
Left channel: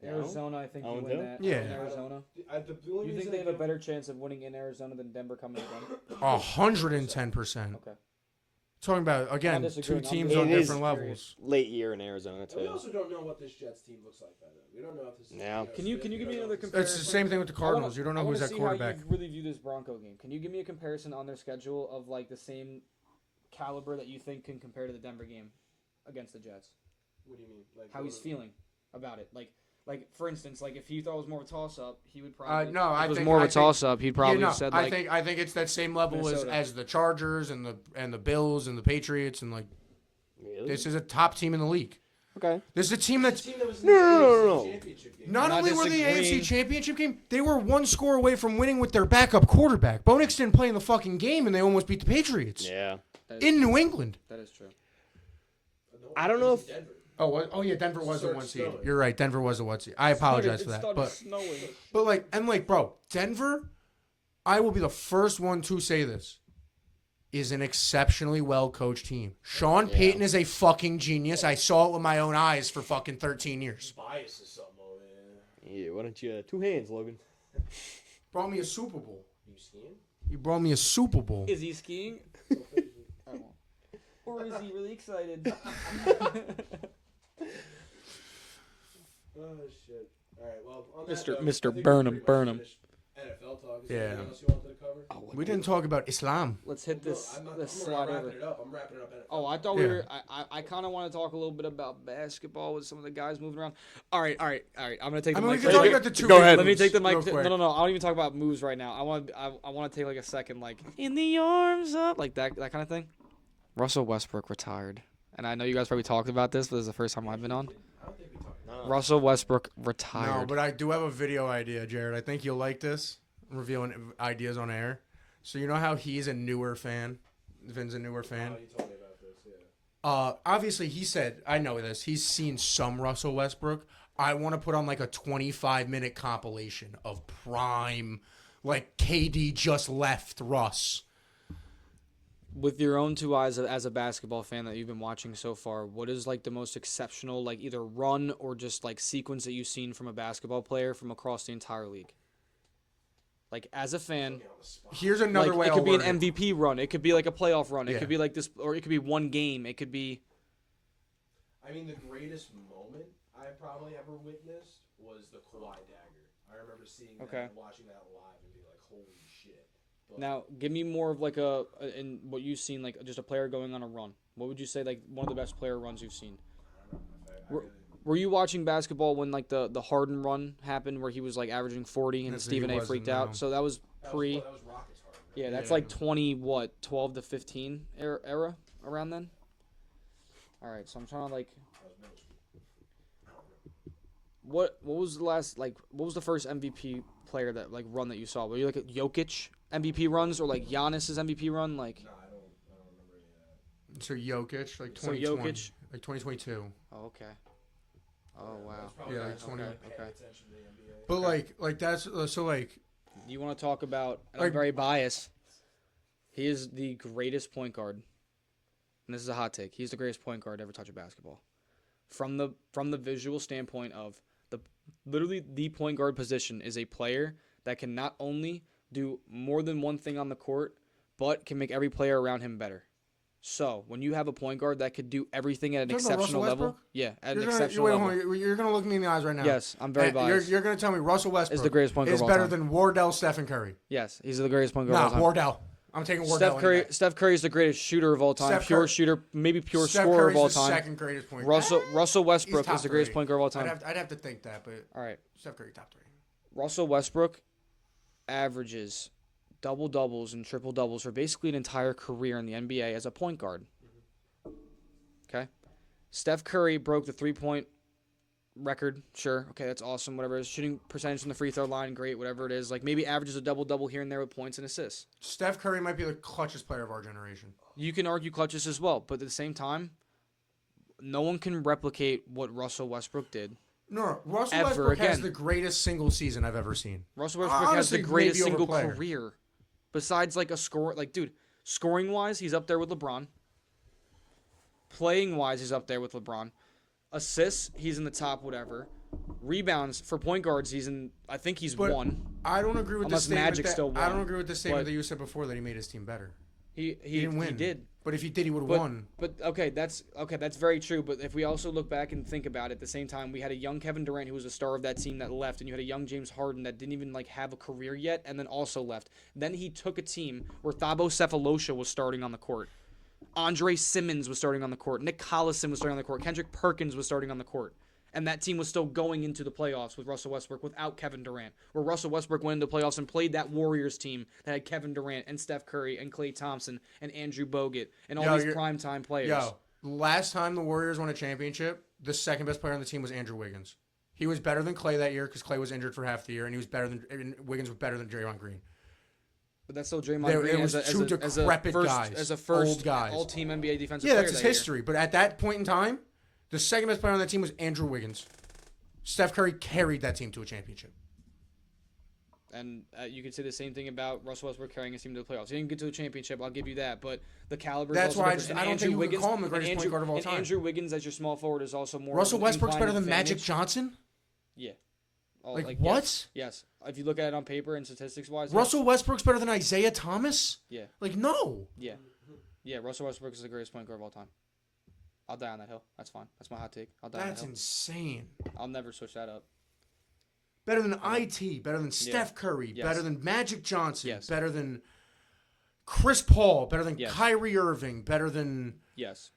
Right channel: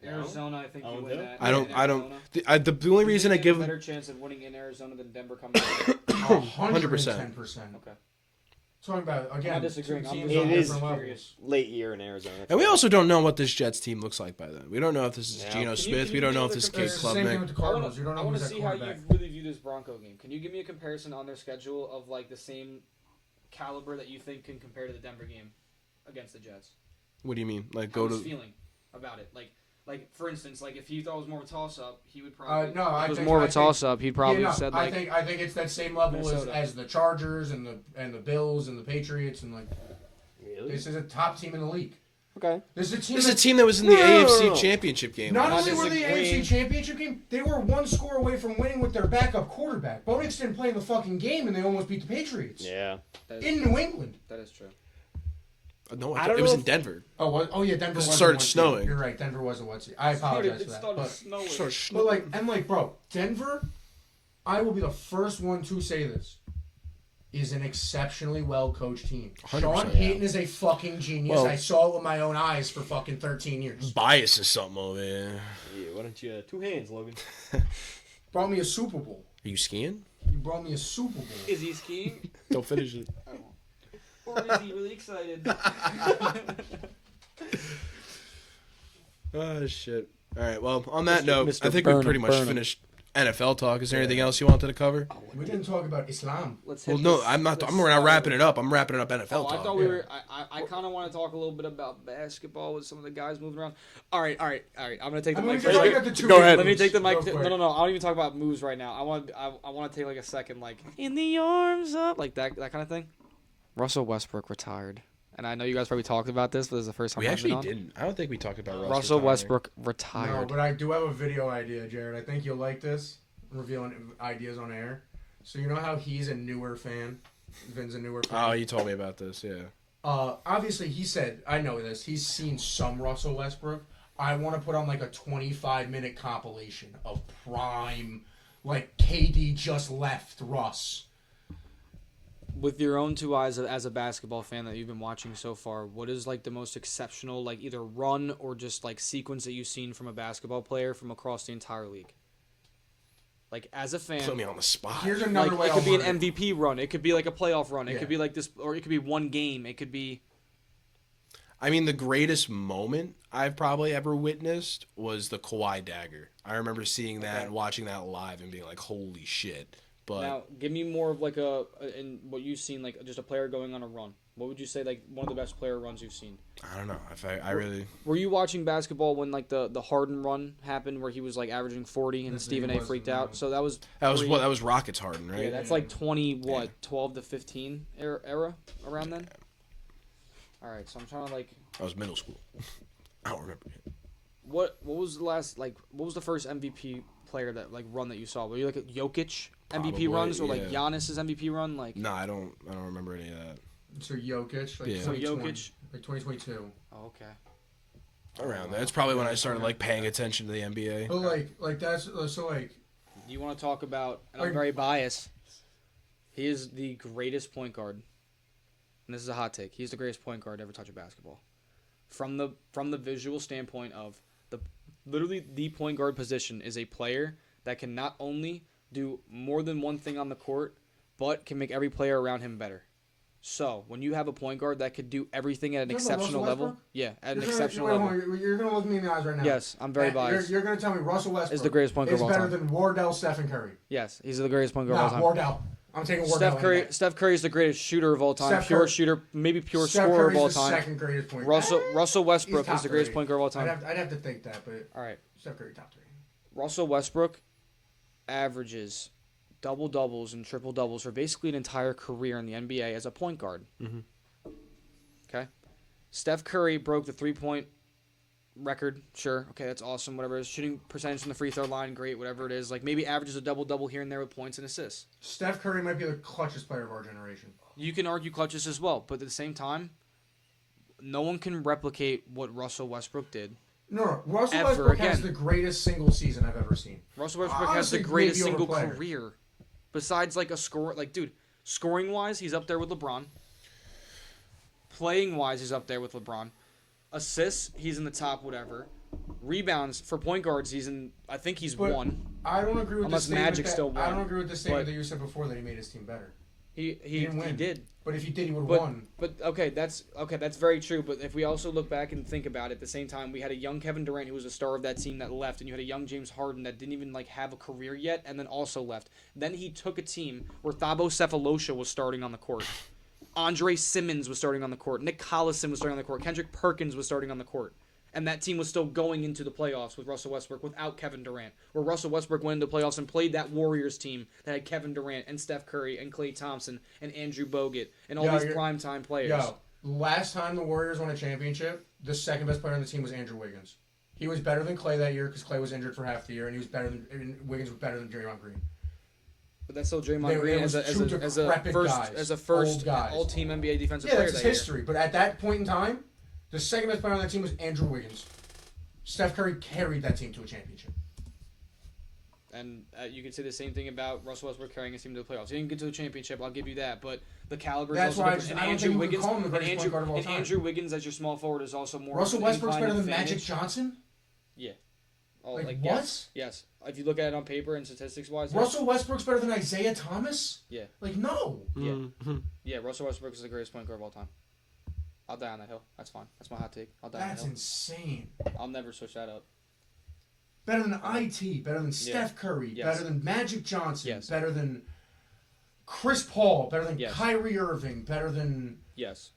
Arizona, I think you 0-2? win that. I don't. In I don't. Arizona. The only You reason I think they have give a better chance of winning in Arizona than Denver coming to 110%. Okay. Talking about again, two disagreeing. I'm teams just- on It is different levels. curious. Late year in Arizona. and we also don't know what this Jets team looks like by then. We don't know if this is Yeah. Geno Can you Smith. We give don't me know if another this is comparison? It's the Case same thing with the Cardinals. You don't know I want who's to that see how quarterback. you really view this Bronco game. Can you give me a comparison on their schedule of like the same caliber that you think can compare to the Denver game against the Jets? What do you mean? Like How go was to feeling about it? Like for instance, like if he thought it was more of a toss up, he would probably. No, if I it was think- more of I a think- toss up, he'd probably Yeah, no, have said like. I think it's that same level Minnesota. as the Chargers and the Bills and the Patriots and like Really? this is a top team in the league. Okay. This is a team this is a that's team that was in the No, no, AFC no. Championship game. not not only were they the disagreeing. AFC Championship game, they were one score away from winning with their backup quarterback. Bo Nix didn't play in the fucking game, and they almost beat the Patriots Yeah. That is, in New England. that is true. No, I don't it was know in if- Denver. Oh, what? Oh yeah, Denver It was started the 1 seed. snowing. You're right, Denver was the 1 seed. I apologize It for that. started But, snowing. bro, Denver, I will be the first one to say this, is an exceptionally well coached team. Sean 100%. Payton is a fucking genius. Well- I saw it with my own eyes for fucking 13 years. Bias is something over there. Yeah. Why don't you 2 hands, Logan? Brought me a Super Bowl. Are you skiing? He brought me a Super Bowl. Is he skiing? Don't finish it. Or is he really excited? Oh shit! All right. Well, on that Mr. note, Mr. I think Burnham, we pretty much Burnham. finished NFL talk. Is there Yeah. anything else you wanted to cover? We didn't talk about Islam. Let's Well, hit no, this- I'm not. this I'm not slide wrapping over. it up. I'm wrapping up NFL Oh, I talk. thought we Yeah. were. I kind of want to talk a little bit about basketball with some of the guys moving around. All right. I'm gonna take the I'm mic. gonna for a talk second. about the two Go ahead. Let me moves take the mic. real quick. No. I don't even talk about moves right now. I want to take like a second, like in the arms of like that kind of thing. Russell Westbrook retired, and I know you guys probably talked about this, but this is the first time We I've been actually on. didn't. I don't think we talked about Russell retiring. Westbrook No, retired. but I do have a video idea, Jared. I think you'll like this. I'm revealing ideas on air. So you know how he's a newer fan? Vin's a newer fan. Oh, you told me about this. Yeah. Obviously, he said, I know this, he's seen some Russell Westbrook. I want to put on like a 25-minute compilation of prime, like KD just left Russ. With your own 2 eyes as a basketball fan that you've been watching so far, what is like the most exceptional, like either run or just like sequence that you've seen from a basketball player from across the entire league? Like as a fan, Put me on the spot. Here's another like way it could be an I'll word it. MVP run, it could be like a playoff run, it Yeah. could be like this, or it could be one game, it could be. I mean, the greatest moment I've probably ever witnessed was the Kawhi dagger. I remember seeing that Okay. and watching that live and being like, "Holy shit!" But Now, give me more of like in what you've seen, like just a player going on a run. What would you say like one of the best player runs you've seen? I don't know if I really. Were you watching basketball when like the Harden run happened where he was like averaging 40 and Yes, Stephen he A was, freaked no. out? So that was That pre- was Rockets Harden, right? yeah, that's like 12 to 15 era around then. All right, so I'm trying to like That was middle school. I don't remember. what was the last like what was the first MVP player that like run that you saw? Were you like a Jokic MVP Probably, runs or like yeah. Giannis's MVP run? Like No, I don't remember any of that. So Jokic, like Yeah. so 2020, Jokic. like 2022. Oh, okay. Around wow. there. That's probably when Yeah, I started okay. like paying attention to the NBA. But like that's so like You want to talk about? And I'm Like- very biased. He is the greatest point guard. And this is a hot take. He's the greatest point guard to ever touch a basketball. From the visual standpoint of literally the point guard position is a player that can not only do more than one thing on the court, but can make every player around him better. So when you have a point guard that could do everything at an You're talking about exceptional Russell level, Westbrook? yeah, at an You're exceptional gonna, level, wait, you're gonna look me in the eyes right now. yes, I'm very That- biased. You're gonna tell me Russell Westbrook Is the greatest point guard is of all better time. than Wardell, Stephen Curry. Yes, he's the greatest point guard of all Nah, time. Wardell. I'm taking Wardell. Steph Curry is the greatest shooter of all time, Steph pure Curry- shooter, maybe pure Steph scorer of Curry's all the time. Second greatest point. Russell Westbrook He's is the top greatest three. point guard of all time. I'd have to think that, but All right, Steph Curry top 3. Russell Westbrook averages double doubles and triple doubles for basically an entire career in the NBA as a point guard. Okay, Steph Curry broke the 3-point record. Sure, okay, that's awesome. Whatever, his shooting percentage from the free throw line, great. Whatever it is, like maybe averages a double double here and there with points and assists. Steph Curry might be the clutchest player of our generation. You can argue clutches as well, but at the same time, no one can replicate what Russell Westbrook did. No, Russell Ever Westbrook has again. the greatest single season I've ever seen. Russell Westbrook has Honestly, the greatest maybe single overplayed. career. Besides, like, a score. Like, dude, scoring-wise, he's up there with LeBron. Playing-wise, he's up there with LeBron. Assists, he's in the top whatever. Rebounds, for point guards, he's in... I think he's But one. I don't agree with Unless the statement Magic that, still I don't won, agree with the statement but- that you said before that he made his team better. He didn't win. did. But if he did, he would have But won. but okay, that's very true. But if we also look back and think about it, at the same time, we had a young Kevin Durant who was a star of that team that left, and you had a young James Harden that didn't even like have a career yet, and then also left. Then he took a team where Thabo Cephalosha was starting on the court, Andre Simmons was starting on the court, Nick Collison was starting on the court, Kendrick Perkins was starting on the court. And that team was still going into the playoffs with Russell Westbrook without Kevin Durant. Where Russell Westbrook went into the playoffs and played that Warriors team that had Kevin Durant and Steph Curry and Klay Thompson and Andrew Bogut and all Yo, these you're- primetime players. Yo, last time the Warriors won a championship, the second best player on the team was Andrew Wiggins. He was better than Klay that year because Klay was injured for half the year, and Wiggins was better than Draymond Green. But that's still Draymond It Green was as two a decrepit first guys, old guys. all-team NBA defensive Yeah, player that's that his year. history. But at that point in time, the second best player on that team was Andrew Wiggins. Steph Curry carried that team to a championship. And you could say the same thing about Russell Westbrook carrying his team to the playoffs. He didn't get to the championship, I'll give you that. But the caliber is That's also why different. I don't think you can call him the greatest point guard of all And time. Andrew Wiggins as your small forward is also more. Russell of an Westbrook's better inclined than Magic advantage. Johnson? Yeah. Oh, Like, like what? Yes, yes. If you look at it on paper and statistics-wise, yes. Russell Westbrook's better than Isaiah Thomas? Yeah. Like, no. Yeah. Yeah, Russell Westbrook is the greatest point guard of all time. I'll die on that hill. That's fine. That's my hot take. I'll die on that That's hill. insane. I'll never switch that up. Better than IT, better than Steph Curry, Yes. better than Magic Johnson, Yes. better than Chris Paul, better than Yes. Kyrie Irving, better than... Yes.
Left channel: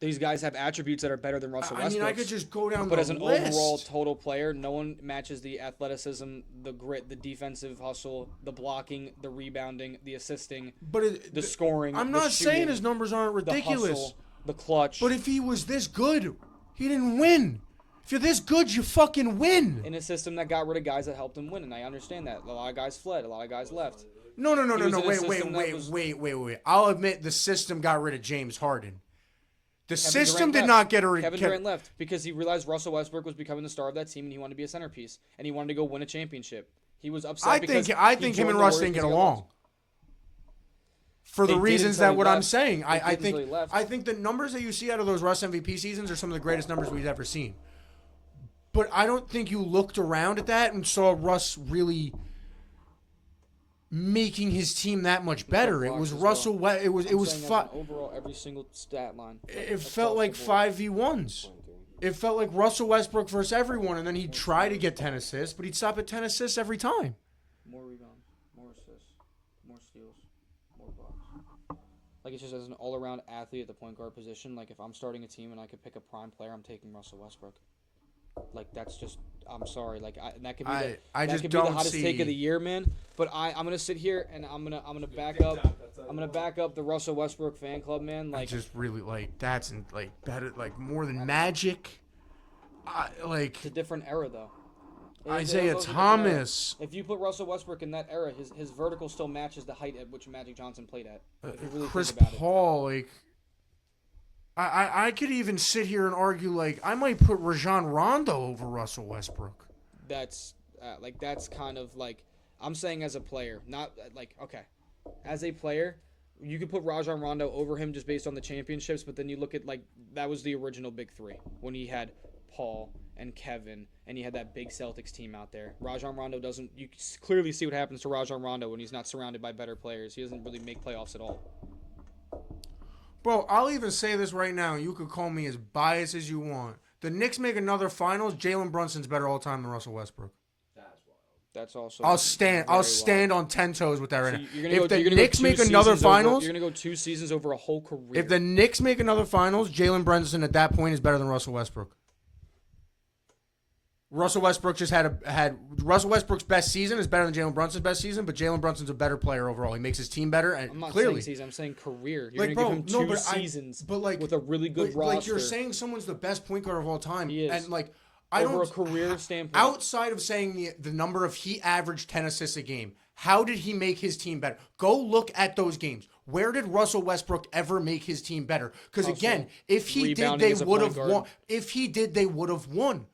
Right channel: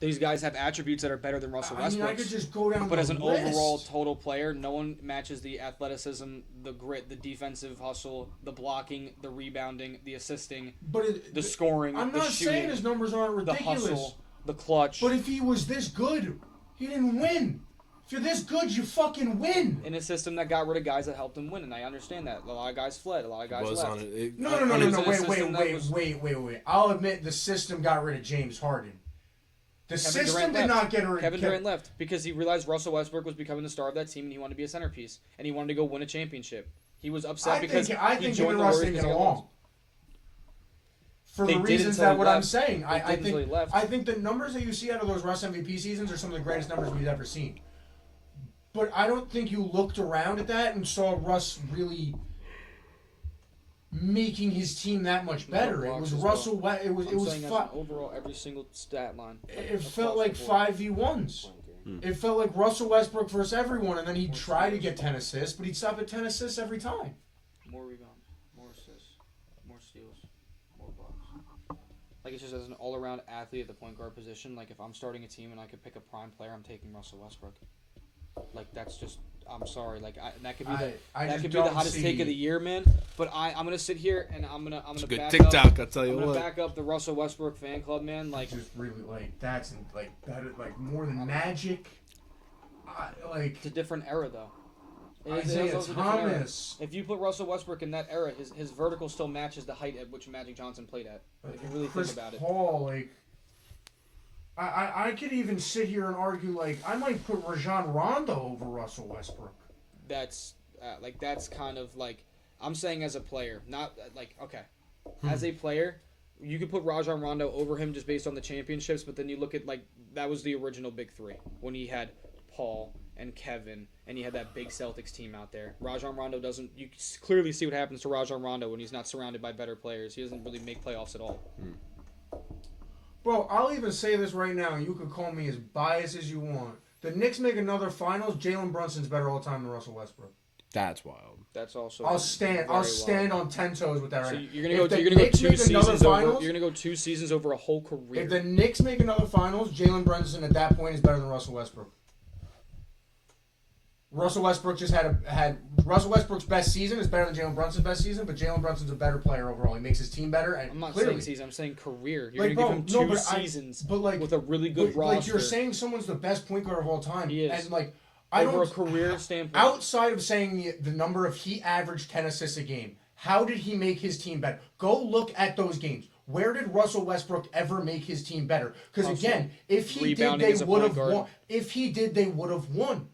These guys have attributes that are better than Russell I mean, Westbrook. I could just go down But the as an list. overall total player, no one matches the athleticism, the grit, the defensive hustle, the blocking, the rebounding, the assisting, But the scoring, I'm the not shooting, saying his numbers aren't the ridiculous. hustle, the clutch. But if he was this good, he didn't win. If you're this good, you fucking win. in a system that got rid of guys that helped him win, and I understand that. A lot of guys fled, a lot of guys Was left. on it. No. He was in a Wait. system that was- I'll admit the system got rid of James Harden. The Kevin system Durant did left. not get rid of Kevin Durant left because he realized Russell Westbrook was becoming the star of that team, and he wanted to be a centerpiece, and he wanted to go win a championship. He was upset I because think he him joined and the Russ Warriors didn't get because he got along. lost. For They the did reasons until that he what I'm left. saying. They I did until he think left. I think the numbers that you see out of those Russ MVP seasons are some of the greatest numbers we've ever seen. But I don't think you looked around at that and saw Russ really making his team that much better. It blocks was as Russell. well. It was I'm saying as an fi- overall every single stat line. It felt like 5v1s. It felt like Russell Westbrook versus everyone, and then he'd try to get 10 assists, but he'd stop at 10 assists every time. More rebounds, more assists, more steals, more blocks. Like, it's just as an all-around athlete at the point guard position. Like, if I'm starting a team and I could pick a prime player, I'm taking Russell Westbrook. Like, that's just, I'm sorry. Like, that could be the hottest take of the year, man. But I'm gonna sit here and I'm gonna good back TikTok, up. I'll tell you I'm gonna what. back up the Russell Westbrook fan club, man. Like, just really like that's like better, like more than Magic. Like it's a different era, though. Isaiah Thomas. If you put Russell Westbrook in that era, his vertical still matches the height at which Magic Johnson played at. If you really Chris think about Paul, like I could even sit here and argue like I might put Rajon Rondo over Russell Westbrook. That's kind of like I'm saying as a player, not like okay, as a player, you could put Rajon Rondo over him just based on the championships, but then you look at like that was the original big three when he had Paul and Kevin, and he had that big Celtics team out there. Rajon Rondo doesn't. You clearly see what happens to Rajon Rondo when he's not surrounded by better players. He doesn't really make playoffs at all. Bro, I'll even say this right now. You could call me as biased as you want. The Knicks make another finals. Jalen Brunson's better all time than Russell Westbrook. That's wild. That's also. I'll stand on 10 toes with that right So now. you're gonna go 2 seasons over. You're gonna go 2 seasons over a whole career. If the Knicks make another finals, Jalen Brunson at that point is better than Russell Westbrook. Russell Westbrook just had Russell Westbrook's best season is better than Jalen Brunson's best season, but Jalen Brunson's a better player overall. He makes his team better, and I'm not clearly, saying season. I'm saying career. You're Like, gonna bro, give him no, 2 but seasons like, with a really good roster. Like you're saying, someone's the best point guard of all time. He is. And like Over a career standpoint. Outside of saying the number of he averaged 10 assists a game, how did he make his team better? Go look at those games. Where did Russell Westbrook ever make his team better? Because again, if he did, they would have won. If he did, they would have won.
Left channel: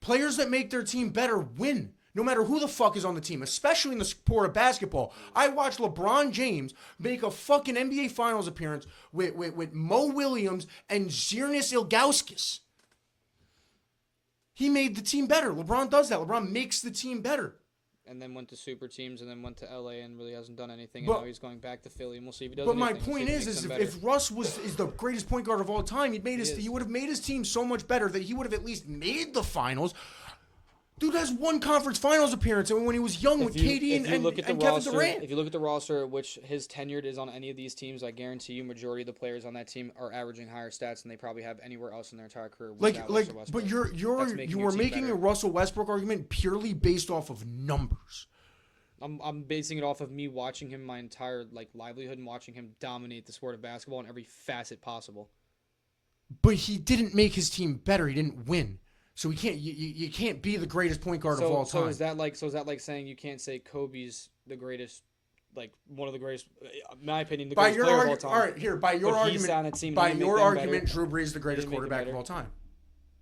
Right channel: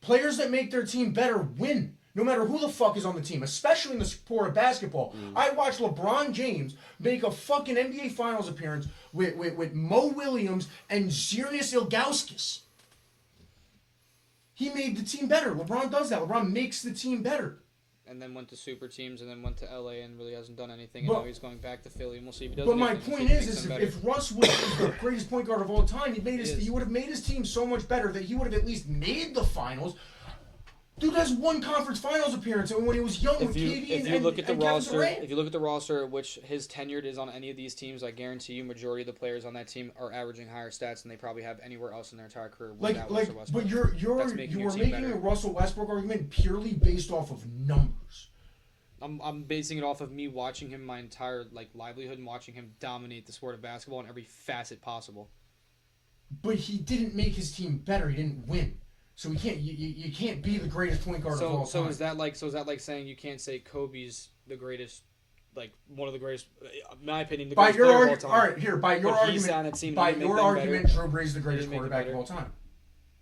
Players that make their team better win, no matter who the fuck is on the team, especially in the sport of basketball. I watched LeBron James make a fucking NBA Finals appearance with Mo Williams and Zirnis Ilgauskas. He made the team better. LeBron does that. LeBron makes the team better. And then went to super teams, and then went to LA and really hasn't done anything. And now he's going back to Philly, and we'll see if he does But anything. my point is if Russ was the greatest point guard of all time, he would have made his team so much better that he would have at least made the finals. Dude has one conference finals appearance when he was young with KD and Kevin Durant. If you look at the roster, which his tenured is on any of these teams, I guarantee you, majority of the players on that team are averaging higher stats than they probably have anywhere else in their entire career. Russell Westbrook. But you're making a Russell Westbrook argument purely based off of numbers. I'm basing it off of me watching him my entire livelihood and watching him dominate the sport of basketball in every facet possible. But he didn't make his team better. He didn't win. So we can't. You can't be the greatest point guard of all time. So is that like saying you can't say Kobe's the greatest, one of the greatest, in my opinion, the greatest player of all time? All right, here by your argument, Drew Brees is the greatest quarterback of all time.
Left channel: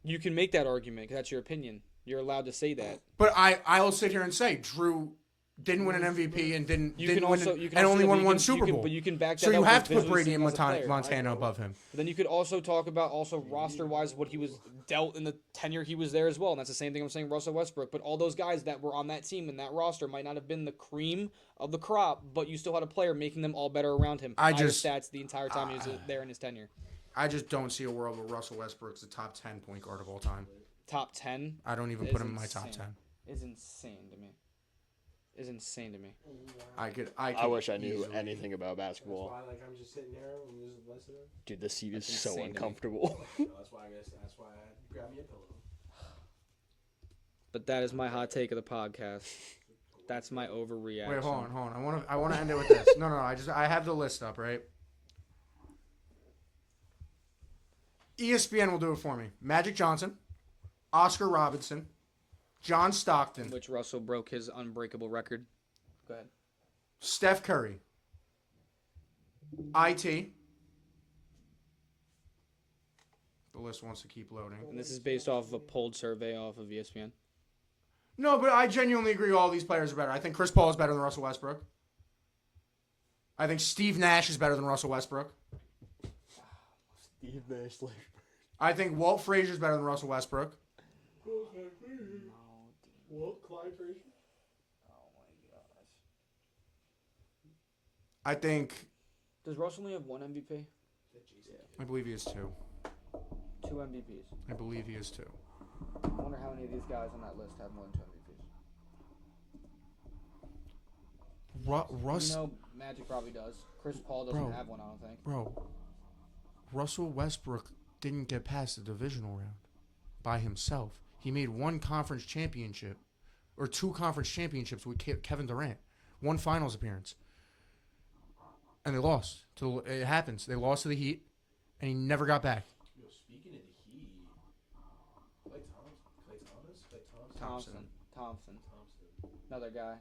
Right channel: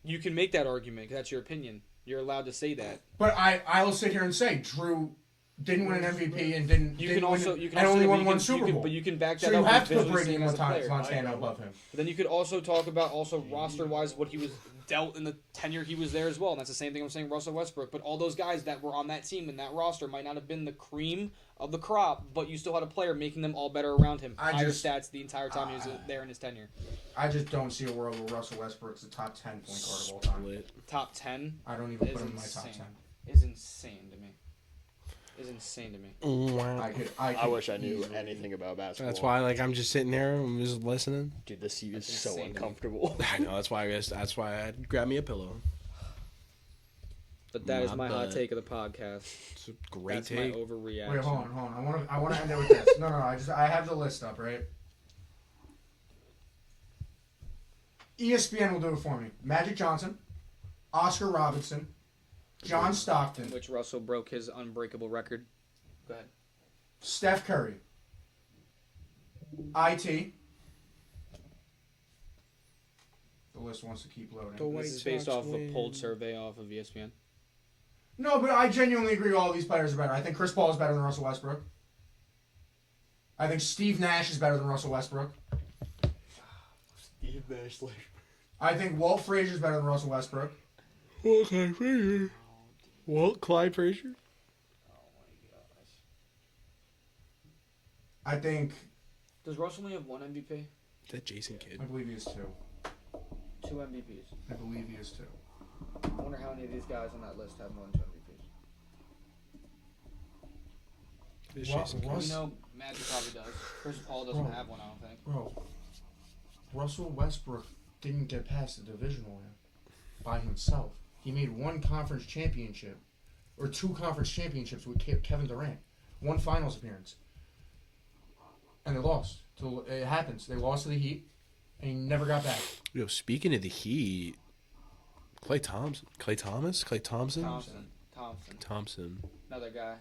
You can make that argument because that's your opinion. You're allowed to say that. But I'll sit here and say Drew didn't win an MVP and only won one Super Bowl. But you can back that up. So you have to put Brady and Montana above him. But then you could also talk about roster-wise what he was dealt in the tenure he was there as well. And that's the same thing I'm saying Russell Westbrook. But all those guys that were on that team and that roster might not have been the cream of the crop, but you still had a player making them all better around him. Higher stats the entire time he was there in his tenure. I just don't see a world where Russell Westbrook's the top 10 point guard of all time. Top 10? I don't even put him in my top 10. Is insane to me. I wish I knew anything about basketball. That's why, I'm just sitting there and just listening. Dude, the seat is so uncomfortable. I know. That's why I grabbed me a pillow. But that is my hot take of the podcast. It's a great That's take. my overreaction. Wait, hold on. I want to end it with this. No. I have the list up, right? ESPN will do it for me. Magic Johnson, Oscar Robertson, John Stockton. Which Russell broke his unbreakable record. Go ahead. Steph Curry. IT. The list wants to keep loading. This is based off of a polled survey off of ESPN. No, but I genuinely agree all these players are better. I think Chris Paul is better than Russell Westbrook. I think Steve Nash is better than Russell Westbrook. Steve Nash, I think Walt Frazier is better than Russell Westbrook. Walt Clyde Frazier? Oh my gosh. I think... Does Russell only have one MVP? Is that Jason Kidd? I believe he is 2. 2 MVPs. I believe he is 2. I wonder how many of these guys on that list have more than 2 MVPs. Russ, You know, Magic probably does. Chris Paul doesn't Bro. have one, I don't think. bro, Russell Westbrook didn't get past the divisional round by himself. He made one conference championship, or two conference championships with Kevin Durant, one finals appearance, and they lost. So it happens. They lost to the Heat, and he never got back. Yo, speaking of the Heat, Klay Thompson, Thompson. Another guy.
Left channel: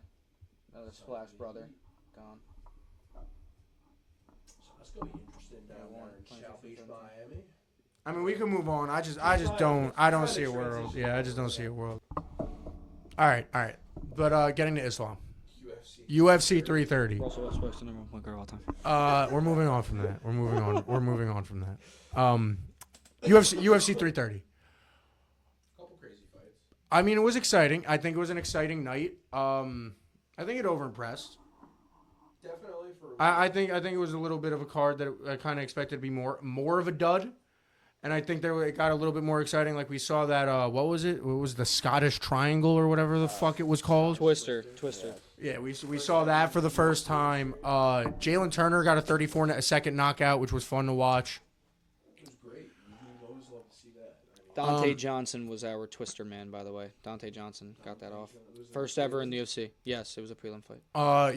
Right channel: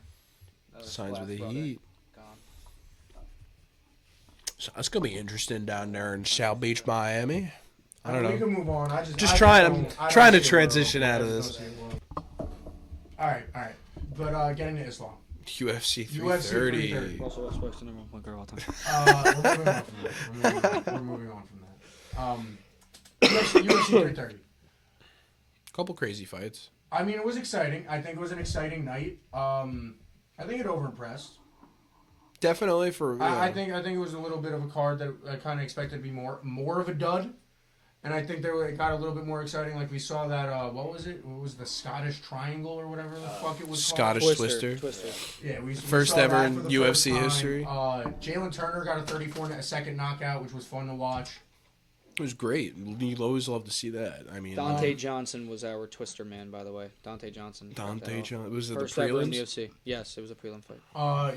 Another signs Splash with the brother. Heat. Gone. So it's gonna be interesting down there in South Beach, Miami. I don't We know. can move on. I Just I trying don't- I don't to see a transition world. out I of just this. don't see a world. All right. But getting to Islam. UFC 330. Russell Westbrook's the number one point guard of all time. We're moving on from that. We're moving on from that. UFC 330. Couple crazy fights. I mean, it was exciting. I think it was an exciting night. I think it overimpressed. Definitely for. I think it was a little bit of a card that I kind of expected to be more of a dud, and I think it got a little bit more exciting. Like we saw that what was it? What was the Scottish Triangle or whatever the fuck it was called? Scottish Twister. Yeah, we First saw ever that in for the UFC first time. history. Jalen Turner got a 34-second knockout, which was fun to watch. It was great. You always love to see that. I mean, Dante Johnson was our Twister man, by the way. Dante Johnson. got that off. Johnson was it First the ever in the prelims? UFC. Yes, it was a prelim fight.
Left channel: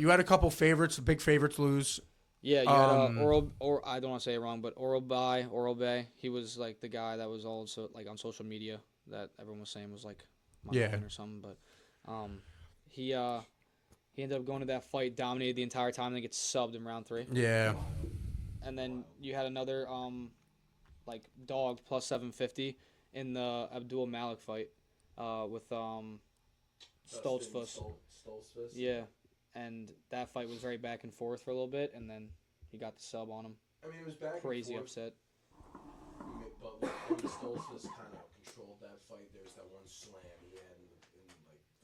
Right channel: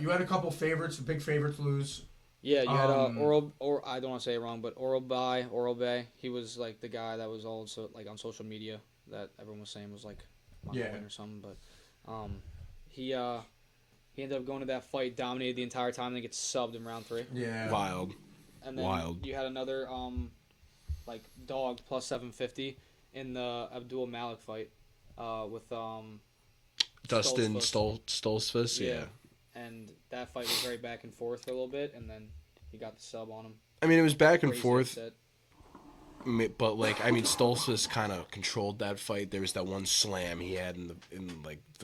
You had a couple favorites, big favorites lose. Yeah, you had I don't want to say it wrong, but Oral Bay. He was like the guy that was also like on social media that everyone was saying was like on the win or something. But he ended up going to that fight, dominated the entire time, then gets subbed in round 3. Yeah. Wild. And then you had another like dog plus 750 in the Abdul Malik fight with Dustin Stoltzfus. Stoltzfus. Yeah. And that fight was very back and forth for a little bit, and then he got the sub on him. I mean, it was back and Crazy forth. upset. But Stoltzfus kind of controlled that fight. There was that one slam he had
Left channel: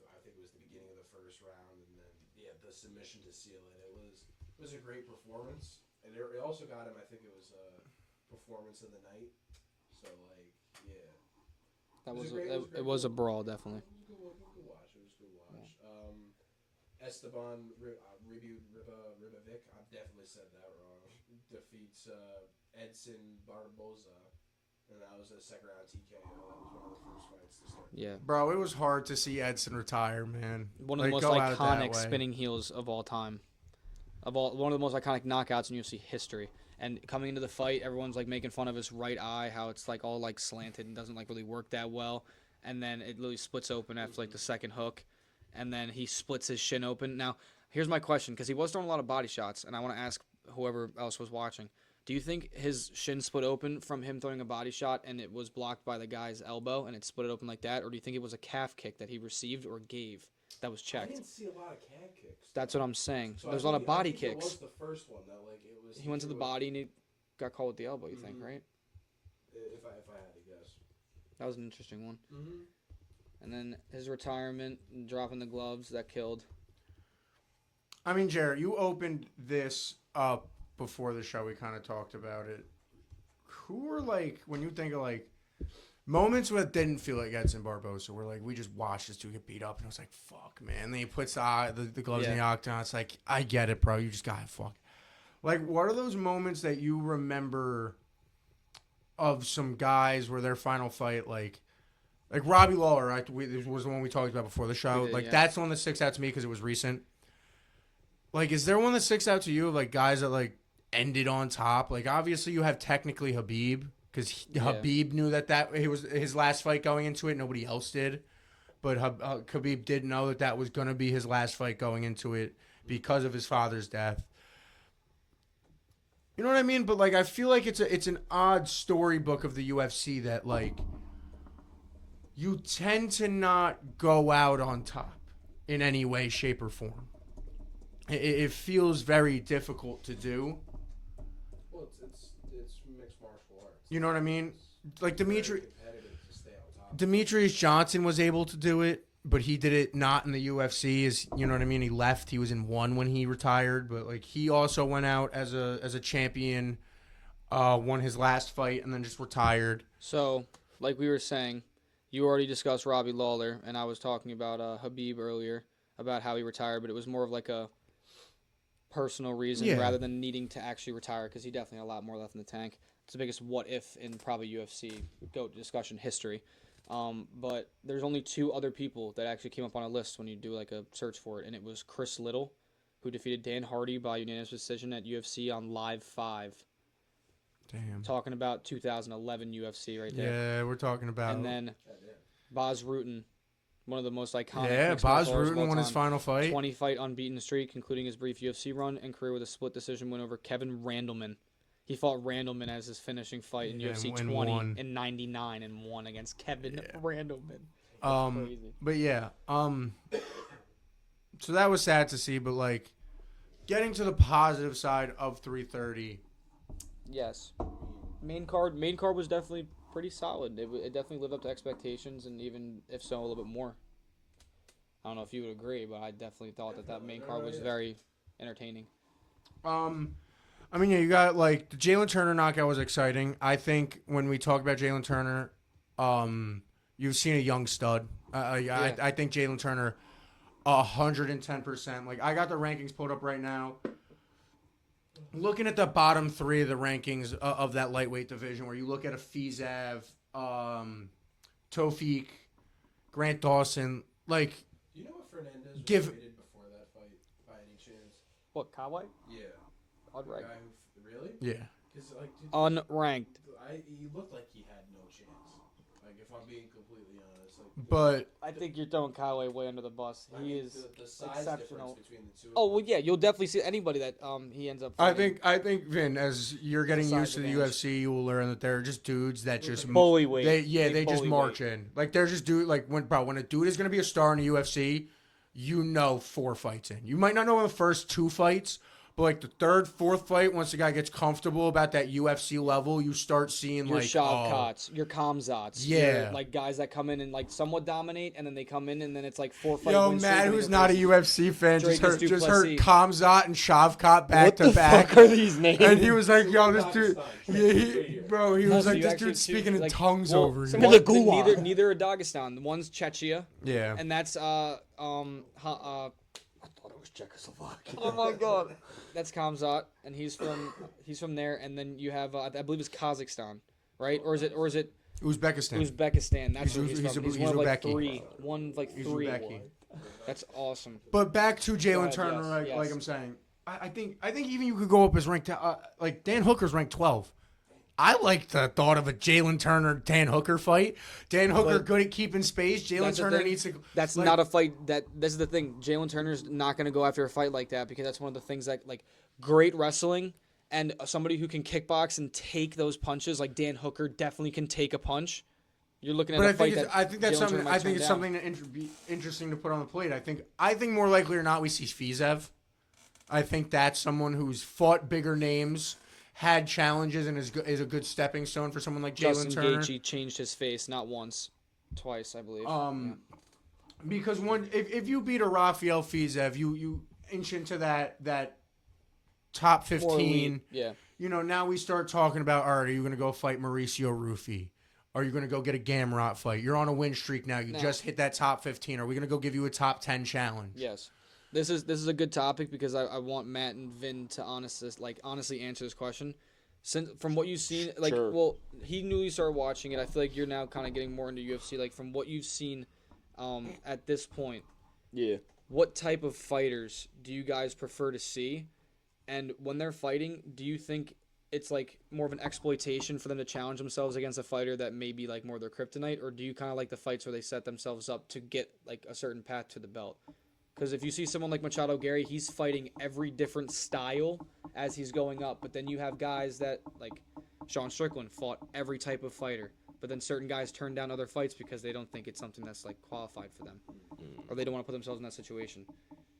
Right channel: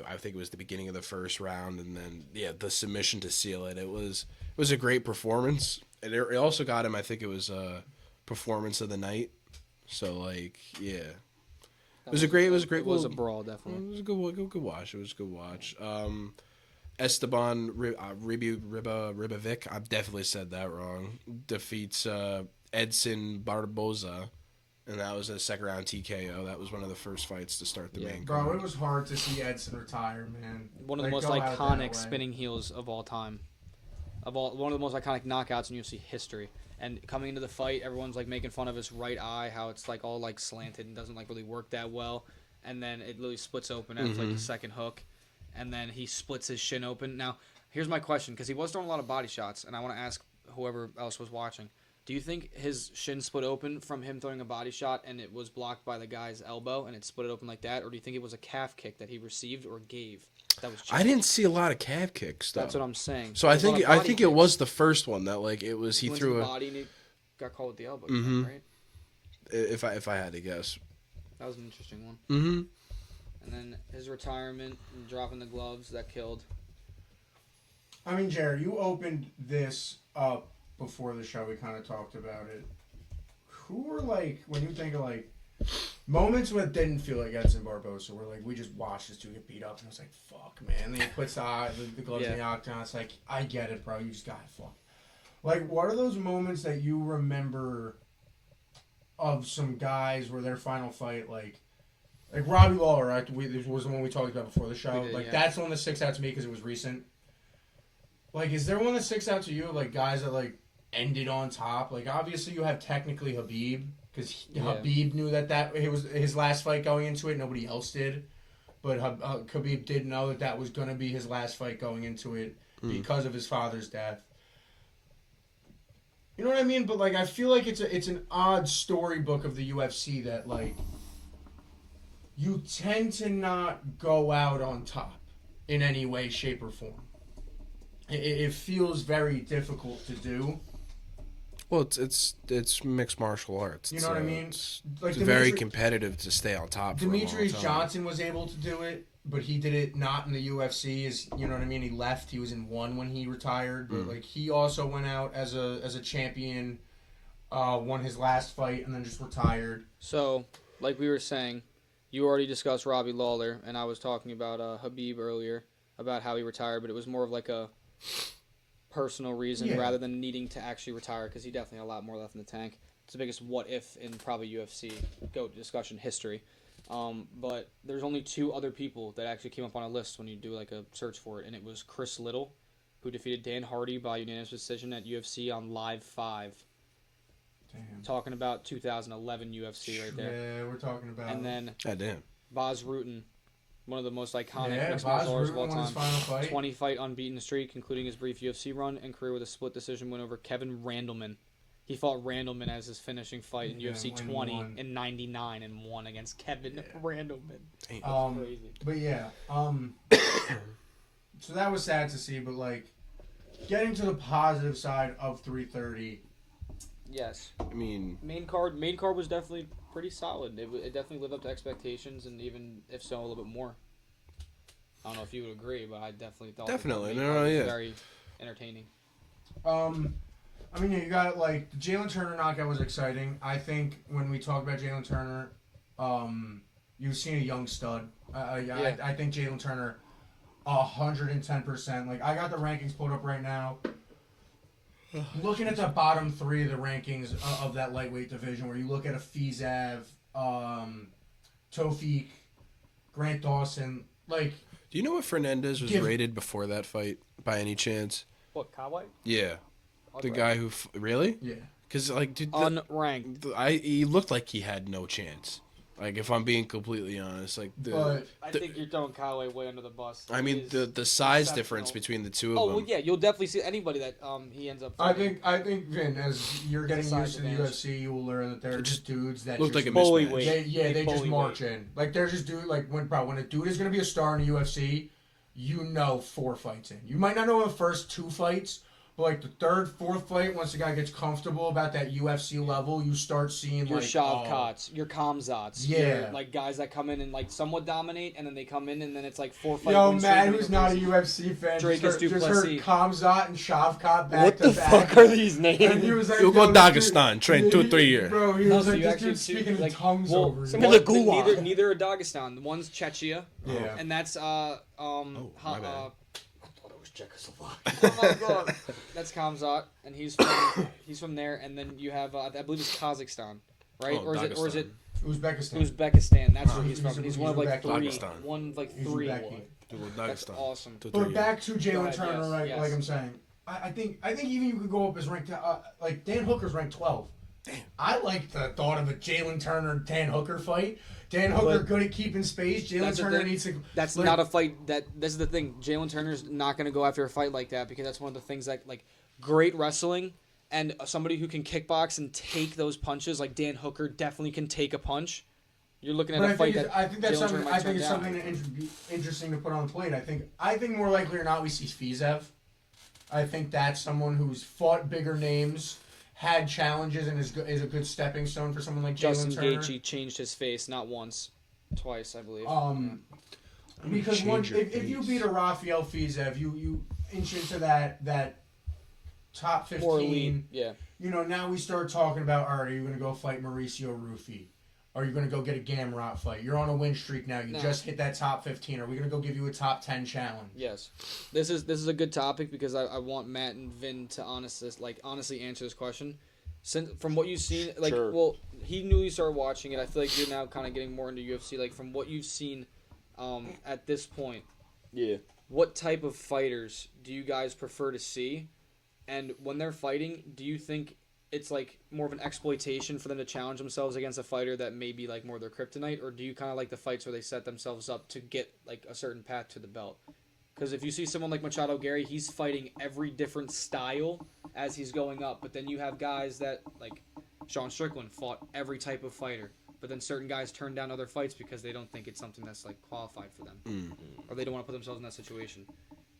I think it was the beginning of the first round, and then the submission to seal it. It was a great performance, and it also got him. I think it was performance of the night. So it was a great. It was a brawl, definitely. It was a good watch. It was a good watch. Esteban Ribovic, I've definitely said that wrong, defeats Edson Barboza, and that was a second round TKO. That was one of the first fights to start the main Bro, card. it was hard to see Edson retire, man. One of the most go out that iconic way. spinning heels of all time. One of the most iconic knockouts in UFC history. And coming into the fight, everyone's like making fun of his right eye, how it's like all like slanted and doesn't like really work that well. And then it literally splits open after like the second hook. And then he splits his shin open. Now, here's my question, because he was throwing a lot of body shots, and I want to ask whoever else was watching. Do you think his shin split open from him throwing a body shot and it was blocked by the guy's elbow and it split it open like that? Or do you think it was a calf kick that he received or gave that was checked? I didn't see a lot of calf kicks. Though. That's what I'm saying. So There was a lot of body it kicks. was the first one that it was He he went to threw the a, body and he got caught with the elbow, you think, right? if I had to guess. That was an interesting one. Mm-hmm. And then his retirement and dropping the gloves, that killed. I mean, Jared, you opened this up before the show. We kind of talked about it. Who were when you think of moments when it didn't feel like Edson Barboza, where we just watched this dude get beat up, and I was like, "Fuck, man!" And then he puts the gloves in the octagon. It's like, I get it, bro. You just got fuck. What are those moments that you remember of some guys where their final fight, like Robbie Lawler, right? Was the one we talked about before the show. We did, yeah. That's the one that sticks out to me because it was recent. Is there one that sticks out to you? Guys that ended on top. Obviously you have technically Habib because Habib knew that it was his last fight going into it. Nobody else did, but Habib did know that was going to be his last fight going into it because of his father's death. You know what I mean? But I feel like it's an odd storybook of the UFC that you tend to not go out on top in any way, shape, or form. It feels very difficult to do. Well, it's mixed martial arts. You know what I mean? It's Like very competitive to stay on top. Demetrius Johnson was able to do it, but he did it not in the UFC. You know what I mean? He left. He was in one when he retired, but he also went out as a champion, won his last fight, and then just retired. So, like we were saying, you already discussed Robbie Lawler, and I was talking about Habib earlier about how he retired, but it was more of personal reason Yeah. rather than needing to actually retire, because he definitely had a lot more left in the tank. It's the biggest what if in probably UFC GOAT discussion history. But there's only 2 other people that actually came up on a list when you do like a search for it, and it was Chris Little, who defeated Dan Hardy by unanimous decision at UFC on Live 5. Damn. Talking about 2011 UFC right there. Yeah, we're talking about. And then God damn. Baz Rutten, one of the most iconic yeah, mixed Bas martial artists of Rutten all won his time. final fight. 20-fight unbeaten streak, including his brief UFC run and career with a split decision win over Kevin Randleman. He fought Randleman as his finishing fight in Yeah, UFC and 20 won. in 99 and won against Kevin Randleman. That's crazy. But yeah, so that was sad to see. But like, getting to the positive side of 330. Yes. I mean, Main card was definitely pretty solid. It definitely lived up to expectations, and even if so, a little bit more. I don't know if you would agree, but I definitely thought Definitely. that main No, card was yeah. very entertaining. I mean, yeah, you got like the Jalen Turner knockout was exciting. I think when we talk about Jalen Turner, you've seen a young stud. I think Jalen Turner, 110%. Like I got the rankings pulled up right now. Looking at the bottom 3 of the rankings of that lightweight division, where you look at a Fizav, Tofik, Grant Dawson, like. do you know what Fernandez was rated before that fight by any chance? What, Kawhi? Yeah. The Unranked. guy who really? Yeah. Because like, dude, Unranked. he looked like he had no chance. Like, if I'm being completely honest, like, But I think you're throwing Kawhi way under the bus. I He mean, is the size exceptional. difference between the two of Oh them. well, yeah, you'll definitely see anybody that he ends up I fighting. think Vin, as you're getting Size used to the advantage. UFC, you will learn that they're just dudes that Looked just like a bully mismatch. weight. they just bully march weight. in. Like they're just dude. Like when a dude is gonna be a star in the UFC, you know 4 fights in. You might not know the first 2 fights, but like the 3rd, 4th fight, once the guy gets comfortable about that UFC level, you start seeing Your like Shavkats, your Kamzats, Yeah. your, like guys that come in and like somewhat dominate, and then they come in and then it's like 4 fight Yo, win streak man, and who's they not a replace- UFC fan Drake just heard Duplessis. Kamzat and Shavkat back What to the back. fuck are these names? And he was like, You'll yo, go this dude- Dagestan, train 2 or 3 years. Bro, he No, was so like, you this actually dude's see, speaking in like, tongues well, over some here. of of the gulag. neither are Dagestan. One's Chechnya, Yeah. and that's my bad. I thought it was Czechoslovakia. oh my god, that's Kamzat, and he's from there. And then you have I believe it's Kazakhstan, right? Oh, or is it Uzbekistan. Uzbekistan? That's where he's He's from. a- He's he's one of like Uzbek. 3. One of like He's 3. Uzbeki. That's awesome. But back to Go Jalen ahead, Turner, yes, like, yes. like I'm saying, I think even you could go up as ranked. Like Dan Hooker's ranked 12. I like the thought of a Jalen Turner Dan Hooker fight. Dan Hooker good at keeping space. Jalen That's the Turner thing. needs to. That's like, not a fight. This is the thing. Jalen Turner's not going to go after a fight like that because that's one of the things that like great wrestling and somebody who can kickbox and take those punches. Like Dan Hooker definitely can take a punch. You're looking at But a fight that I think that's Jalen Turner something. might I think turn it's down. something that be interesting to put on the plate. I think more likely or not we see Fizev. I think that's someone who's fought bigger names, had challenges, and is a good stepping stone for someone like Justin Jalen Turner. Gaethje changed his face not once, twice, I believe. Because Change your if you face. beat a Rafael Fizev, you inch into that top 15. More elite, yeah. You know, now we start talking about, all right, are you going to go fight Mauricio Rufy? Are you going to go get a Gamrot fight? You're on a win streak now. You No. just hit that top 15. Are we going to go give you a top 10 challenge? Yes, this is a good topic because I want Matt and Vin to honestly answer this question. Since from what you've seen, like, Sure. well, he newly started watching it. I feel like you're now kind of getting more into UFC. Like from what you've seen, at this point, Yeah. what type of fighters do you guys prefer to see? And when they're fighting, do you think it's like more of an exploitation for them to challenge themselves against a fighter that may be like more their kryptonite, or do you kind of like the fights where they set themselves up to get like a certain path to the belt? Because if you see someone like Machado Gary, he's fighting every different style as he's going up. But then you have guys that, like Sean Strickland, fought every type of fighter. But then certain guys turn down other fights because they don't think it's something that's like qualified for them. Or they don't want to put themselves in that situation.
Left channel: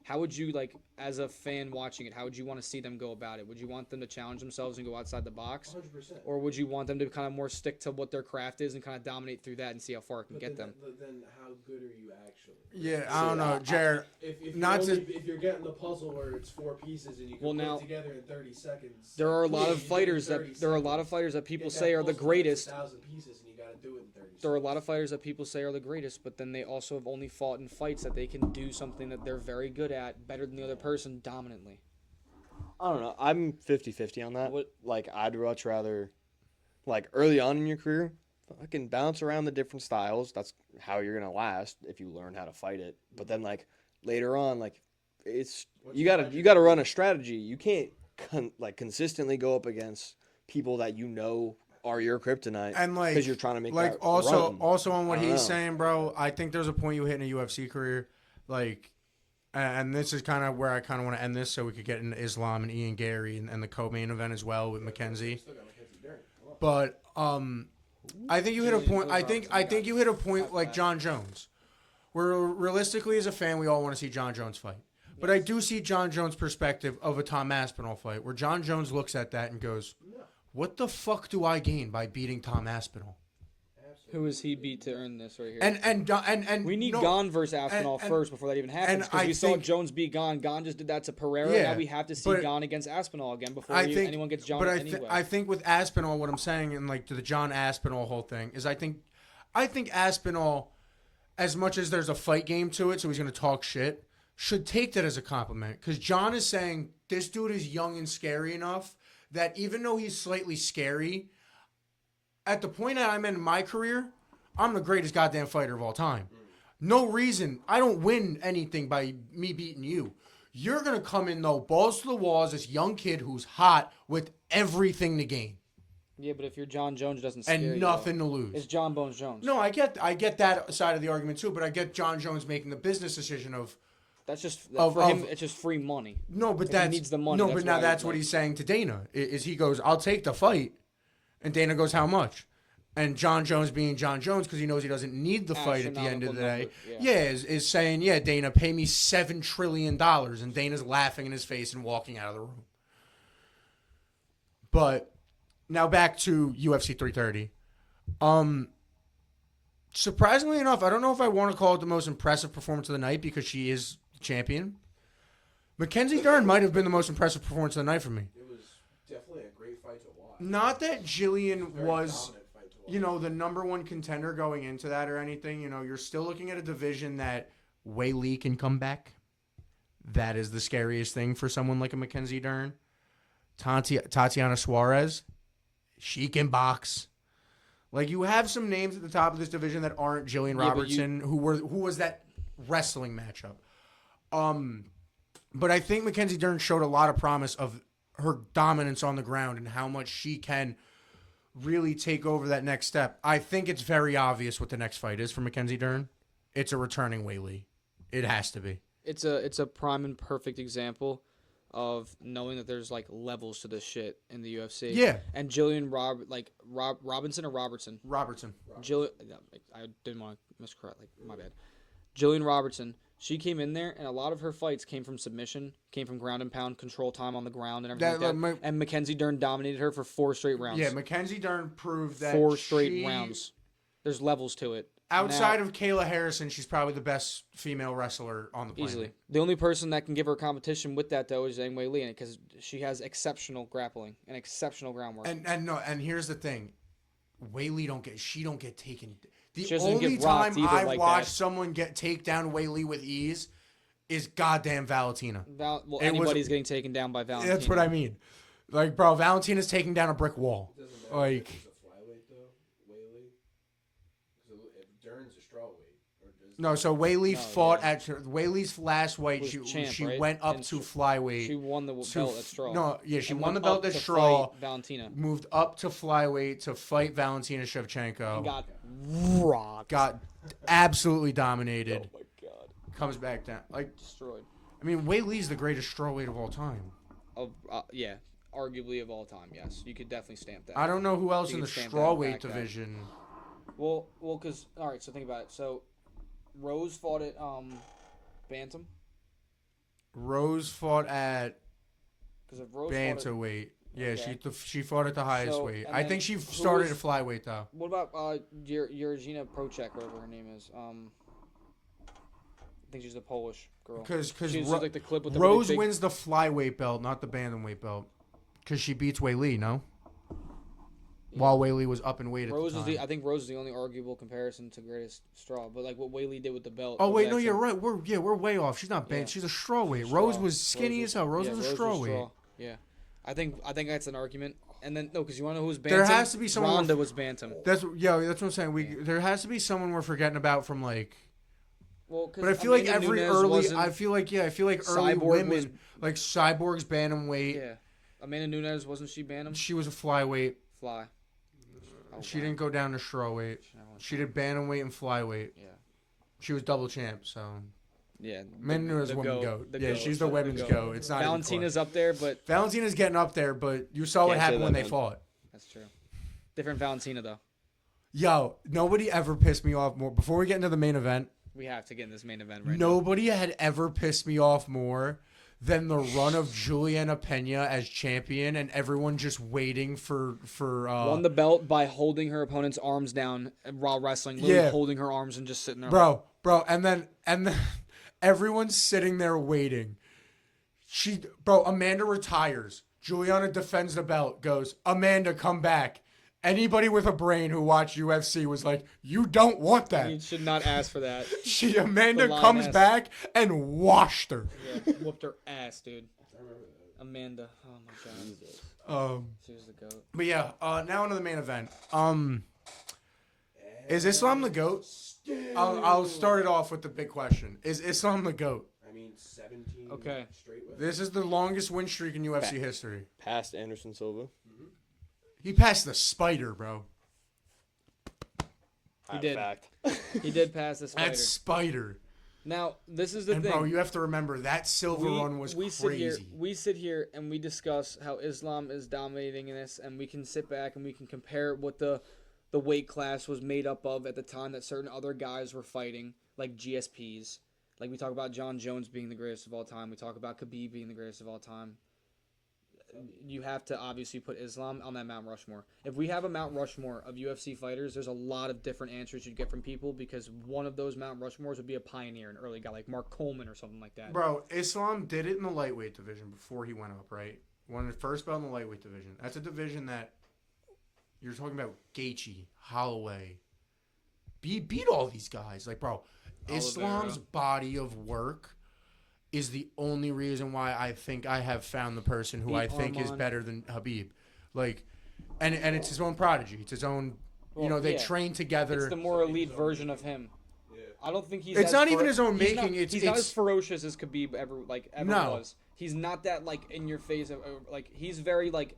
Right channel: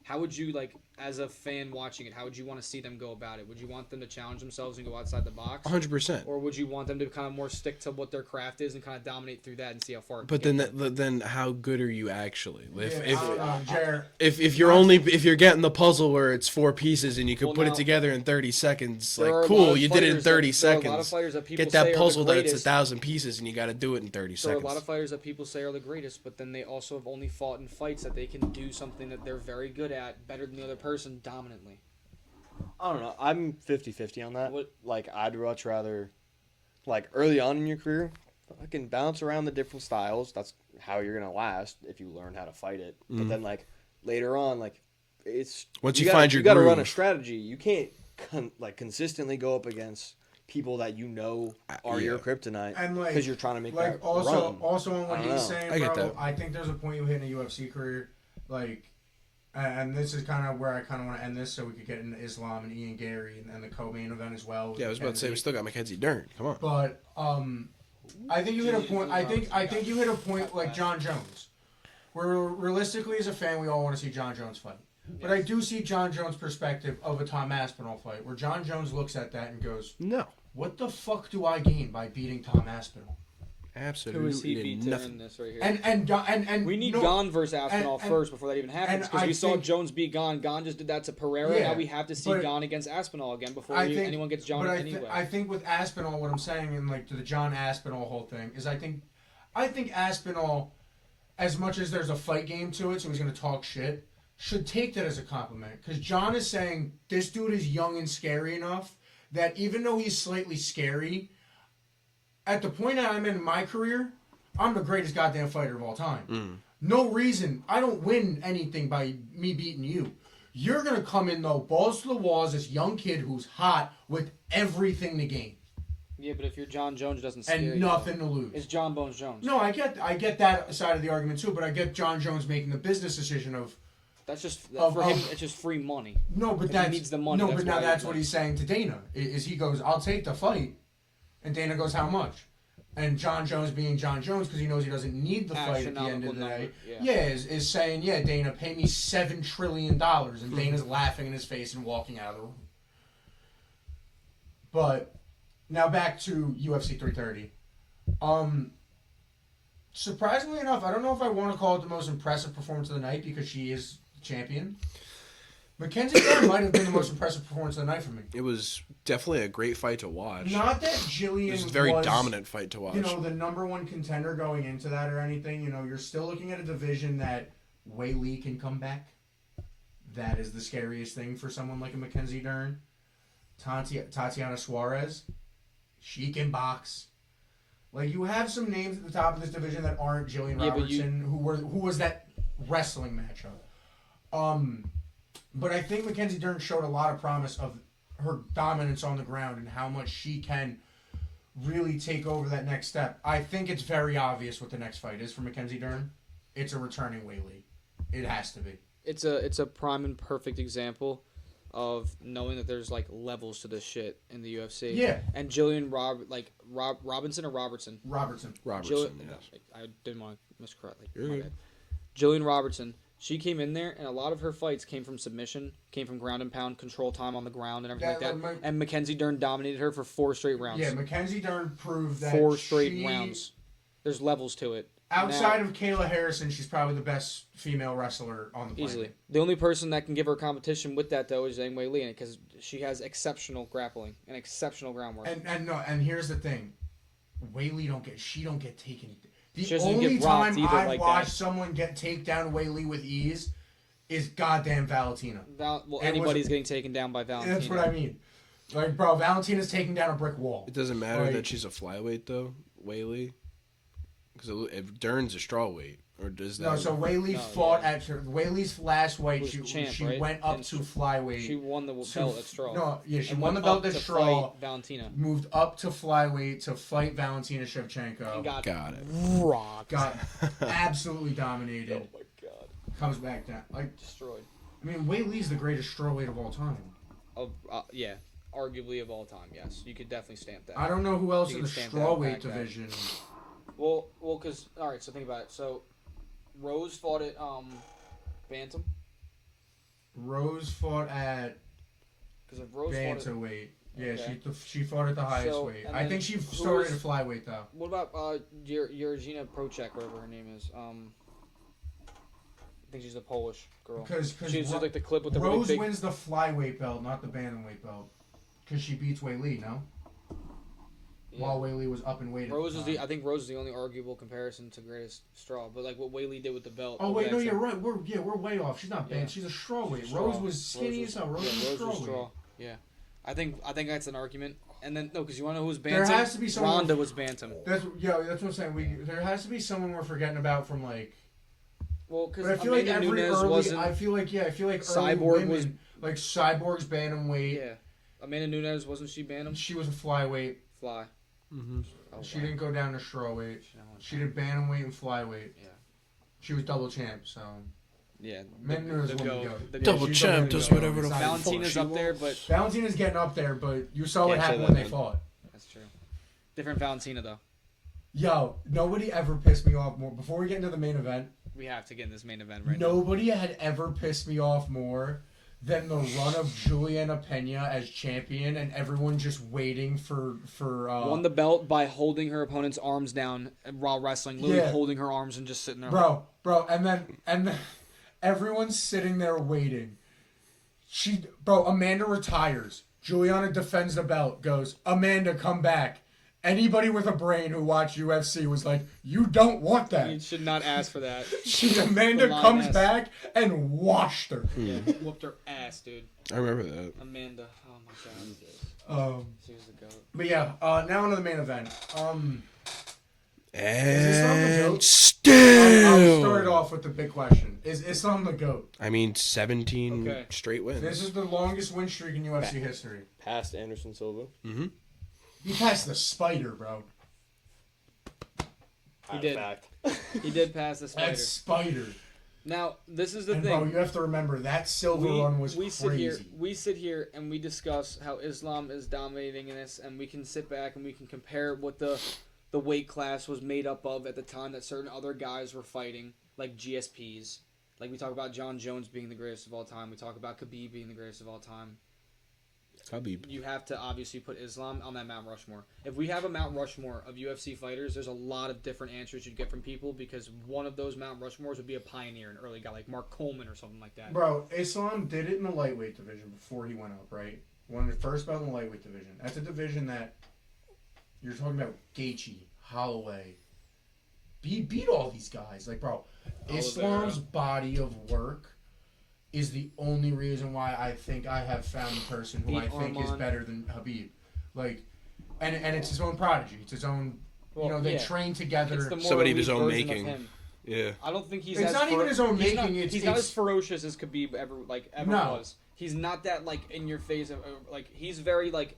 How would you, like, as a fan watching it, how would you want to see them go about it? Would you want them to challenge themselves and go outside the box? 100%. Or would you want them to kind of more stick to what their craft is and kind of dominate through that and see how far it But can then, get them? then how good are you actually? I don't know, Jared. If you're Not only to- if you're getting the puzzle where it's 4 pieces and you can Well, put now, it together in 30 seconds, There are like a lot cool, of you did it in fighters 30 There seconds. are a lot of fighters that people Get that say are the puzzle that's greatest. 1,000 pieces and you got to do it in 30 There seconds. are a lot of fighters that people say are the greatest, but then they also have only fought in fights that they can do something that they're very good at better than the other person dominantly. I don't know. I'm 50-50 on that. What- Like, I'd much rather, like, early on in your career, fucking bounce around the different styles. That's how you're going to last if you learn how to fight it. But then, like, later on, like, it's... Once you you gotta, find your you got to run a groove. strategy. You can't, consistently go up against people that you know are your kryptonite And like, because you're trying to make like that also run. also on what I don't he's know. saying, I get bro. that. I think there's a point you hit in a UFC career, like, and this is kind of where I kind of want to end this, so we could get into Islam and Ian Gary and the co-main event as well with Yeah, I was about to say we Mackenzie. still got Mackenzie Dern. Come on. But I think you hit a point. I think you hit a point like that. John Jones, where realistically as a fan we all want to see John Jones fight. But I do see John Jones' perspective of a Tom Aspinall fight, where John Jones looks at that and goes, No, "What the fuck do I gain by beating Tom Aspinall?" absolutely. Who is he beat to nothing. earn this right here? And we need no, Gon versus Aspinall and- first before that even happens, and because I we saw think- Jones beat Gon. Gon just did that to Pereira. Yeah, Now we have to see but- Gon against Aspinall again before I think- anyone gets John but anyway. I think with Aspinall, what I'm saying, and like to the John Aspinall whole thing, is I think Aspinall, as much as there's a fight game to it, so he's going to talk shit, should take that as a compliment. Because John is saying this dude is young and scary enough that even though he's slightly scary, at the point that I'm in my career, I'm the greatest goddamn fighter of all time. No reason. I don't win anything by me beating you. You're going to come in, though, balls to the walls, this young kid who's hot with everything to gain yeah, but if you're John Jones, it doesn't scare and you. nothing to lose. It's John Bones Jones. No, I get that side of the argument, too, but I get John Jones making the business decision of, That's just Of- for him. of- It's just free money. no, but If he that's... needs the money, No, that's but now why, that's like- what he's saying to Dana, is he goes, I'll take the fight, and Dana goes, how much? And John Jones being John Jones, because he knows he doesn't need the fight at the end of the day, Astronomical number, is saying, yeah, Dana, pay me $7 trillion. And Dana's laughing in his face and walking out of the room. But now back to UFC 330. Surprisingly enough, I don't know if I want to call it the most impressive performance of the night because she is champion. Mackenzie Dern might have been the most impressive performance of the night for me. It was definitely a great fight to watch. Not that It Jillian was a very was, dominant fight to watch. you know, the number one contender going into that or anything. You know, you're still looking at a division that Wei Lee can come back. That is the scariest thing for someone like a Mackenzie Dern. Tatiana Suarez, she can box. Like, you have some names at the top of this division that aren't Jillian Yeah, but you- Robertson, who was that wrestling matchup. But I think Mackenzie Dern showed a lot of promise of her dominance on the ground and how much she can really take over that next step. I think it's very obvious what the next fight is for Mackenzie Dern. It's a returning Wei Lee. It has to be. It's a prime and perfect example of knowing that there's like levels to this shit in the UFC. Yeah. And Jillian Robinson or Robertson. Robertson. Jill, yes. I didn't want to miscorrect. Like, You're my good. bad. Jillian Robertson. She came in there, and a lot of her fights came from submission, came from ground and pound, control time on the ground, and everything That- like that. And Mackenzie Dern dominated her for 4 straight rounds. Yeah, Mackenzie Dern proved that 4 straight she- rounds. There's levels to it. Outside Now, of Kayla Harrison, she's probably the best female wrestler on the planet. easily. The only person that can give her competition with that, though, is Zhang Wei Li, because she has exceptional grappling and exceptional groundwork. And here's the thing, Wei Lee don't get taken. The She doesn't only get rocked time either I've like watched that. someone get takedown Wei Lee with ease is goddamn Valentina. Anybody's getting taken down by Valentina. That's what I mean. Like, bro, Valentina's taking down a brick wall. It doesn't matter Like- that she's a flyweight though, Wei Lee. Because if Dern's a strawweight, or does that? No, so Wei Lee No, fought yeah. at Wei Lee's last weight. Was She champ, right? went up And to she- flyweight. She won the belt at Straw. No, yeah, she and won the went belt up at to Straw. fight Valentina. Moved up to flyweight to fight Valentina Shevchenko. And got Got it. rocked. Got absolutely dominated. Oh my god. Comes back down. Like, Destroyed. I mean, Wei Lee's the greatest strawweight of all time. Yeah, arguably of all time, yes. You could definitely stamp that. I don't know who else You in the can stamp that strawweight back that. division. Well, because, alright, so think about it. So, Rose fought at, Bantam. Rose fought at Because if Rose fought at... bantamweight. Yeah, Okay. she fought at the highest So, weight. and I then think she who started was- at flyweight though. What about, Georgina Procek, whatever her name is? I think she's the Polish girl. Because She was just like the clip with the Rose really big... wins the flyweight belt, not the bantamweight belt. Because she beats Wei Lee, no? while Whaley was up in weight. I think Rose is the only arguable comparison to Greatest Straw, but like what Whaley did with the belt. Oh was wait, no, you're excellent. right. We're way off. She's not banned. Yeah. She's a straw weight. Straw. Rose was skinny as hell. Rose was straw weight. Yeah, I think that's an argument. And then no, because you want to know who was There bantam? has to be someone. Ronda was bantam. That's what I'm saying. There has to be someone we're forgetting about from like. Well, because But I feel like Amanda every Nunes early. wasn't. I feel like early Cyborg women, was- like Cyborg's bantam weight. Yeah, Amanda Nunes wasn't she bantam? She was a flyweight. Fly. Mm-hmm. Oh, She wow. didn't go down to straw weight. She went She down. did bantamweight and flyweight. Yeah. She was double champ. So Yeah. Men Nunes won the goat. goat. The Double goat. champ The does goat. whatever the fuck Valentina's she up there, wants. but Valentina's getting up there, but you saw what Can't say happened that, when they man. fought. that's true. Different Valentina though. Yo, nobody ever pissed me off more. Before we get into the main event, We have to get in this main event right now. nobody had ever pissed me off more than the run of Juliana Pena as champion and everyone just waiting for Won the belt by holding her opponent's arms down while wrestling, literally Yeah. holding her arms and just sitting there. bro, and then everyone's sitting there waiting. Amanda retires. Juliana defends the belt. Goes, Amanda, come back. Anybody with a brain who watched UFC was like, you don't want You that. should not ask for that. Amanda The comes lioness. back and washed her. Yeah, whooped her ass, dude. I remember that. Amanda. Oh my god. She was the goat. But yeah, now on to the main event. And Is Islam the goat? Still. I'll start it off with the big question. Is Islam the GOAT? I mean, 17 Okay. straight wins. This is the longest win streak in UFC history. Past Anderson Silva. Mm-hmm. He passed the spider, bro. He did. Fact. He did pass the spider. That spider. Now, this is the And thing. bro, you have to remember that silver run was we crazy. sit here and we discuss how Islam is dominating in this, and we can sit back and we can compare what the weight class was made up of at the time that certain other guys were fighting, like GSPs. Like we talk about John Jones being the greatest of all time. We talk about Khabib being the greatest of all time. Khabib. You have to obviously put Islam on that Mount Rushmore. If we have a Mount Rushmore of UFC fighters, there's a lot of different answers you'd get from people because one of those Mount Rushmores would be a pioneer, an early guy like Mark Coleman or something like that. Bro, Islam did it in the lightweight division before he went up, right? Won the first belt in the lightweight division. That's a division that you're talking about Gaethje, Holloway. He beat all these guys. Like, bro, Islam's body of work is the only reason why I think I have found the person who Beat I think is Arman. better than Khabib. Like, and it's his own prodigy. It's his own. Well, they yeah. train together. It's the more Somebody of elite his own version making. of him. Yeah. I don't think he's. It's as not even his own he's making, Not, it's- he's not it's- as ferocious as Khabib ever No. was. He's not that like in your face. Like he's very like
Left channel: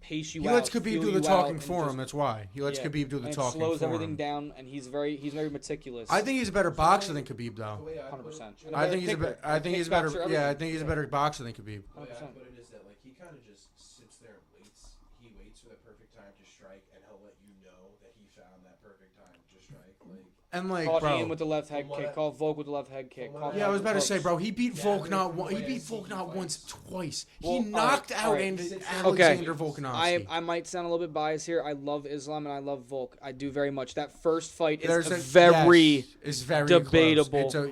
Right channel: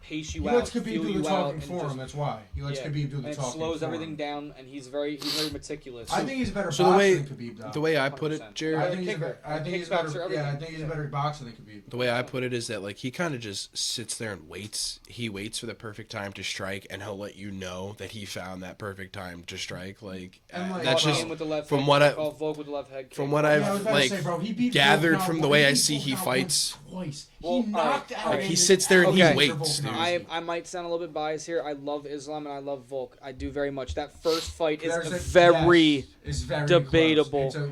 pace you He out, lets Khabib feel do you the out, talking and for just- him. That's why he lets yeah. Khabib do the and it talking. slows for everything him. down, and he's very meticulous. I think he's a better So the boxer way- than Khabib, though. The way I put it, 100%. Jared, I think he's a kicker. better. I think he's Kickboxer, better. Yeah, I everything. think he's a Yeah. better boxer than Khabib. the way I put it is that like he kind of just sits there and waits. He waits for the perfect time to strike, and he'll let you know that he found that perfect time to strike. Like, And, like, that's Caught just Ian with the left from head what kick, I- called Volk with the left head kick. from what Yeah, I was I've about like to say, bro, he beat gathered Volk from not the one- way I beat see Volk he not fights. once, twice. Well, He knocked all out. right. He sits there and he Andy waits, dude. I might sound a little bit biased here. I love Islam and I love Volk. I do very much. That first fight is There's a- very yes, it's very debatable. close.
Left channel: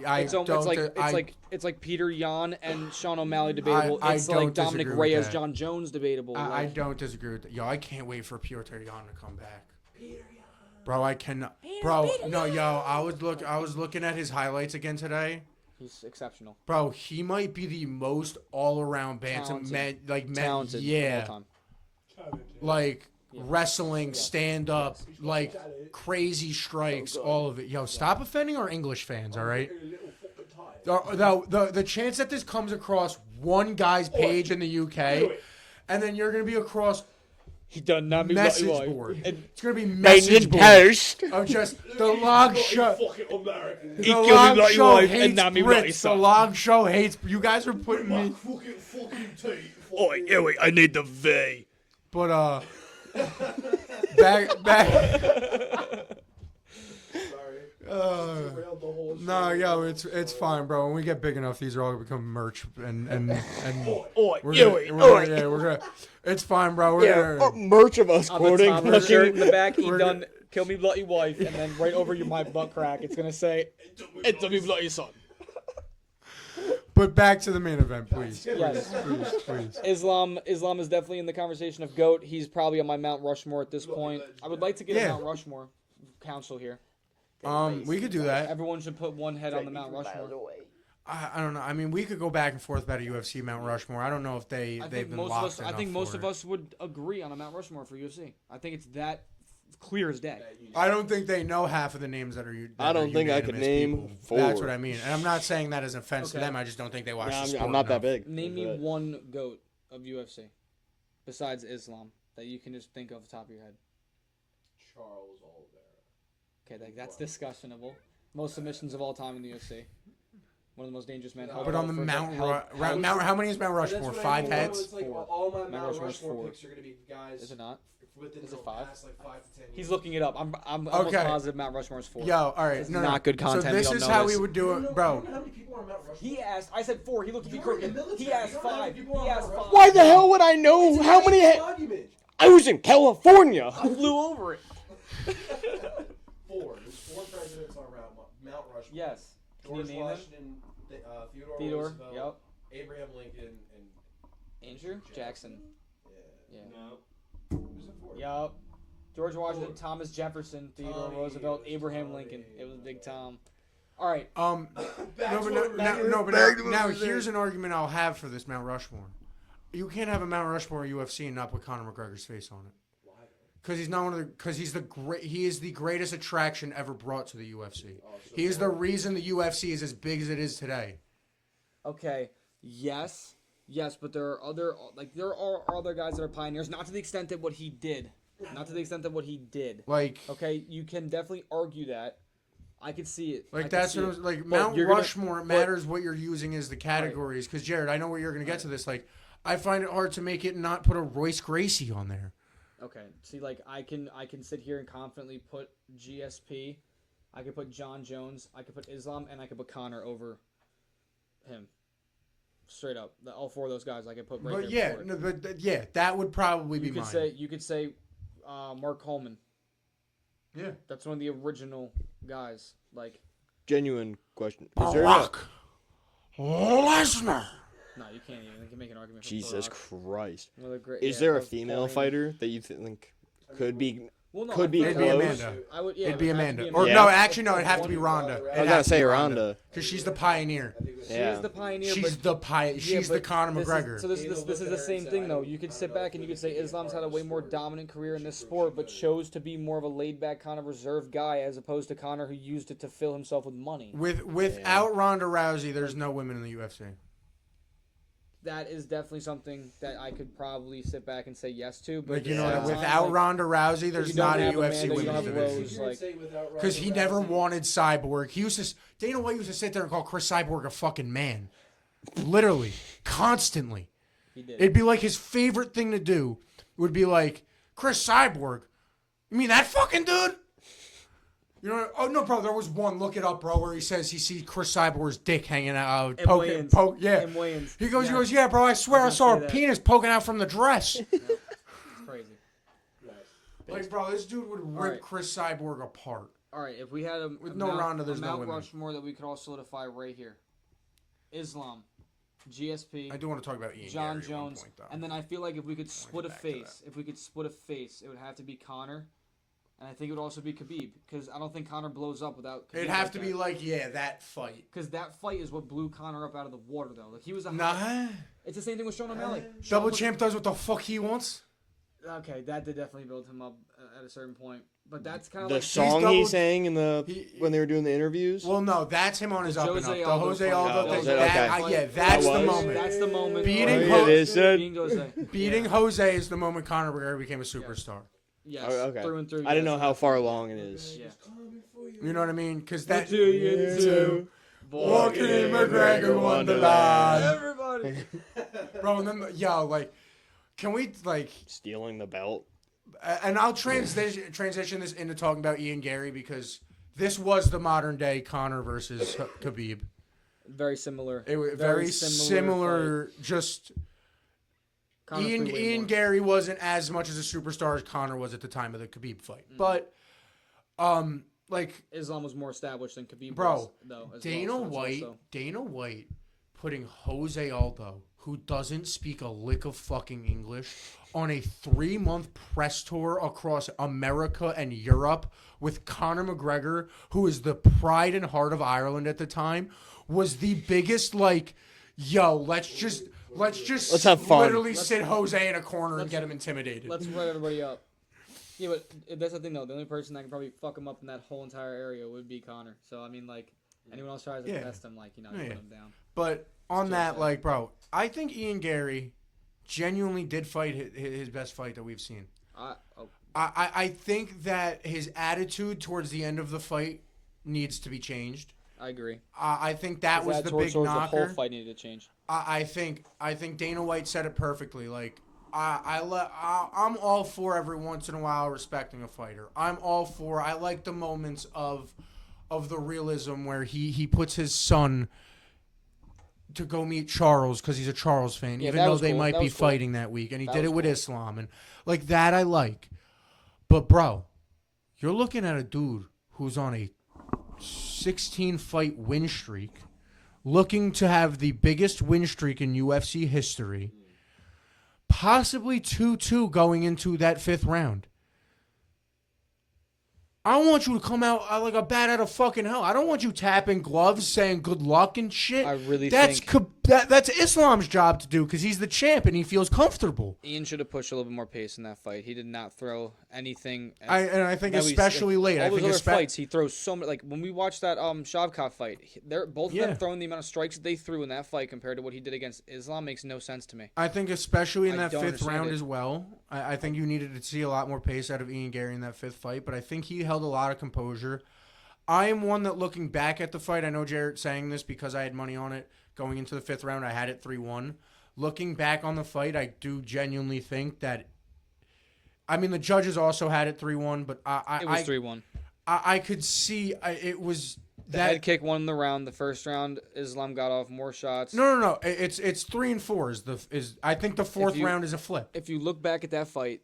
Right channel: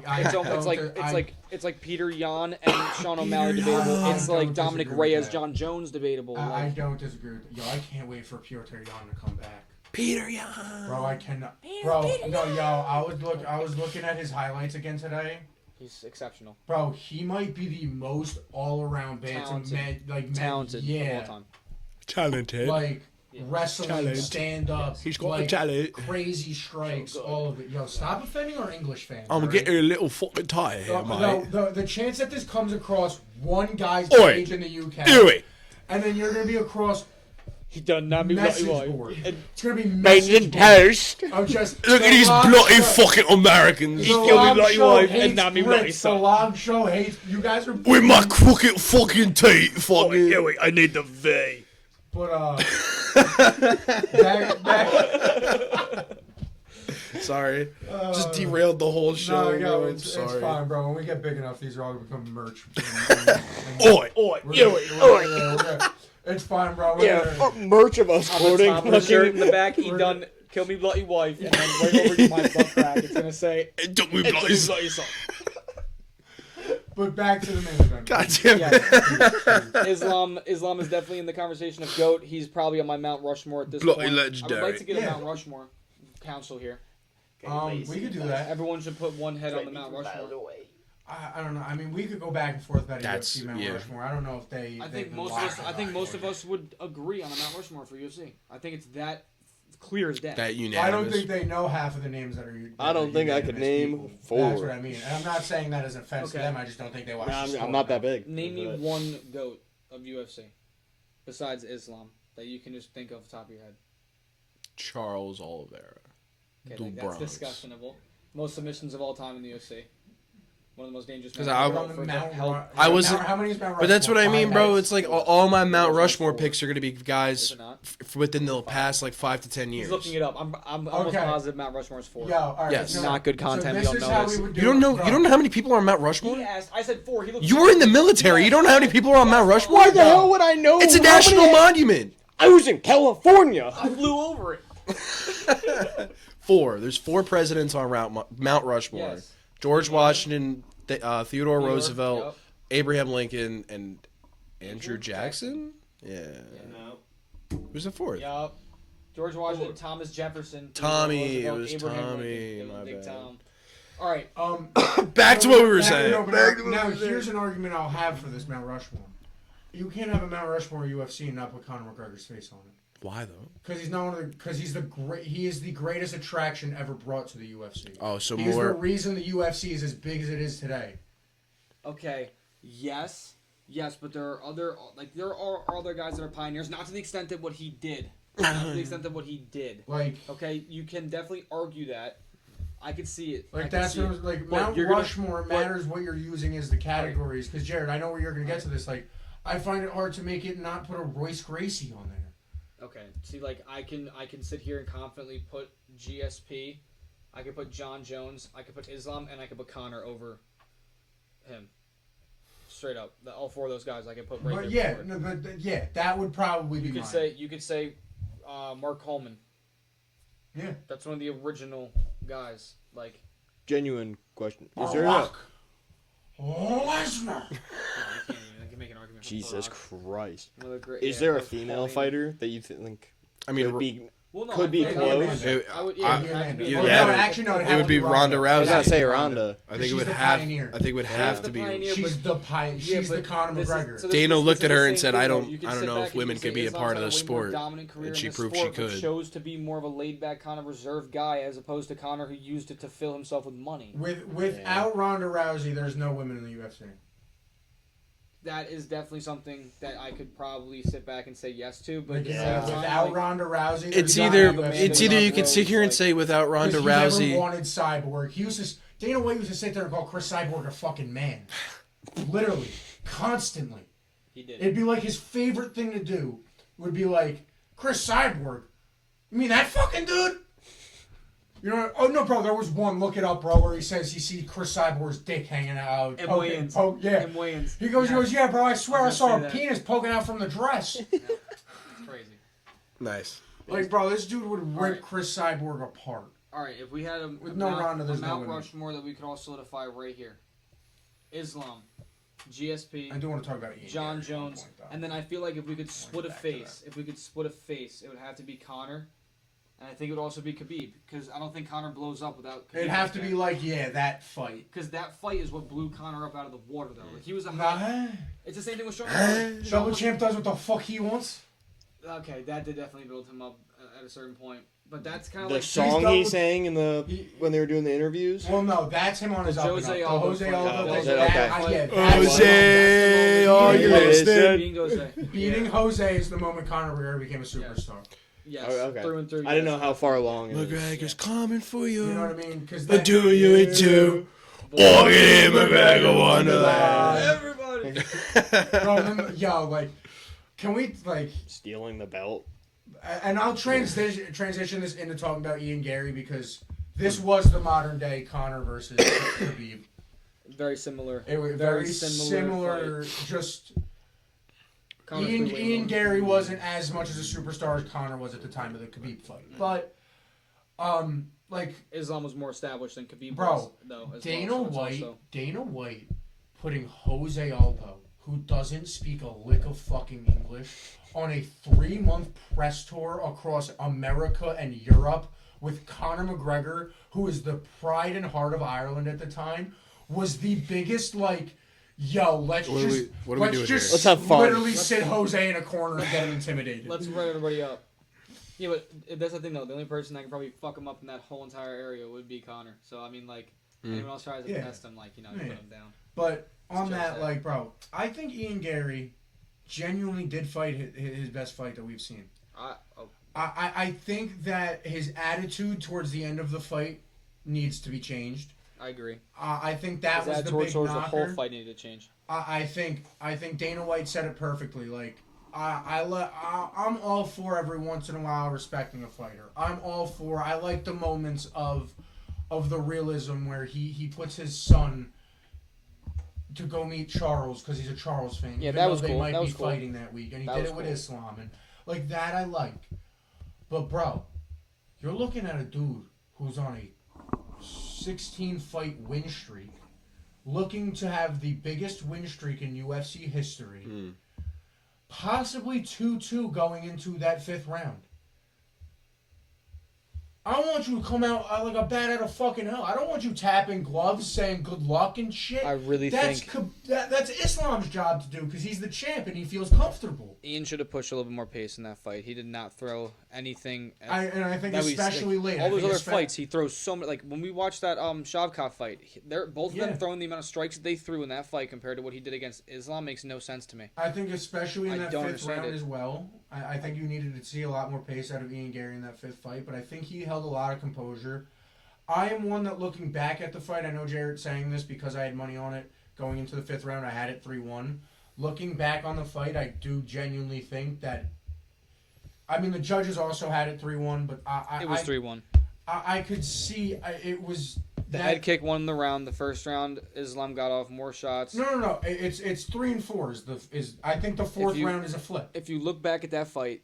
It's like Peter Yan and Sean O'Malley Peter debatable. Yan, It's I like don't Dominic disagree with Reyes, that. John Jones debatable. I Like, don't disagree with that. Yo, I can't wait for Peter Yan to come back. Peter Yan. Bro, I cannot. Bro, no, yo, I was looking at his highlights again today. he's exceptional, Bro, he might be the most all-around Talented. talented, of yeah, all time. Talented. like wrestling, Talent. stand up, He's got like the talent. crazy strikes, So good. all of it. Yo, stop offending our English fans. I'm gonna alright? get you a little fucking tie. The chance that this comes across one guy's Oi. page in the UK, Do it. and then you're gonna be across He done not me message bloody board. wife. It's gonna be message board. toast. Of just Look at these Salam bloody Show- fucking Americans. killed me Salam bloody Show wife and hates not me Brits. bloody son. Salam Show hates. You guys are With my crooked fucking teeth. Fucking. wait, I need the V. But back. Sorry. Just derailed the whole show. No, yo, I'm it's sorry. fine, bro. When we get big enough, these are all gonna become merch. And Oi. Oi, we're oi, gonna- oi. we're gonna- It's fine, bro. We're gonna, merch of us On the quoting top of the shirt in the back, he We're- done kill me bloody wife, and then right over my butt crack, it's gonna say It took me it's a bloody. bloody son. But back to the main event. God damn it. Yes. Islam is definitely in the conversation of GOAT. He's probably on my Mount Rushmore at this Bloody point. I legendary. would like to get a Yeah. Mount Rushmore council here. We could do that. Everyone should put one head on the Mount Rushmore. I don't know. I mean, we could go back and forth about a That's- UFC Mount yeah. Rushmore. I don't know if they. I they've think been most of locked us. I enough think most for of it. us would agree on a Mount Rushmore for UFC. I think it's that clear as day. That unanimous. I don't think they know half of the names that are. I don't think I could name people. 4. That's what I mean. And I'm not saying that as an offense to Okay. them. I just don't think they watch. Nah, the sport I'm not that enough. big. Name me But- one GOAT of UFC besides Islam that you can just think off the top of your head. Charles Oliveira. Okay, The like, that's Bronx. discussionable. Most submissions of all time in the UFC. One of the most dangerous men. 'Cause I- ever On the for Mount help. I was- How many is Mount Rushmore? But that's what I mean, 5 bro. heads? It's like Four. all my Mount Rushmore's Rushmore 4. picks are going to be Is guys it not? within the 5. past like 5 to 10 years. He's looking it up. I'm almost Okay. positive Mount Rushmore's 4. Yo, all right. Yes. no, Not good so content, we this don't is know how this. we would do You don't it, know. bro. You don't know how many people are on Mount Rushmore. He asked. I said 4. He looked. You were in the military. Yes. You don't know how many people are on Mount Yes. Rushmore. Why the hell would I know? It's a how national many- monument. I was in California. I flew over it. 4. There's 4 presidents on Mount Rushmore. Yes. George Yeah. Washington, Theodore Roosevelt, Yep. Abraham Lincoln, and Andrew Andrew Jackson. Yeah. Yeah. Who's the 4th? Yup. George Washington, Thomas Jefferson, Theodore Tommy, it Roosevelt, was Abraham Tommy, Lincoln. It was my Big bad. Tom. All right. Back to what we were Back- saying. no, but Back to what now we were saying. here's an argument I'll have for this Mount Rushmore. You can't have a Mount Rushmore UFC and not put Conor McGregor's face on it. Why though? Because he's not one of the. Because he is the greatest attraction ever brought to the UFC. Oh, so He is the more. reason the UFC is as big as it is today. Okay. Yes, but there are other other guys that are pioneers, not to the extent that what he did. Not to the extent that what he did. Like, Okay, you can definitely argue that. I could see it. I like could that's see what I it. was, like But Mount you're gonna- Rushmore. It but- matters what you're using as the categories. Because Jared, I know where you're gonna get to this. Like, I find it hard to make it not put a Royce Gracie on there. Okay. See, like I can sit here and confidently put GSP. I could put John Jones. I could put Islam, and I could put Connor over him. Straight up, all 4 of those guys I could put right But there. yeah, before it. no, but yeah, that would probably be You could mine. say Mark Coleman. Yeah. That's one of the original guys. Like, Genuine question. Is there a Lesnar. no, you can't even. You can make an argument. For Jesus Barack. Christ? One of the great- Is yeah, there a that was female Paul Heyman. fighter that you think I mean, could be? Well, no, could I be think close? I would. Yeah, It'd be it had to Amanda. be Or Amanda. no, actually, no, it'd it have would to be Ronda Rousey. I was gonna say Ronda. I think She's it would the have. pioneer. I think it would Yeah. have She's the to be. pioneer. She's but- She's the Conor this is- McGregor. so this Dana is- looked this at is her the and same said, thing, "I though. don't- You can I don't sit know back if and you women can say could be a Islam's part had of the way more sport," dominant career and in she the proved she sport, but could. chose to be more of a laid-back kind of reserved guy as opposed to Connor, who used it to fill himself with money. Without Ronda Rousey, there's no women in the UFC. That is definitely something that I could probably sit back and say yes to. But Like, at the Yeah. same time, without like, Ronda Rousey, there's It's You not either have a man it's that either you you can have sit here and Rose, say without Ronda Because he never Rousey. wanted Cyborg. Dana White used to sit there and call Chris Cyborg a fucking man. Literally. Constantly. he did. It'd be like his favorite thing to do would be like, Chris Cyborg? You mean that fucking dude? You know, oh no, bro, there was one, look it up, bro, where he says he sees Chris Cyborg's dick hanging out. And Wayans. Yeah. And Wayans. He goes, Yeah. yeah, bro, I swear I was saw gonna a say that. penis poking out from the dress. It's crazy. Nice. Like, bro, this dude would rip Alright. Chris Cyborg apart. All right, if we had a no Ronda, a there's no Mount women. Rushmore that we could all solidify right here: Islam, GSP, I do want to talk about Ian John Gary at one Jones, point, though. and then I feel like if we could split a back to face, it would have to be Connor, and I think it would also be Khabib because I don't think Connor blows up without. Khabib It'd have to be like, yeah, that fight. because that fight is what blew Connor up out of the water though. Like he was a Nah, high. It's the same thing with Sean McCollum. Double Champ does what the fuck he wants. Okay, that did definitely build him up at a certain point, but that's kind of The like song double- he sang in the He- when they were doing the interviews. Well, no, that's him on his up and Jose up. Aldo Jose fight. Aldo. Oh, thing, is it? Okay. yeah, That's that's the the moment. Beating Yeah, it is, Jose- dude. Being Jose. Beating Jose is the moment Conor McGregor became a superstar. Yes, Oh, okay. through and through. I didn't yes. know how far along it is. McGregor's coming for you. You know what I mean? Because The that do you too. Walking in McGregor Wonderland. Everybody. bro, yo, like, can we like? Stealing the belt. And I'll transition this into talking about Ian Gary because this was the modern day Conor versus Khabib. Very similar. It was Very very similar similar. Just Connor Ian, threw way Ian more. Gary wasn't as much as a superstar as Conor was at the time of the Khabib fight, but like Islam was more established than Khabib Bro, was, though. As Dana well, so it's White, also- Dana White putting Jose Aldo, who doesn't speak a lick of fucking English, on a 3-month press tour across America and Europe with Conor McGregor, who is the pride and heart of Ireland at the time, was the biggest, like, yo, let's just Let's have fun. literally sit Jose in a corner and get him intimidated. Let's write everybody up. Yeah, but that's the thing, though. The only person that can probably fuck him up in that whole entire area would be Connor. So, I mean, like, anyone else tries to test him, like, you put him down. But on that, like, bro, I think Ian Gary genuinely did fight his best fight that we've seen. I think that his attitude towards the end of the fight needs to be changed. I agree. I think that was the towards big knocker. the whole fight needed to change. I think Dana White said it perfectly. Like, I'm all for every once in a while respecting a fighter. I'm all for. I like the moments of the realism where he puts his son to go meet Charles because he's a Charles fan. Yeah, even that though was they cool. might That be was cool. fighting that week, and he That did was it with cool. Islam, and like that I like. But bro, you're looking at a dude who's on a 16-fight win streak, looking to have the biggest win streak in UFC history, possibly 2-2 going into that 5th round. I want you to come out like a bat out of fucking hell. I don't want you tapping gloves saying good luck and shit. I really think that's Islam's job to do because he's the champ and he feels comfortable. Ian should have pushed a little bit more pace in that fight. He did not throw anything. I think that especially late. All those other fights, he throws so many. Like when we watched that Shavkat fight, they're both of them throwing the amount of strikes that they threw in that fight compared to what he did against Islam makes no sense to me. I think especially in I that don't 5th understand round it. as well. I think you needed to see a lot more pace out of Ian Gary in that 5th fight, but I think he held a lot of composure. I am one that looking back at the fight, I know Jarrett's saying this because I had money on it going into the 5th round. I had it 3-1. Looking back on the fight, I do genuinely think that. I mean, the judges also had it 3-1, but It was 3-1. I could see it was. The head kick won the round. The first round, Islam got off more shots. No. It's 3 and 4 I think the 4th round is a flip. If you look back at that fight,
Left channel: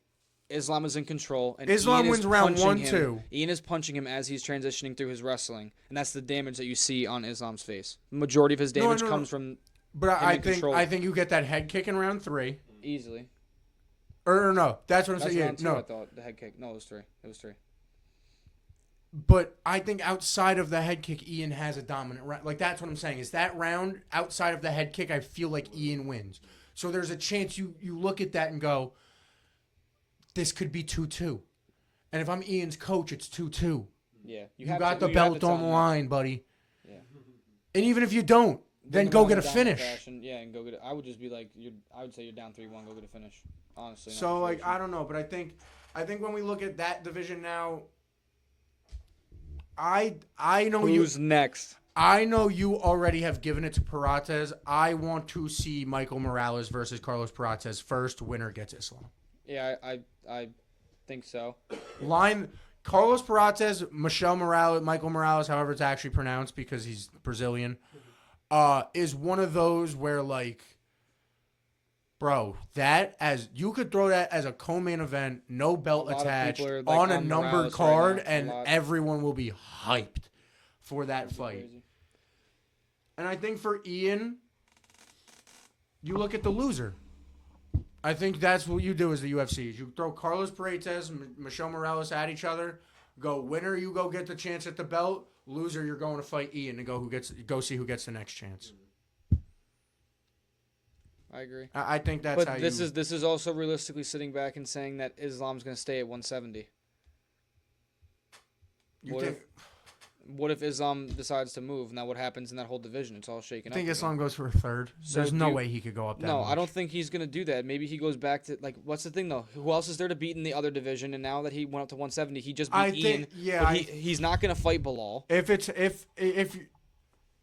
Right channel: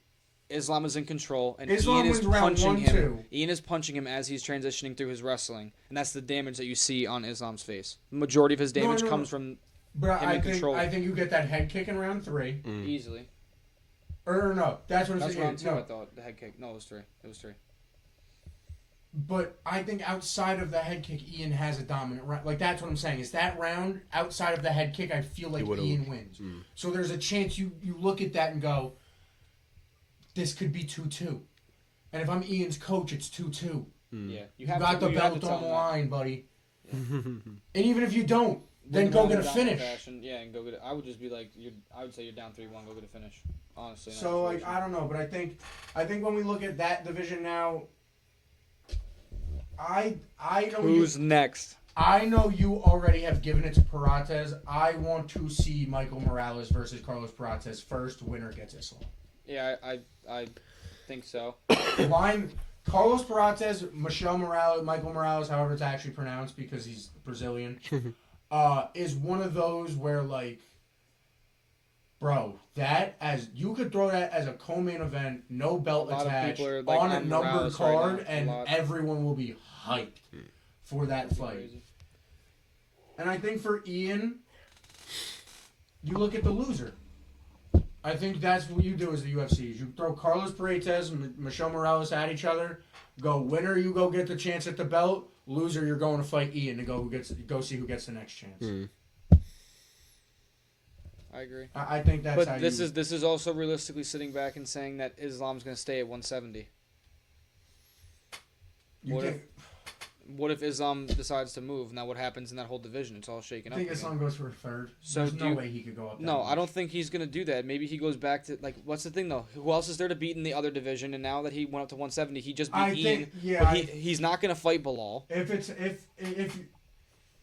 Islam is in control, and Islam Ian is wins round punching 1, him. 2. Ian is punching him as he's transitioning through his wrestling, and that's the damage that you see on Islam's face. The majority of his damage comes from But him I in think control. I think you get that head kick in round 3. Easily. Or no, that's what I'm That's saying. round 2, No. I thought. The head kick. No, it was 3. It was 3. But I think outside of the head kick, Ian has a dominant round. Like, that's what I'm saying. Is that round, outside of the head kick, I feel like Ian wins. So there's a chance you look at that and go, this could be 2-2. And if I'm Ian's coach, it's 2-2. Yeah. You got the belt on the line, buddy. Yeah. And even if you don't, then Win the go round get a in dominant finish. fashion. Yeah, and go get it. I would just be like, I would say you're down 3-1, go get a finish. Honestly. So, like, I don't know. But I think when we look at that division now, I know Who's next? I know you already have given it to Perates. I want to see Michael Morales versus Carlos Perates first. Winner gets Islam. Yeah, I think so. Line Carlos Perates, Michael Morales, however it's actually pronounced because he's Brazilian, is one of those where, like, bro, you could throw that as a co-main event, no belt A lot of attached, people are, like, on a on numbered Morales right card, now. and A lot. everyone will be hyped for that fight. Crazy. And I think for Ian, you look at the loser. I think that's what you do as the UFC. You throw Carlos Perates and Michelle Morales at each other. Go winner, you go get the chance at the belt. Loser, you're going to fight Ian to go see who gets the next chance. I agree. I think that's. How But this is also realistically sitting back and saying that Islam's going to stay at 170. What if Islam decides to move? Now what happens in that whole division? It's all shaken I up. think again. Islam goes for a third. So There's no way he could go up. No, I don't think he's going to do that. Maybe he goes back to, like, what's the thing though? Who else is there to beat in the other division? And now that he went up to 170, he just beat Ian. But he's not going to fight Bilal. If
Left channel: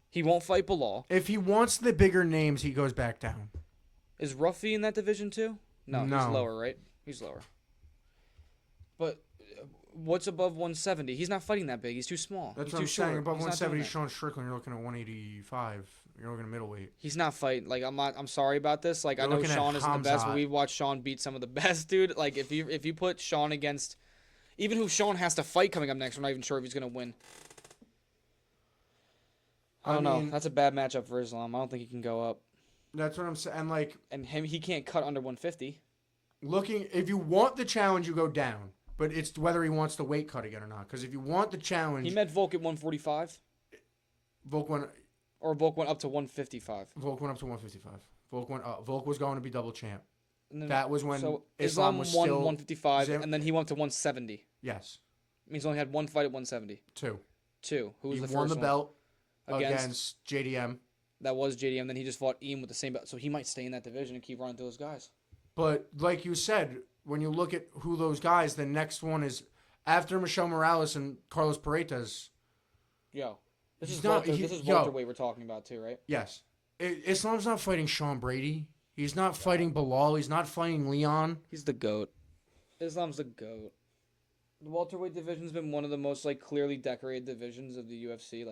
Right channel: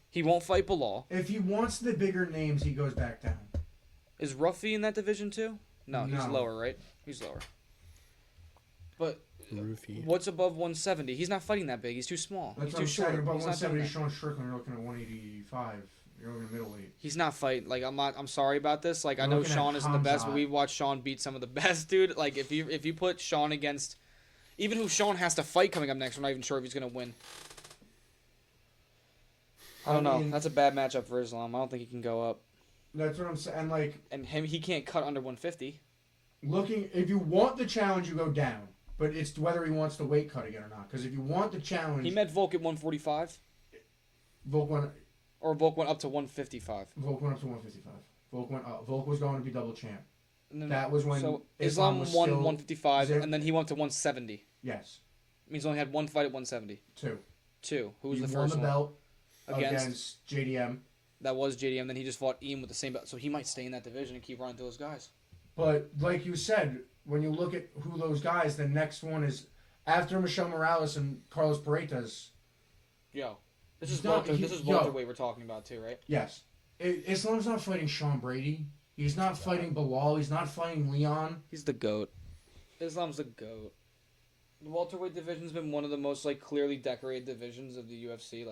He won't fight Bilal. he wants the bigger names, he goes back down. Is Ruffy in that division too? No, he's No. lower, right? He's lower. But what's above 170? He's not fighting that big. He's too small. That's He's what too I'm saying. short. Above He's not doing 170, that. Sean Strickland, you're looking at 185. You're looking at middleweight. He's not fighting. Like, I'm sorry about this. Like, I You're know looking at Sean isn't the best, but Hamzat. we've watched Sean beat some of the best, dude. Like, if you put Sean against, even who Sean has to fight coming up next, we're not even sure if he's gonna win. I don't know. mean, That's a bad matchup for Islam. I don't think he can go up. That's what I'm saying. Like, And he can't cut under 150. if you want the challenge, you go down. But it's whether he wants the weight cut again or not. Because if you want the challenge, He met Volk at 145, Volk went or Volk went up to 155. up to 155. Volk was going to be double champ. And then, That was when so Islam Islam was won still 155, zero- and then he went to 170. Yes, Means he only had one fight at 170. Two. Who was he the won first the one? belt Against? JDM. That was JDM. Then he just fought Ian with the same belt. So he might stay in that division and keep running to those guys. But like you said, when you look at who those guys, the next one is after Michelle Morales and Carlos Paredes. Yo, this is No, welterweight we're talking about too, right? Yes, Islam's not fighting Sean Brady. He's not fighting Bilal. He's not fighting Leon. He's the GOAT. Islam's the GOAT. The welterweight division's been one of the most clearly decorated divisions of the UFC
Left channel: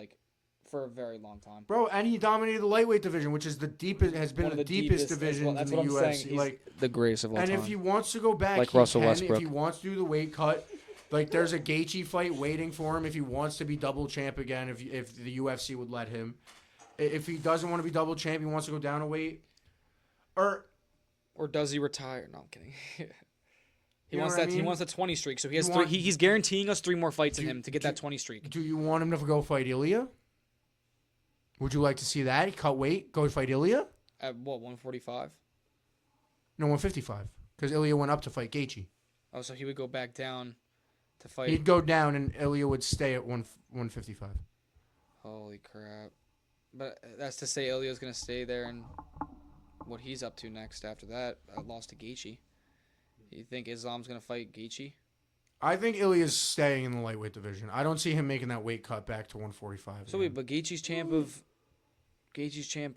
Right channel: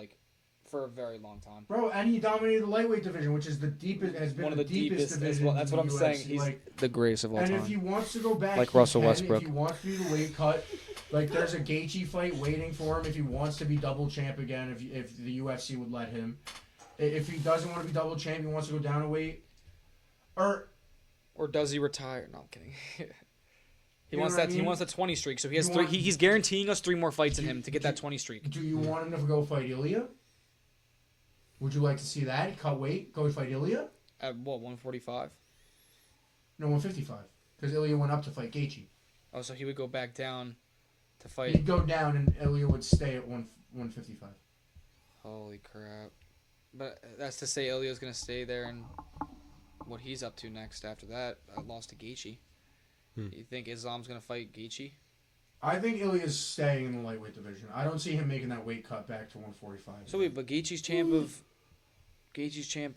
for a very long time. Bro, and he dominated the lightweight division, which is the deepest, has been One of the the deepest as division. well. That's what I'm saying. He's the greatest of all and time. if he wants to go back, Like he Russell can. Westbrook. If he wants to do the weight cut, there's a Gaethje fight waiting for him. If he wants to be double champ again, if the UFC would let him. If he doesn't want to be double champ, he wants to go down a weight. Or does he retire? No, I'm kidding. He You know wants what I that. He mean? wants a 20 streak. So he has You three. want- He's guaranteeing us 3 more fights in Do- him to get that 20 streak. Do you want him to go fight Ilya? Would you like to see that? He cut weight, go fight Ilya? At what, 145? No, 155. Because Ilya went up to fight Gaethje. Oh, so he would go back down to fight. He'd go down and Ilya would stay at 155. Holy crap! But that's to say, Ilya's gonna stay there and what he's up to next after that. Lost to Gaethje. You think Islam's gonna fight Gaethje? I think Ilya's staying in the lightweight division. I don't see him making that weight cut back to 145. So wait, but Gaethje's champ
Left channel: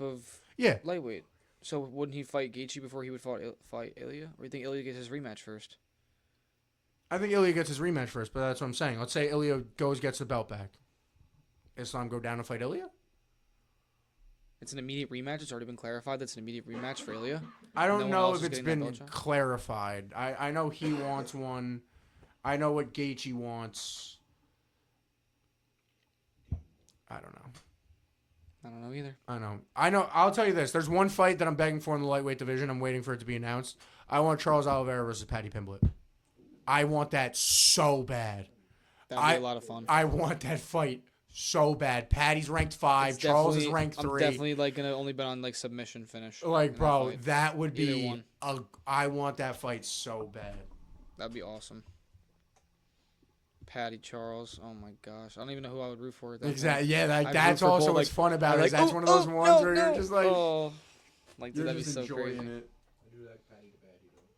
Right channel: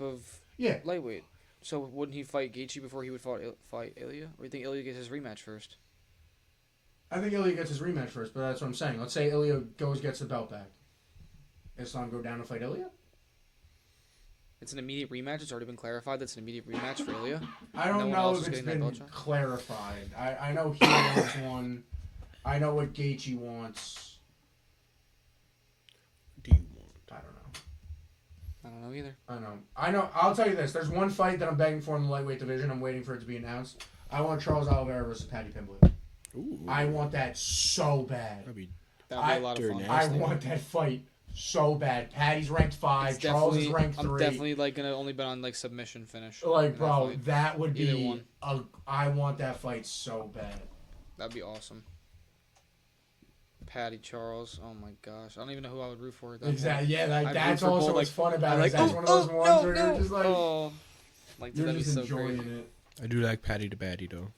of Yeah. lightweight. So wouldn't he fight Gaethje before he would fight Ilya? Or you think Ilya gets his rematch first? I think Ilya gets his rematch first, but that's what I'm saying. Let's say Ilya gets the belt back. Islam go down and fight Ilya? It's an immediate rematch. It's already been clarified that's an immediate rematch for Ilya. I don't No one know else if is it's getting that been belt shot? clarified. I know he wants one. I know what Gaethje wants. Do you want? I don't know. I don't know either. I know. I'll tell you this. There's one fight that I'm begging for in the lightweight division. I'm waiting for it to be announced. I want Charles Oliveira versus Paddy Pimblett. Ooh, I want that so bad. that'd be That'd be a lot of Dirty fun. nasty. I want that fight so bad. Paddy's ranked 5. It's Charles is definitely. ranked 3. I'm definitely gonna only bet on submission finish. Like, in bro, fight. that would be Either one. I want that fight so bad. That'd be awesome. Paddy Charles. Oh my gosh, I don't even know who I would root for at that Exactly. point. Yeah, I'd that's root for also both, what's fun about I'm it. like, That's one of those ones where you're just like, oh, dude, you're that'd be just so enjoying crazy. it. I do like Paddy to Baddy though.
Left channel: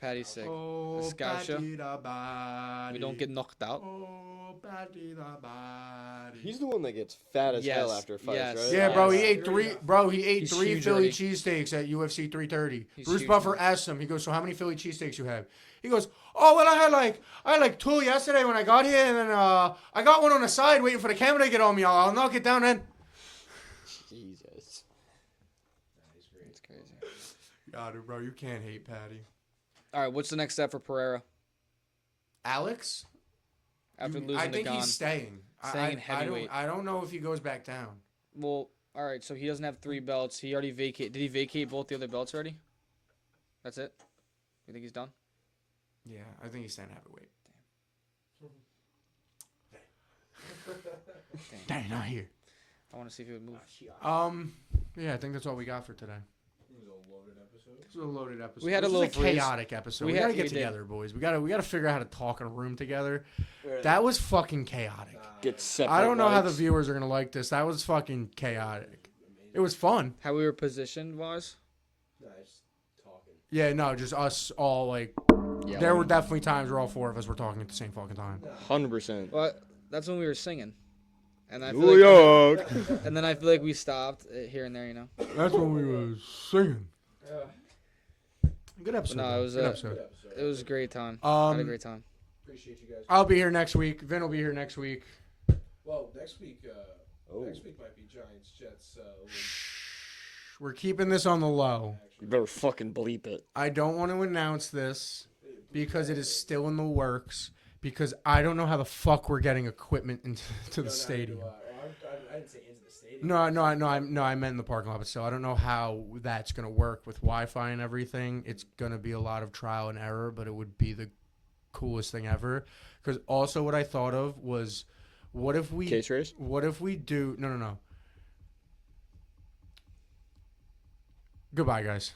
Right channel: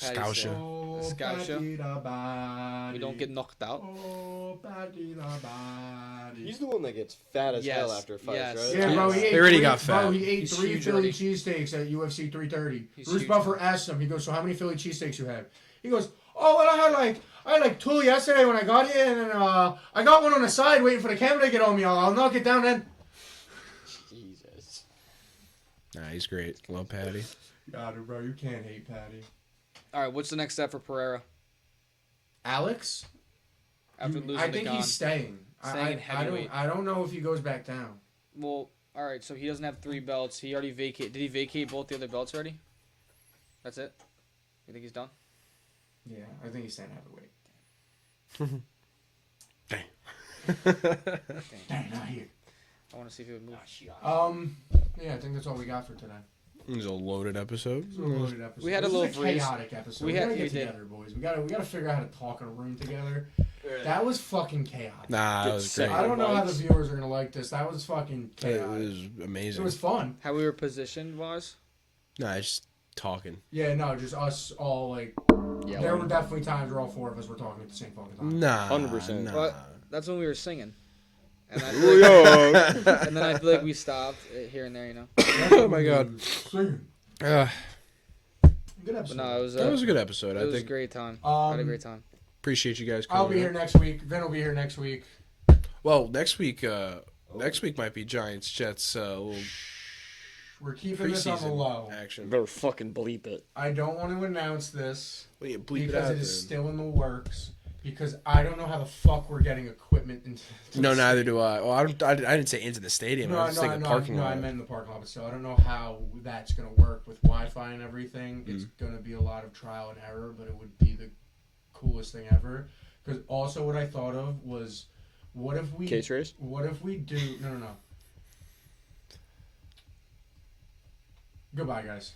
Paddy's Scousha. sick. Oh, The Scousha. Paddy da Baddy. We don't get knocked out. Oh, Paddy da Baddy. He's the one that gets fat as hell Yes, after fights, yes. right? Yeah, bro, he Yes. ate He already three, got bro, fat. he ate He's 3 huge Philly already. cheesesteaks at UFC 330. He's Bruce huge Buffer now. asked him, he goes, so how many Philly cheesesteaks you had? He goes, oh, well, I had like 2 yesterday when I got here, and then I got one on the side waiting for the camera to get on me. I'll knock it down then. Jesus. Nah, he's great. Love Paddy. Got it, bro. You can't hate Paddy. All right, what's the next step for Pereira Alex? after losing I to think Gon? he's staying. Staying in heavyweight. I don't know if he goes back down. Well, all right, so he doesn't have 3 belts. He already vacated. Did he vacate both the other belts already? That's it. You think he's done? Yeah, I think he's staying heavyweight. Dang, not here. I want to see if he would move. Yeah, I think that's all we got for today. It was a loaded episode. It was a loaded episode. We had a This was little freeze. chaotic episode. We We, had- gotta get we did. together, boys. We gotta figure out how to talk in a room together. That was fucking chaotic. Nah, Get it was sick. great. I don't know how the mics. viewers are gonna like this. That was fucking It chaotic. was amazing. It was fun. How we were positioned was? Nah, just talking. Yeah, no, just us all like. Yeah. There were definitely times where all 4 of us were talking at the same fucking time. Nah, 100%. nah. But that's when we were singing. And I feel like, and then I feel like we stopped here and there, you know. Oh my god. Singing. Good episode. But no, it was That was a good episode. it I was a think. great time. I had a great time. Appreciate you guys. I'll be coming here in. next week. Vin will be here next week. Well, next week might be Giants Jets. Little We're keeping this on the preseason low. action. Better fucking bleep it. I don't want to announce this Well, yeah, bleep because out it is then. still in the works. because I don't know how the fuck we're getting equipment into. No, the neither stadium. do I. Well, I didn't say into the stadium. No, I was no, thinking no, parking no. I lot. meant in the parking lot, but still, I don't know how that's gonna work with Wi-Fi and everything. It's gonna be a lot of trial and error, but it would be the coolest thing ever. Because also, what I thought of was, what if we Case race? What if we do? No. Goodbye, guys.